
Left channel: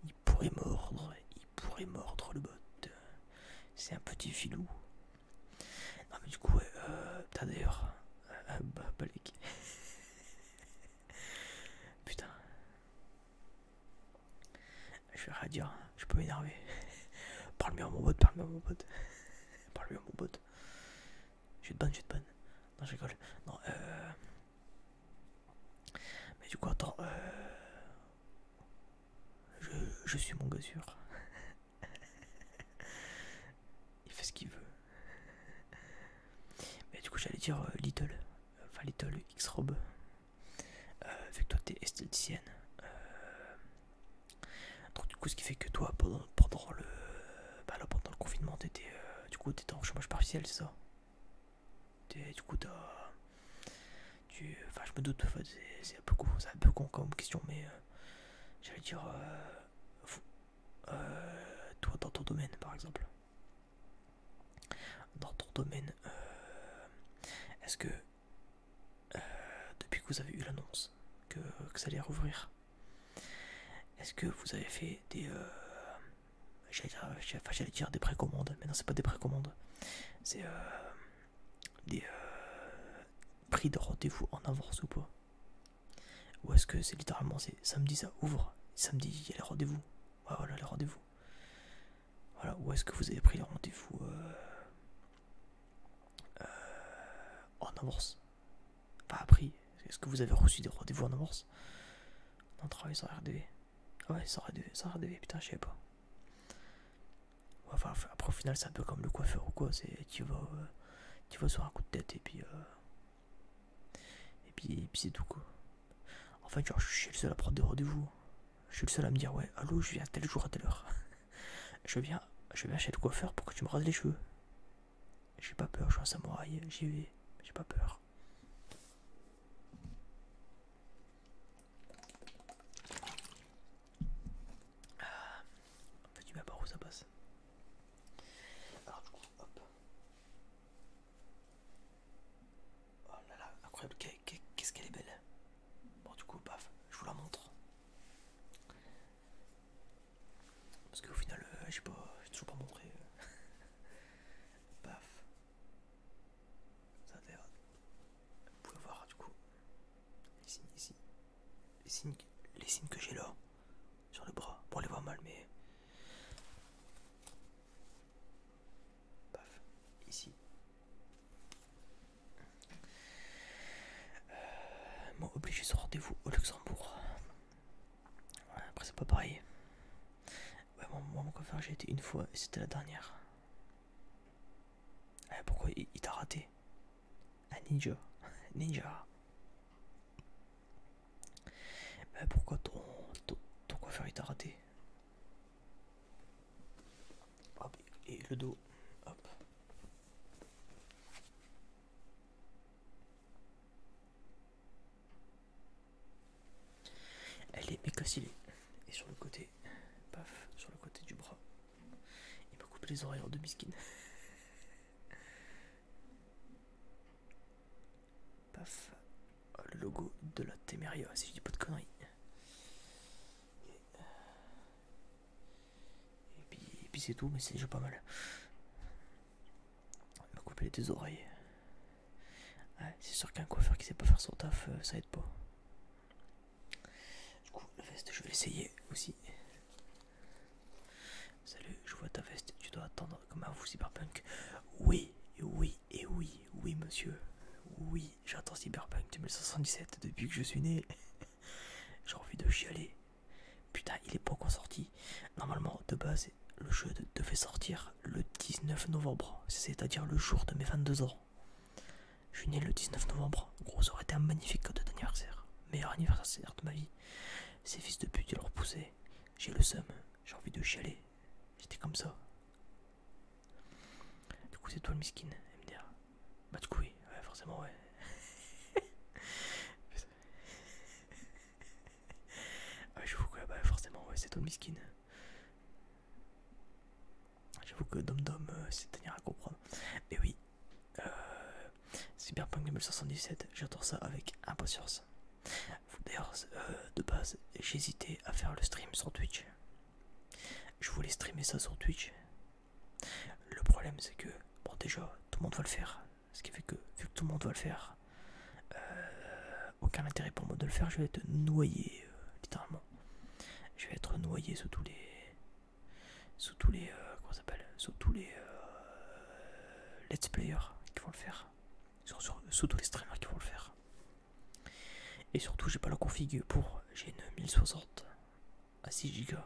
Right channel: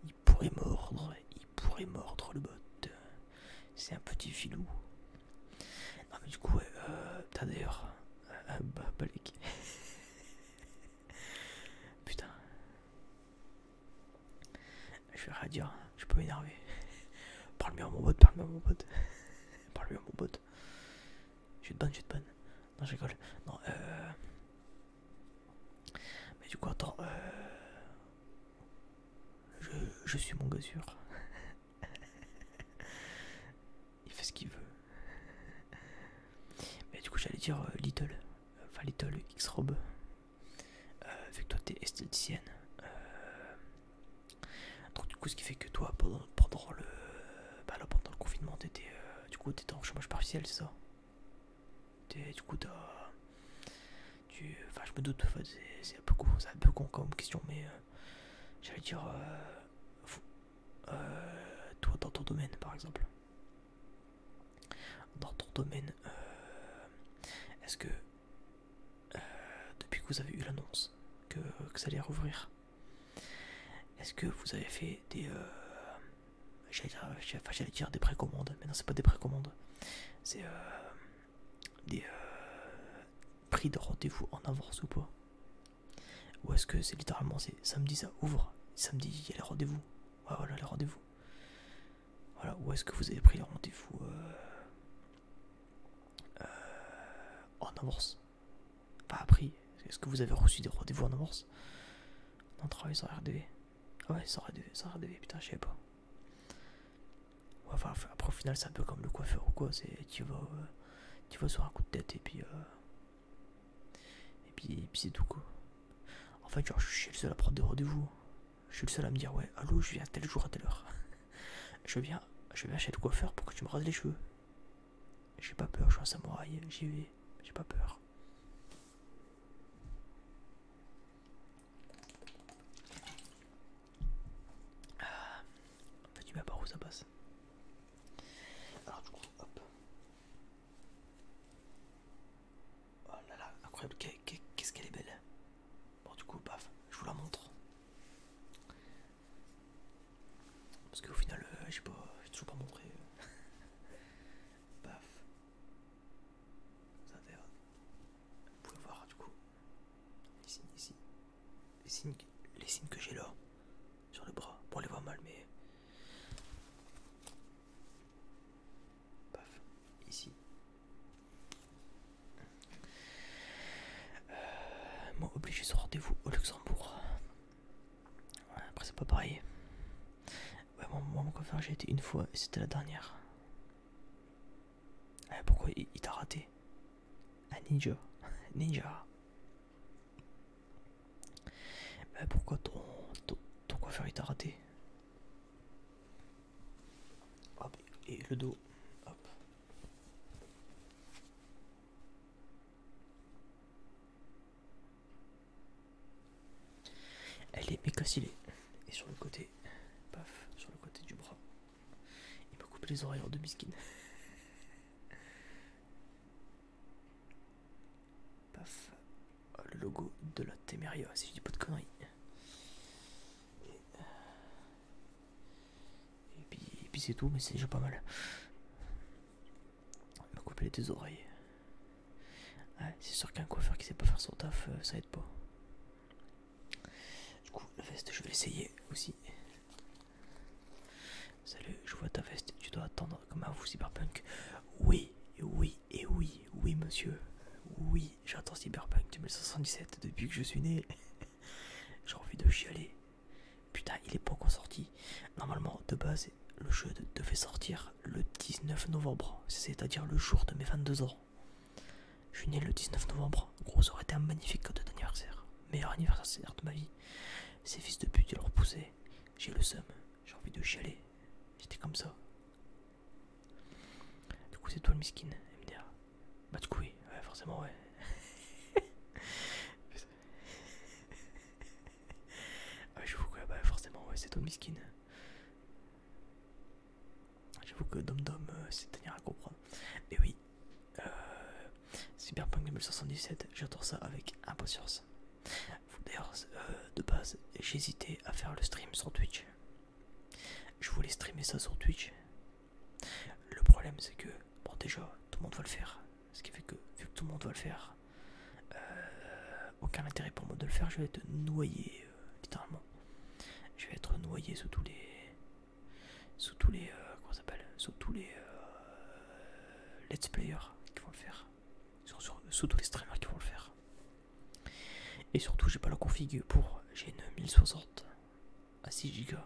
Il pourrait mordre le bot. C'est un petit filou. Non mais du coup, ouais, t'as d'ailleurs... balèque. Putain. Je vais rien dire, je peux m'énerver. Parle mieux à mon bot, parle mieux à mon bot. Parle mieux à mon bot. Je vais te ban, je vais te ban. Non, je rigole. Non, mais du coup, attends, je suis mon gars sûr. Il fait ce qu'il veut. Mais du coup, j'allais dire Little. Enfin, Little X-Rob. Vu que toi, t'es esthéticienne. Donc, du coup, ce qui fait que toi, pendant le... Bah là, pendant le confinement, t'étais... du coup, t'étais en chômage partiel, c'est ça? Du coup, t'as... Enfin, je me doute, en fait, c'est un peu con comme question, mais... j'allais dire... toi, dans ton domaine, par exemple. Dans ton domaine, est-ce que... depuis que vous avez eu l'annonce que ça allait rouvrir, est-ce que vous avez fait des... j'allais dire des précommandes, mais non, c'est pas des précommandes. C'est des prix de rendez-vous en avance ou pas? Ou est-ce que c'est littéralement c'est samedi ça ouvre, samedi il y a les rendez-vous? Ouais, voilà les rendez-vous. Voilà, ou est-ce que vous avez pris les rendez-vous en avance? Pas appris. Est-ce que vous avez reçu des rendez-vous en avance? Non, travail sans RDV. Ah ouais, sans RDV, putain, je savais pas. Ouais, enfin, après au final c'est un peu comme le coiffeur ou quoi, c'est tu vas sur un coup de tête et puis c'est tout quoi. En fait, genre, je suis le seul à prendre des rendez-vous. Je suis le seul à me dire ouais, allô, je viens tel jour à telle heure. je viens chez le coiffeur pour que tu me rases les cheveux. J'ai pas peur, je suis un samouraï, j'y vais, j'ai pas peur. En fait, tu m'as pas où ça passe. Alors du coup, hop. Oh là là, incroyable, qu'est-ce qu'elle est belle. Bon du coup, paf, je vous la montre. Parce qu'au final, j'ai toujours pas montré. Paf. Ça d'ailleurs. Vous pouvez voir du coup. Les signes ici. Les signes que j'ai là. Sur le bras. Bon, on les voit mal, mais. Paf. Ici. Moi, obligé sur rendez-vous au Luxembourg. Ouais, après, c'est pas pareil. Ouais, moi, mon coiffeur, j'ai été une fois et c'était la dernière. Pourquoi il t'a raté? Un ninja. Ninja. Pourquoi ton coiffeur il t'a raté? Hop, et le dos. Hop. Elle est méga stylée. Et sur le côté, paf, sur le côté du bras, il m'a coupé les oreilles en demi-skin. Paf, le logo de la Temeria, si je dis pas de conneries. Et puis c'est tout, mais c'est déjà pas mal. Il m'a coupé les deux oreilles. Ouais, c'est sûr qu'un coiffeur qui sait pas faire son taf, ça aide pas. Du coup, la veste, je vais l'essayer aussi. Salut, je vois ta veste, tu dois attendre comme un fou cyberpunk. Oui, oui, monsieur. Oui, j'attends Cyberpunk 2077 depuis que je suis né. J'ai envie de chialer. Putain, il est pas encore sorti. Normalement, de base, le jeu devait sortir le 19 novembre, c'est-à-dire le jour de mes 22 ans. Je suis né le 19 novembre. Gros, ça aurait été un magnifique cadeau d'anniversaire. Meilleur anniversaire de ma vie. Ces fils de pute, ils leur poussaient. J'ai le seum. J'ai envie de chialer. J'étais comme ça. Du coup, c'est toi le miskin, MDR. Bah, du coup, oui. Ouais, forcément, ouais. Ouais, j'avoue que, bah, forcément, ouais, c'est toi le miskin. J'avoue que Dom Dom, c'est tenir à comprendre. Mais oui. Cyberpunk 2077, j'attends ça avec impatience. D'ailleurs, de base, j'hésitais à faire le stream sur Twitch. Je voulais streamer ça sur Twitch. Le problème, c'est que, bon, déjà, tout le monde va le faire. Ce qui fait que, vu que tout le monde va le faire, aucun intérêt pour moi de le faire. Je vais être noyé, littéralement. Je vais être noyé sous tous les. Comment ça s'appelle? Sous tous les. Let's players qui vont le faire. Sous tous les streamers qui vont le faire. Et surtout, j'ai pas la config pour. J'ai une 1060 à 6 Go.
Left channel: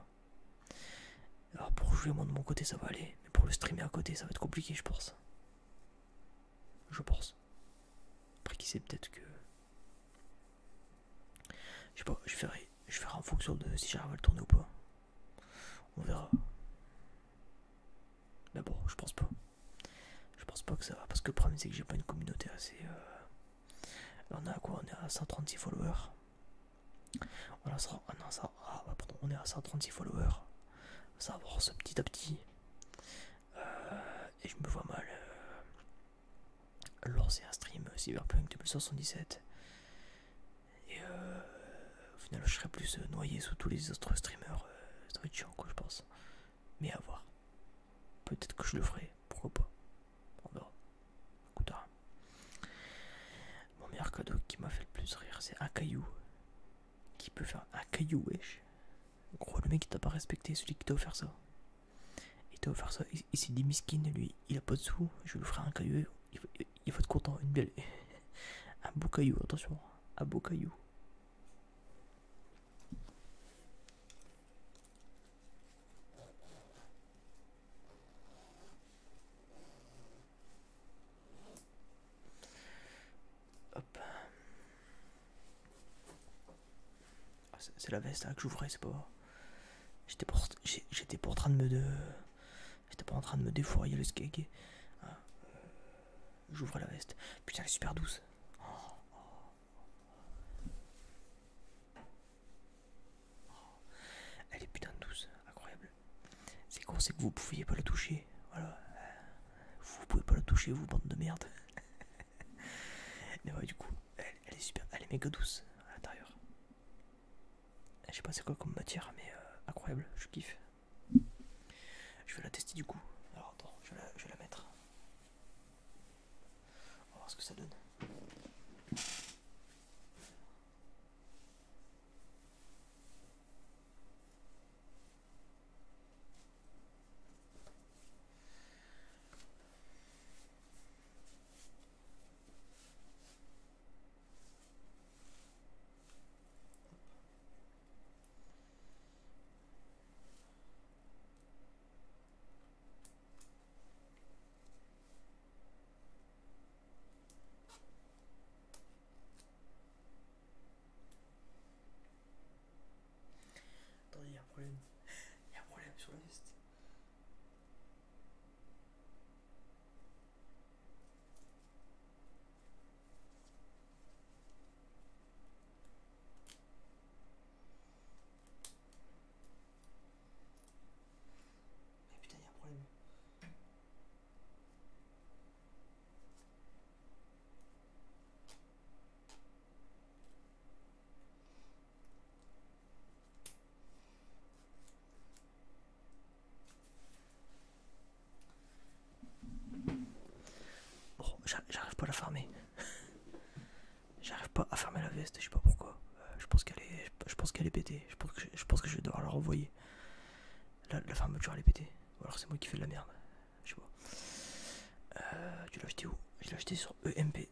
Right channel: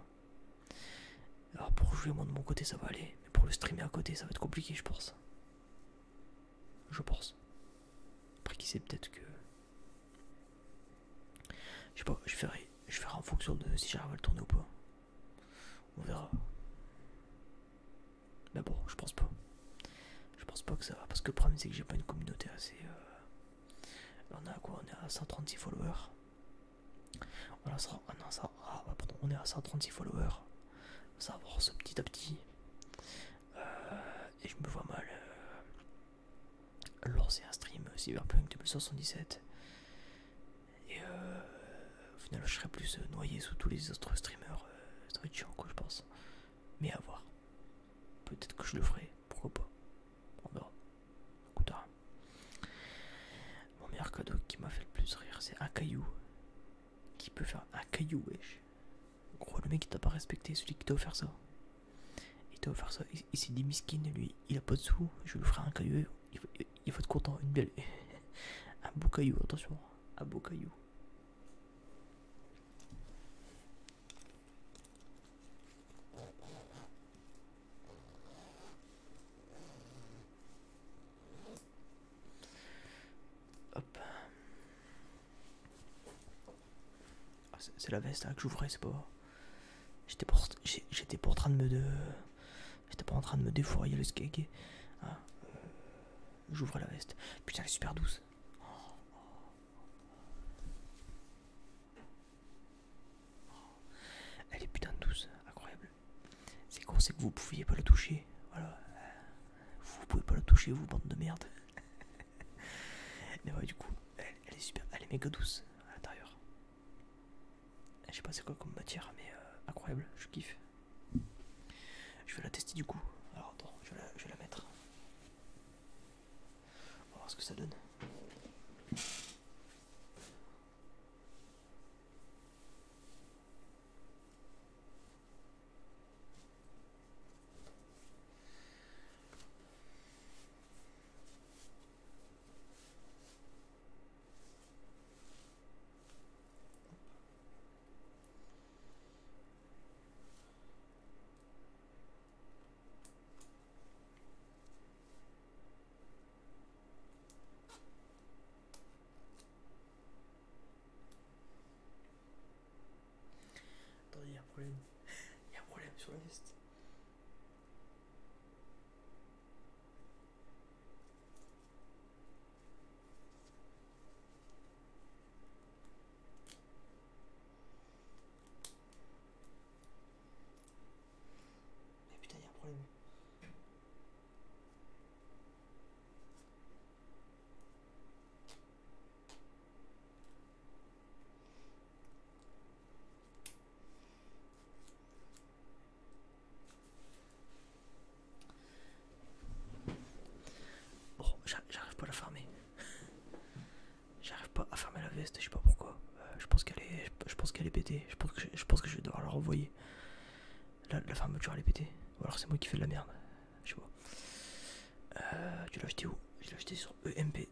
Alors, pour jouer, moi de mon côté, ça va aller. Mais pour le streamer à côté, ça va être compliqué, je pense. Je pense. Après, qui sait, peut-être que. Je sais pas, je ferai en fonction de si j'arrive à le tourner ou pas. On verra. Mais bon, je pense pas. Je pense pas que ça va. Parce que le problème, c'est que j'ai pas une communauté assez. On est à quoi? On est à 136 followers. On est à 136 followers. Ça avance petit à petit. Et je me vois mal lancer un stream Cyberpunk 2077. Et au final, je serais plus noyé sous tous les autres streamers. Ça va être chiant, quoi, je pense. Mais à voir. Peut-être que je le ferai. Pourquoi pas? On verra. Écoute, hein. Mon meilleur cadeau qui m'a fait le plus rire, c'est un caillou. Qui peut faire un caillou, wesh. Gros, le mec il t'a pas respecté, celui qui t'a offert ça. Il t'a offert ça, il s'est dit miskin, lui, il a pas de sous, je lui ferai un caillou, il va être content, une belle. Un beau caillou, attention, un beau caillou. Hop. Ah, c'est la veste là que j'ouvrais, c'est pas. J'étais pas en train de me. J'étais pas en train de me défourailler le skeg. Ah, j'ouvre la veste. Putain, elle est super douce. Elle est putain de douce, incroyable. C'est con, c'est que vous pouviez pas la toucher. Voilà. Vous pouvez pas la toucher, vous, bande de merde. Mais ouais, du coup, elle est super. Elle est méga douce à l'intérieur. Je sais pas c'est quoi comme matière, mais incroyable, je kiffe. Je vais la tester du coup. Alors attends, je vais la mettre. On va voir ce que ça donne. Attendez, il y a un problème. Il y a un problème sur la veste. Mais putain, il y a un problème. Bon, j'arrive pas à la fermer. J'arrive pas à fermer la veste, je sais pas pourquoi. Je pense qu'elle est pétée. Je pense que je vais devoir la renvoyer. La fermeture elle est pétée. Ou alors c'est moi qui fais de la merde. Je sais pas. Tu l'as acheté où? Je l'ai acheté sur EMP.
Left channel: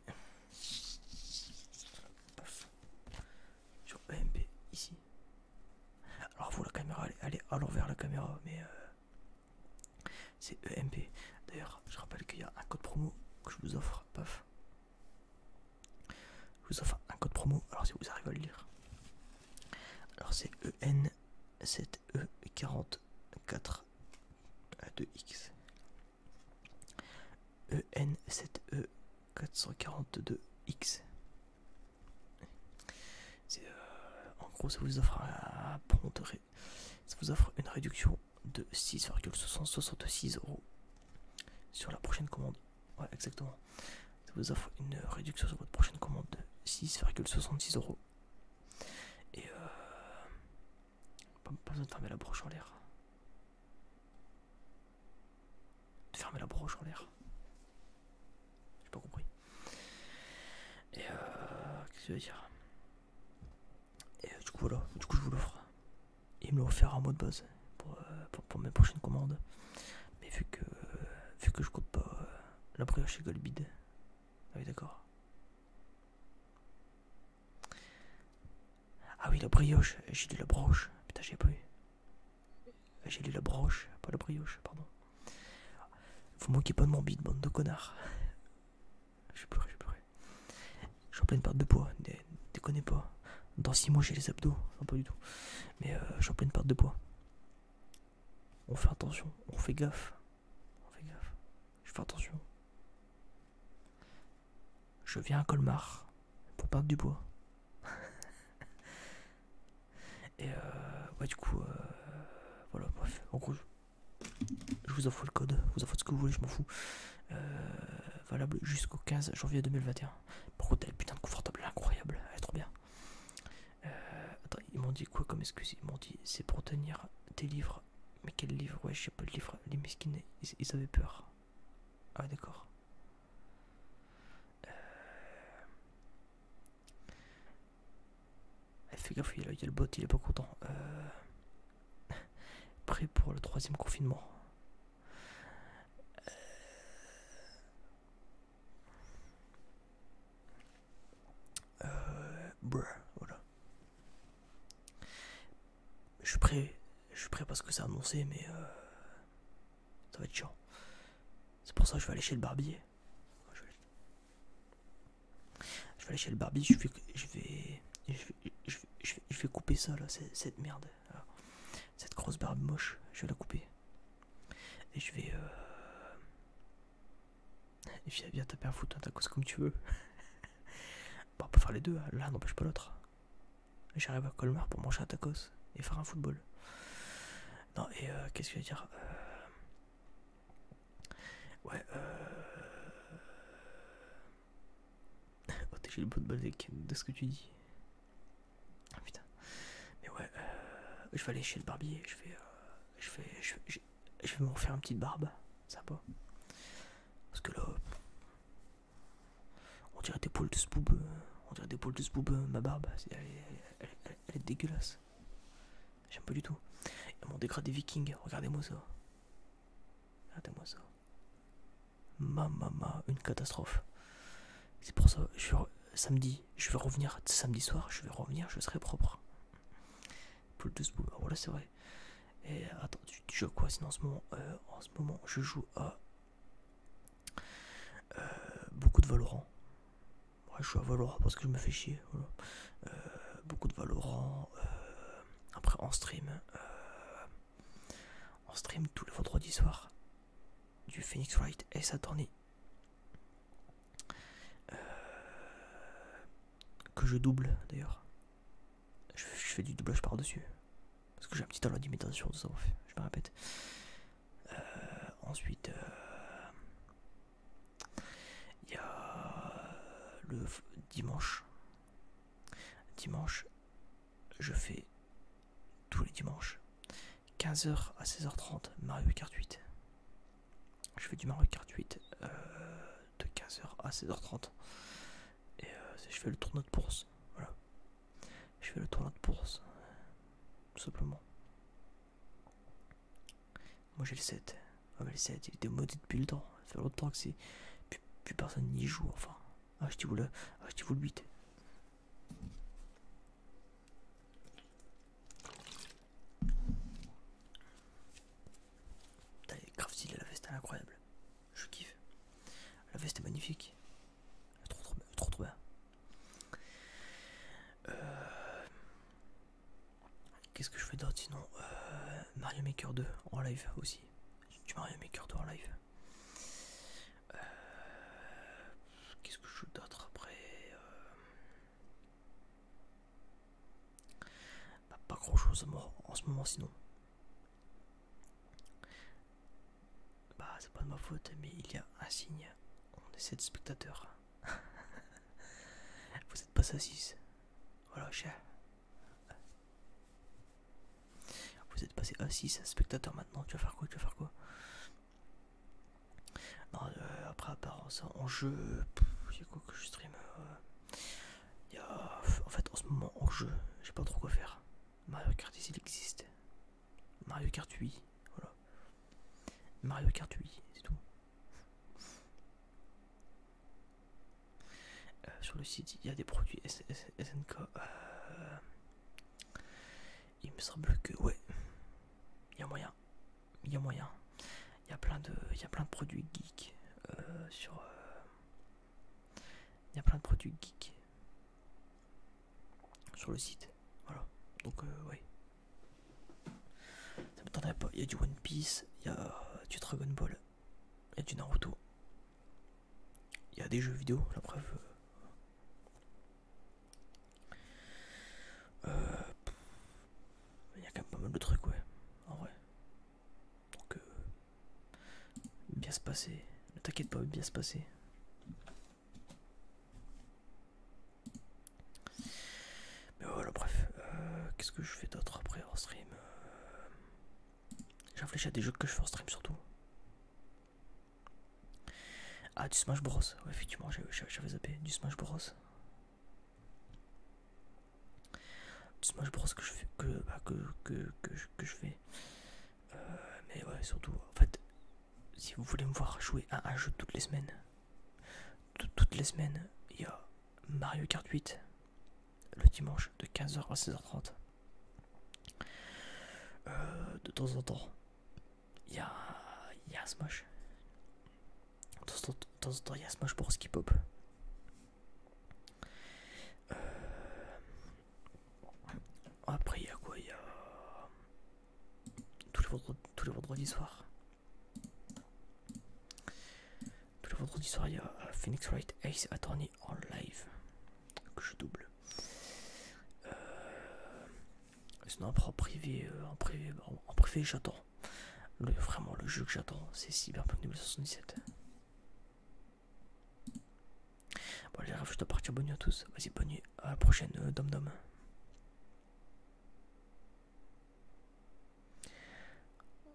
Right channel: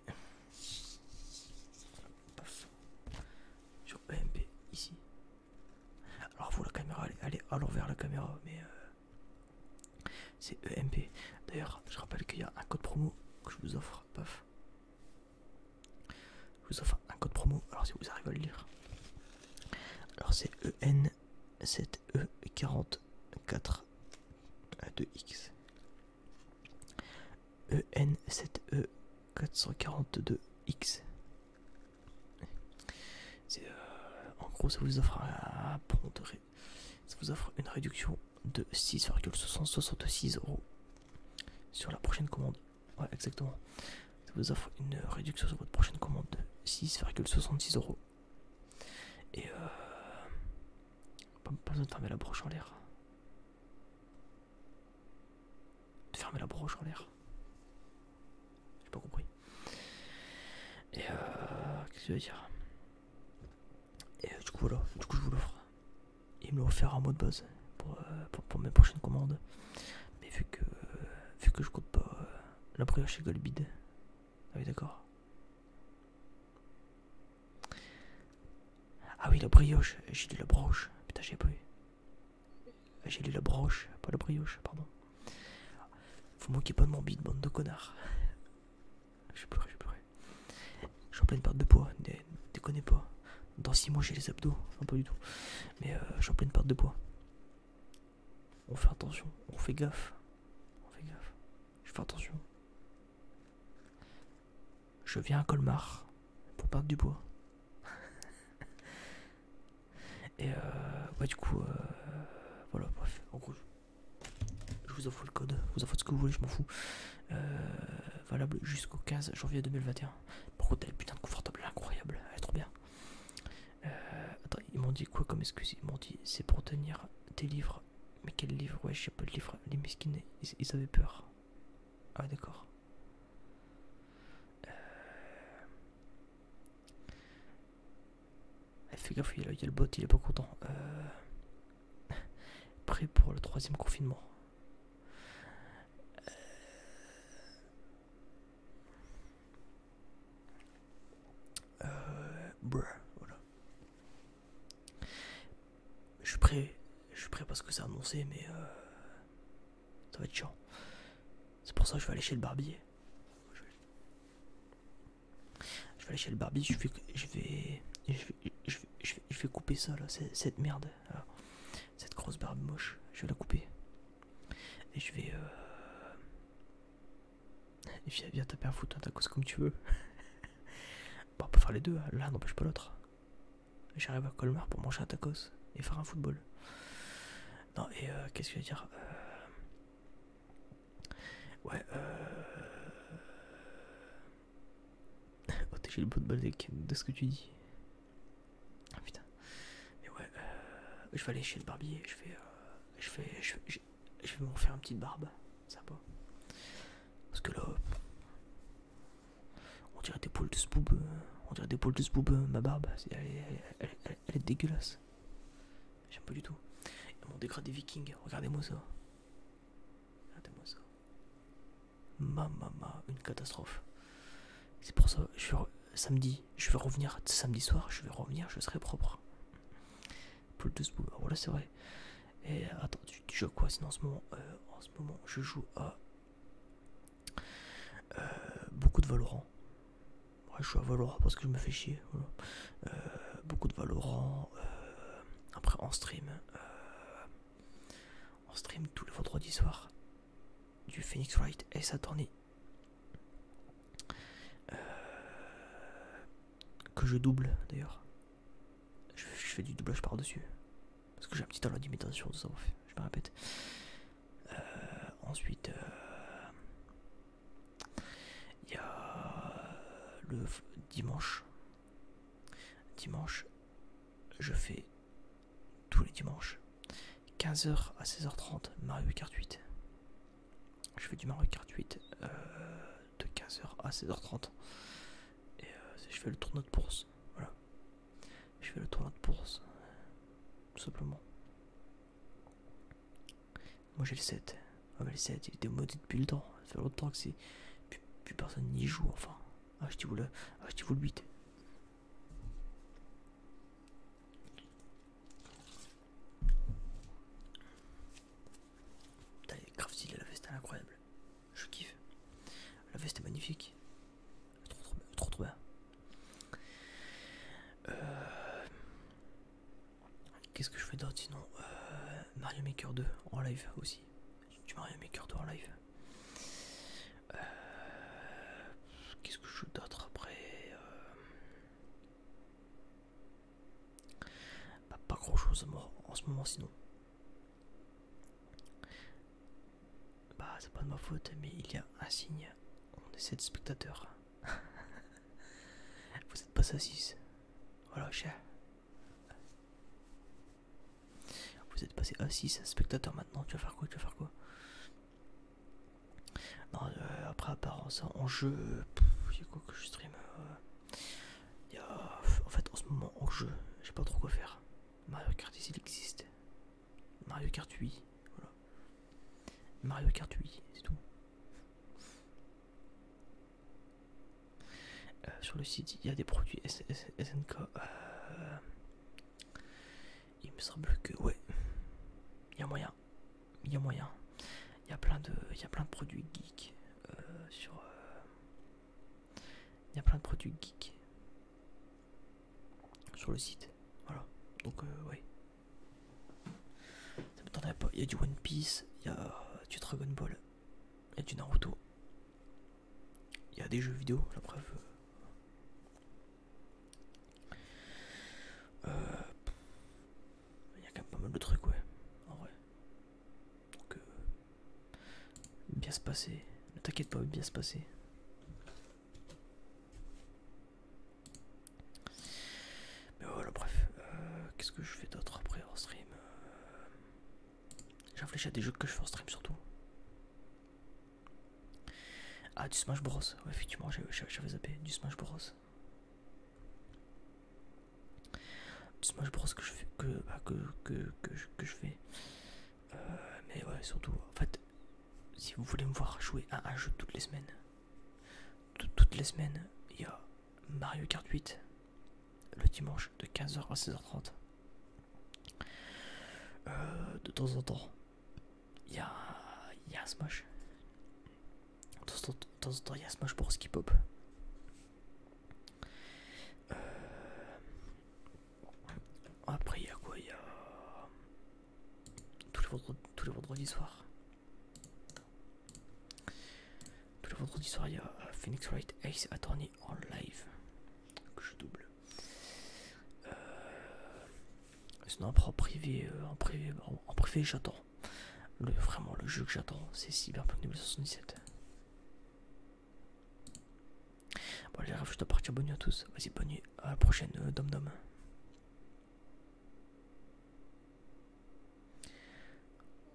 Paf. Sur EMP, ici. Alors vous, la caméra, elle est à l'envers la caméra, mais c'est EMP. D'ailleurs, je rappelle qu'il y a un code promo que je vous offre. Paf. vous offre un code promo. Alors si vous arrivez à le lire. Alors c'est EN7E44-2X. EN7E442X. En gros, ça vous offre ça vous offre une réduction de 6,66 € sur la prochaine commande. Ouais, exactement. Ça vous offre une réduction sur votre prochaine commande de 6,66 €. Et pas besoin de fermer la broche en l'air. De fermer la broche en l'air. J'ai pas compris. Et qu'est-ce que je veux dire? Et du coup voilà, du coup je vous l'offre. Il me l'a offert en mode base pour mes prochaines commandes. Mais vu que je compte pas la brioche chez Golbid. Ah oui d'accord. Ah oui la brioche, j'ai lu la broche. Putain j'ai pas eu. J'ai lu la broche, pas la brioche, pardon. Vous moquez pas de mon bide, bande de connards. J'ai pleuré. Je suis en pleine perte de poids, déconnez pas. Dans 6 mois j'ai les abdos, non pas du tout. Mais je suis en pleine perte de poids. On fait attention, on fait gaffe. Je fais attention. Je viens à Colmar pour perdre du poids. Et ouais du coup voilà bref. En gros je vous offre le code, vous offre ce que vous voulez, je m'en fous. Valable jusqu'au 15 janvier 2021. Par contre elle est putain de confortable, incroyable, elle est trop bien. Attends, ils m'ont dit quoi comme excuse? Ils m'ont dit c'est pour tenir tes livres. Mais quel livre? Ouais, j'ai pas de livre. Les mesquines, ils avaient peur. Ah, d'accord. Fais gaffe, il y a le bot, il est pas content. Prêt pour le 3e confinement. Voilà. Je suis prêt parce que c'est annoncé, mais ça va être chiant. C'est pour ça que je vais aller chez le barbier. Je vais aller chez le barbier, je vais couper ça là, cette merde. Là. Cette grosse barbe moche, je vais la couper. Et je vais. Viens taper un foot, un tacos comme tu veux. Bon, on peut faire les deux, l'un n'empêche pas l'autre. J'arrive à Colmar pour manger un tacos et faire un football. Non, et qu'est-ce que je veux dire? Ouais, oh, j'ai le bout de balle de ce que tu dis. Ah putain. Mais ouais, je vais aller chez le barbier, je vais m'en faire une petite barbe, ça va. Parce que là, on dirait des poils de sboob, ma barbe, elle est dégueulasse. J'aime pas du tout. Et mon dégradé viking, regardez-moi ça. Mamma, une catastrophe. C'est pour ça, samedi, je vais revenir, samedi soir, je serai propre. Poule de sboob, voilà c'est vrai. Et attends, tu joues à quoi sinon en ce moment je joue à beaucoup de Valorant. Ouais, je joue à Valorant parce que je me fais chier. Voilà. Beaucoup de Valorant. Après en stream tous les vendredis soirs du Phoenix Wright et Saturny. Que je double d'ailleurs. Je fais du doublage par-dessus. Parce que j'ai un petit talent d'imitation, tout ça, je me répète. Ensuite, il y a le dimanche. Dimanche, je fais tous les dimanches 15h à 16h30 Mario Kart 8. Je fais du Mario Kart 8 de 15h à 16h30. Et je fais le tournoi de bourse. Voilà. Je fais le tournoi de bourse. Tout simplement. Moi j'ai le 7. Ah mais le 7 il était modé depuis le temps. Ça fait longtemps que c'est. Plus personne n'y joue enfin. Achetez-vous le 8. Putain, elle est grave stylée la veste, elle est incroyable. Je kiffe. La veste est magnifique. Trop bien. qu'est-ce que je fais d'autre sinon? Mario Maker 2 en live aussi. Du Mario Maker 2 en live. Qu'est-ce que je joue d'autre après? Pas grand chose en ce moment sinon. Bah c'est pas de ma faute mais il y a un signe. On est 7 spectateurs. Vous êtes passé à 6. Voilà cher. Vous êtes passé à 6 spectateurs maintenant. Tu vas faire quoi? Tu vas faire quoi? Non, après à part ça en jeu, il y a quoi que je stream? Il y a en fait en ce moment en jeu, j'ai pas trop quoi faire. Mario Kart il existe. Mario Kart 8, voilà. Mario Kart 8, c'est tout. Sur le site, il y a des produits SNK. Il me semble que ouais, il y a moyen. Il y a moyen. Il y a plein de produits geeks sur. Il y a plein de produits geeks sur le site. Voilà. Donc ouais. Ça m'étonnerait pas. Il y a du One Piece, il y a du Dragon Ball, il y a du Naruto. Il y a des jeux vidéo, la preuve. Il y a quand même pas mal de trucs, ouais. En vrai. Donc bien se passer. Ne t'inquiète pas, bien se passer. Mais voilà, bref. Qu'est-ce que je fais d'autre après en stream? J'ai réfléchi à des jeux que je fais en stream surtout. Ah, du Smash Bros. Ouais, effectivement, j'avais zappé. Du Smash Bros. Du Smash Bros que je fais. Que je fais. Mais ouais, surtout, en fait, si vous voulez me voir jouer à un jeu toutes les semaines, toutes les semaines, il y a Mario Kart 8 le dimanche de 15h à 16h30. De temps en temps, il y a un Smash. De temps en temps, il y a Smash Bros qui pop. Après, il y a quoi? Il y a tous les vendredis soirs. Tous les vendredis soirs, il y a Phoenix Wright Ace Attorney en live que je double. Sinon après en privé, j'attends. Vraiment le jeu que j'attends, c'est Cyberpunk 2077. Bon les rêves, je dois partir, bonne nuit à tous. Vas-y, bonne nuit, à la prochaine, Dom Dom.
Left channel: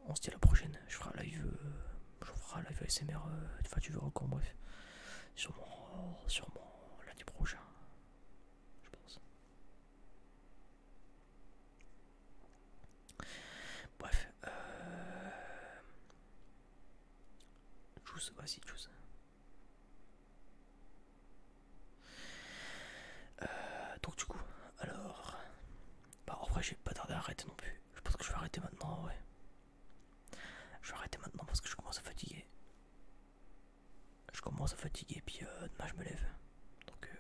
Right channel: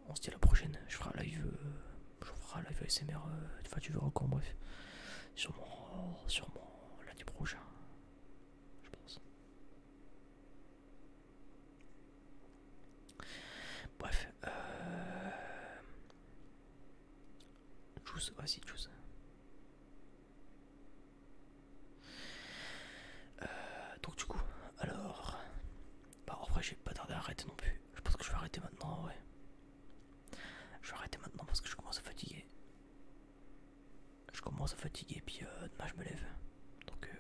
On se dit à la prochaine, je ferai un live, ASMR, enfin tu verras encore, bref. Sûrement lundi prochain, je pense. Bref, Juice, vas-y, Juice. Donc du coup, alors, bah en vrai j'ai pas tardé à arrêter non plus. Je pense que je vais arrêter maintenant, ouais. Je vais arrêter maintenant parce que je commence à fatiguer. Puis demain je me lève. Donc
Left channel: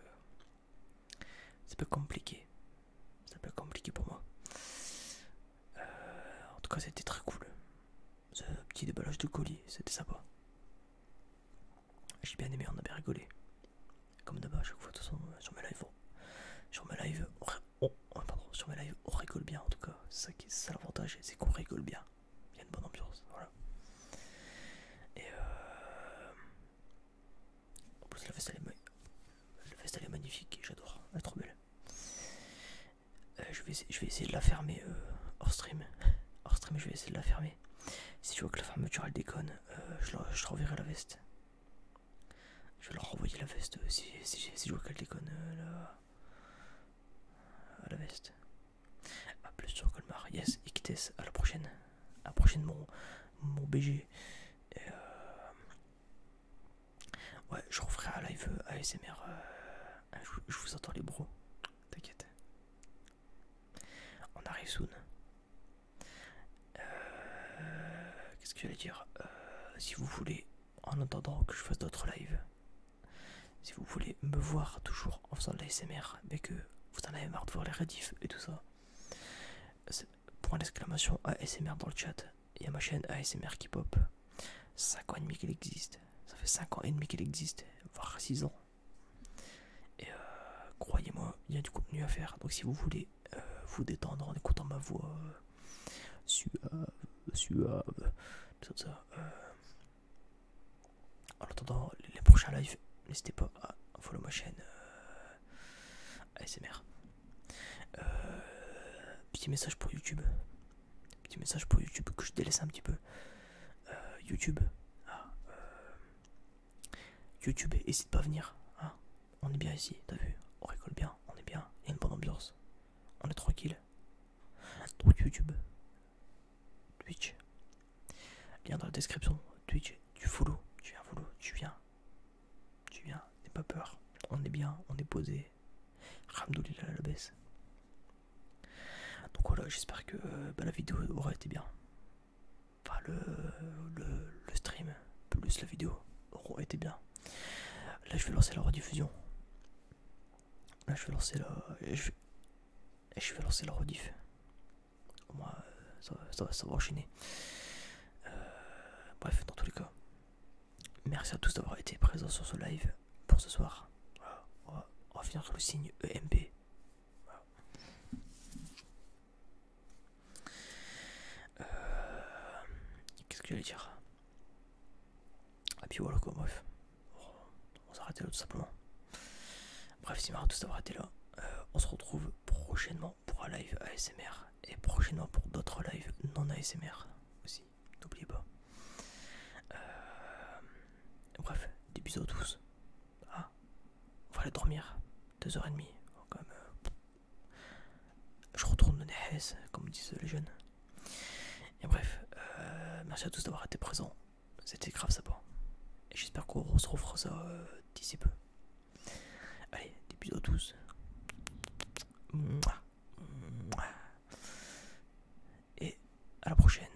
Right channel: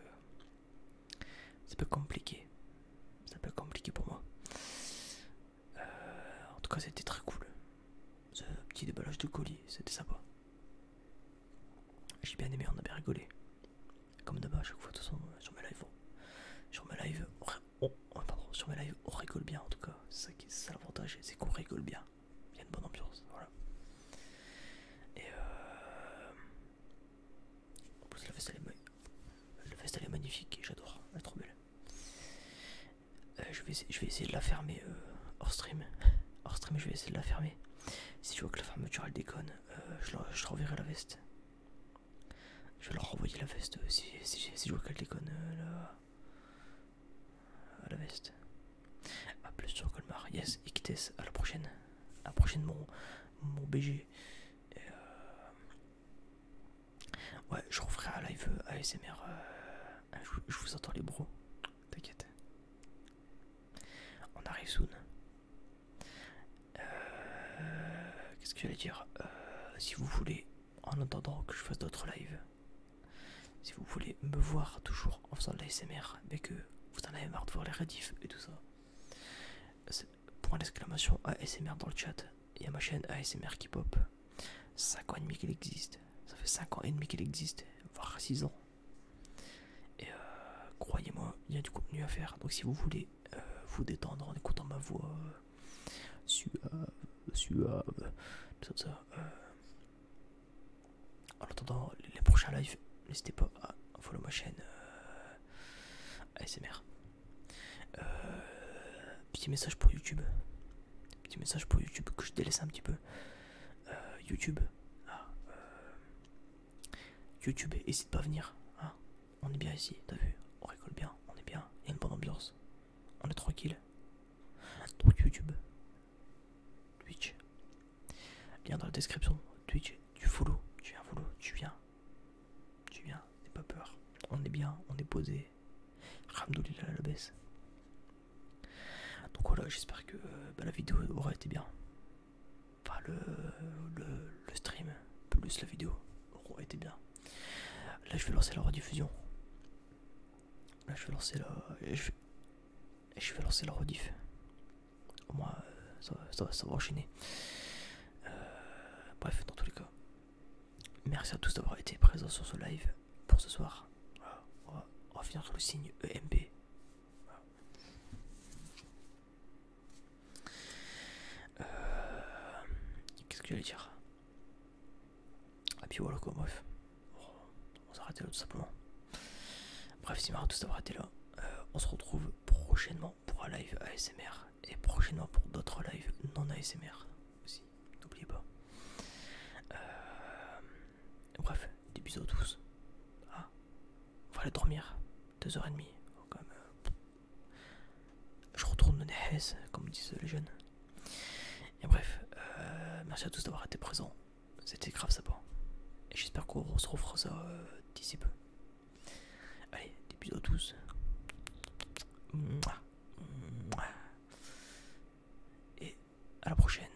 ça peut être compliqué. Ça peut être compliqué pour moi. En tout cas c'était très cool. Ce petit déballage de colis, c'était sympa. J'ai bien aimé, on a bien rigolé. Comme d'hab à chaque fois de toute façon sur mes lives. Sur mes lives, on rigole bien en tout cas. C'est ça l'avantage, c'est qu'on rigole bien. Il y a une bonne ambiance, voilà. Et en plus la veste elle est magnifique, j'adore, elle est trop belle. Je vais essayer de la fermer hors stream. Hors stream, je vais essayer de la fermer. Si je vois que la fermeture elle déconne, je leur renverrai la veste. Je vais leur renvoyer la veste si je vois qu'elle déconne la veste. A plus sur Colmar, yes, Ictes, à la prochaine. À la prochaine mon BG. Et ouais, je referai un live ASMR. Je vous entends les bros. T'inquiète. On arrive soon. Qu'est-ce que j'allais dire? Si vous voulez, en attendant que je fasse d'autres lives, si vous voulez me voir toujours en faisant de l'ASMR, mais que vous en avez marre de voir les rediffs et tout ça, point d'exclamation ASMR dans le chat. Il y a ma chaîne ASMR qui pop. 5 ans et demi qu'elle existe. Ça fait 5 ans et demi qu'elle existe, voire 6 ans. Et croyez-moi, il y a du contenu à faire. Donc si vous voulez vous détendre en écoutant ma voix suave, tout ça. En attendant les prochains lives, n'hésitez pas à follow ma chaîne ASMR. Petit message pour YouTube. Petit message pour YouTube que je délaisse un petit peu. YouTube. YouTube, n'hésite pas à venir. Hein. On est bien ici, t'as vu? On rigole bien, on est bien. Il y a une bonne ambiance. On est tranquille. Donc YouTube. Twitch. Lien dans la description. Twitch. Tu follow. Tu viens follow. Tu viens. N'aie pas peur. On est bien, on est posé. Ramdoulillah la baisse. Donc voilà, j'espère que la vidéo aura été bien. Enfin, le stream plus la vidéo aura été bien. Là, je vais lancer la rediffusion. Là, je vais lancer la. Je vais lancer la rediff. Au moins, ça va enchaîner. Bref, dans tous les cas, merci à tous d'avoir été présents sur ce live pour ce soir. Voilà, on va finir sur le signe EMB. Voilà. Qu'est-ce que j'allais dire? Et puis voilà quoi, bref. On va s'arrêter là tout simplement. Bref, merci à tous d'avoir été là. On se retrouve prochainement pour un live ASMR et prochainement pour d'autres lives non ASMR aussi, n'oubliez pas. Bref, des bisous à tous. Ah, on va aller dormir, 2h30 quand même. Je retourne le Nehes, comme disent les jeunes. Et bref, merci à tous d'avoir été présents. C'était grave sympa. Et j'espère qu'on se refera ça d'ici peu. Allez, des bisous à tous. Et à la prochaine.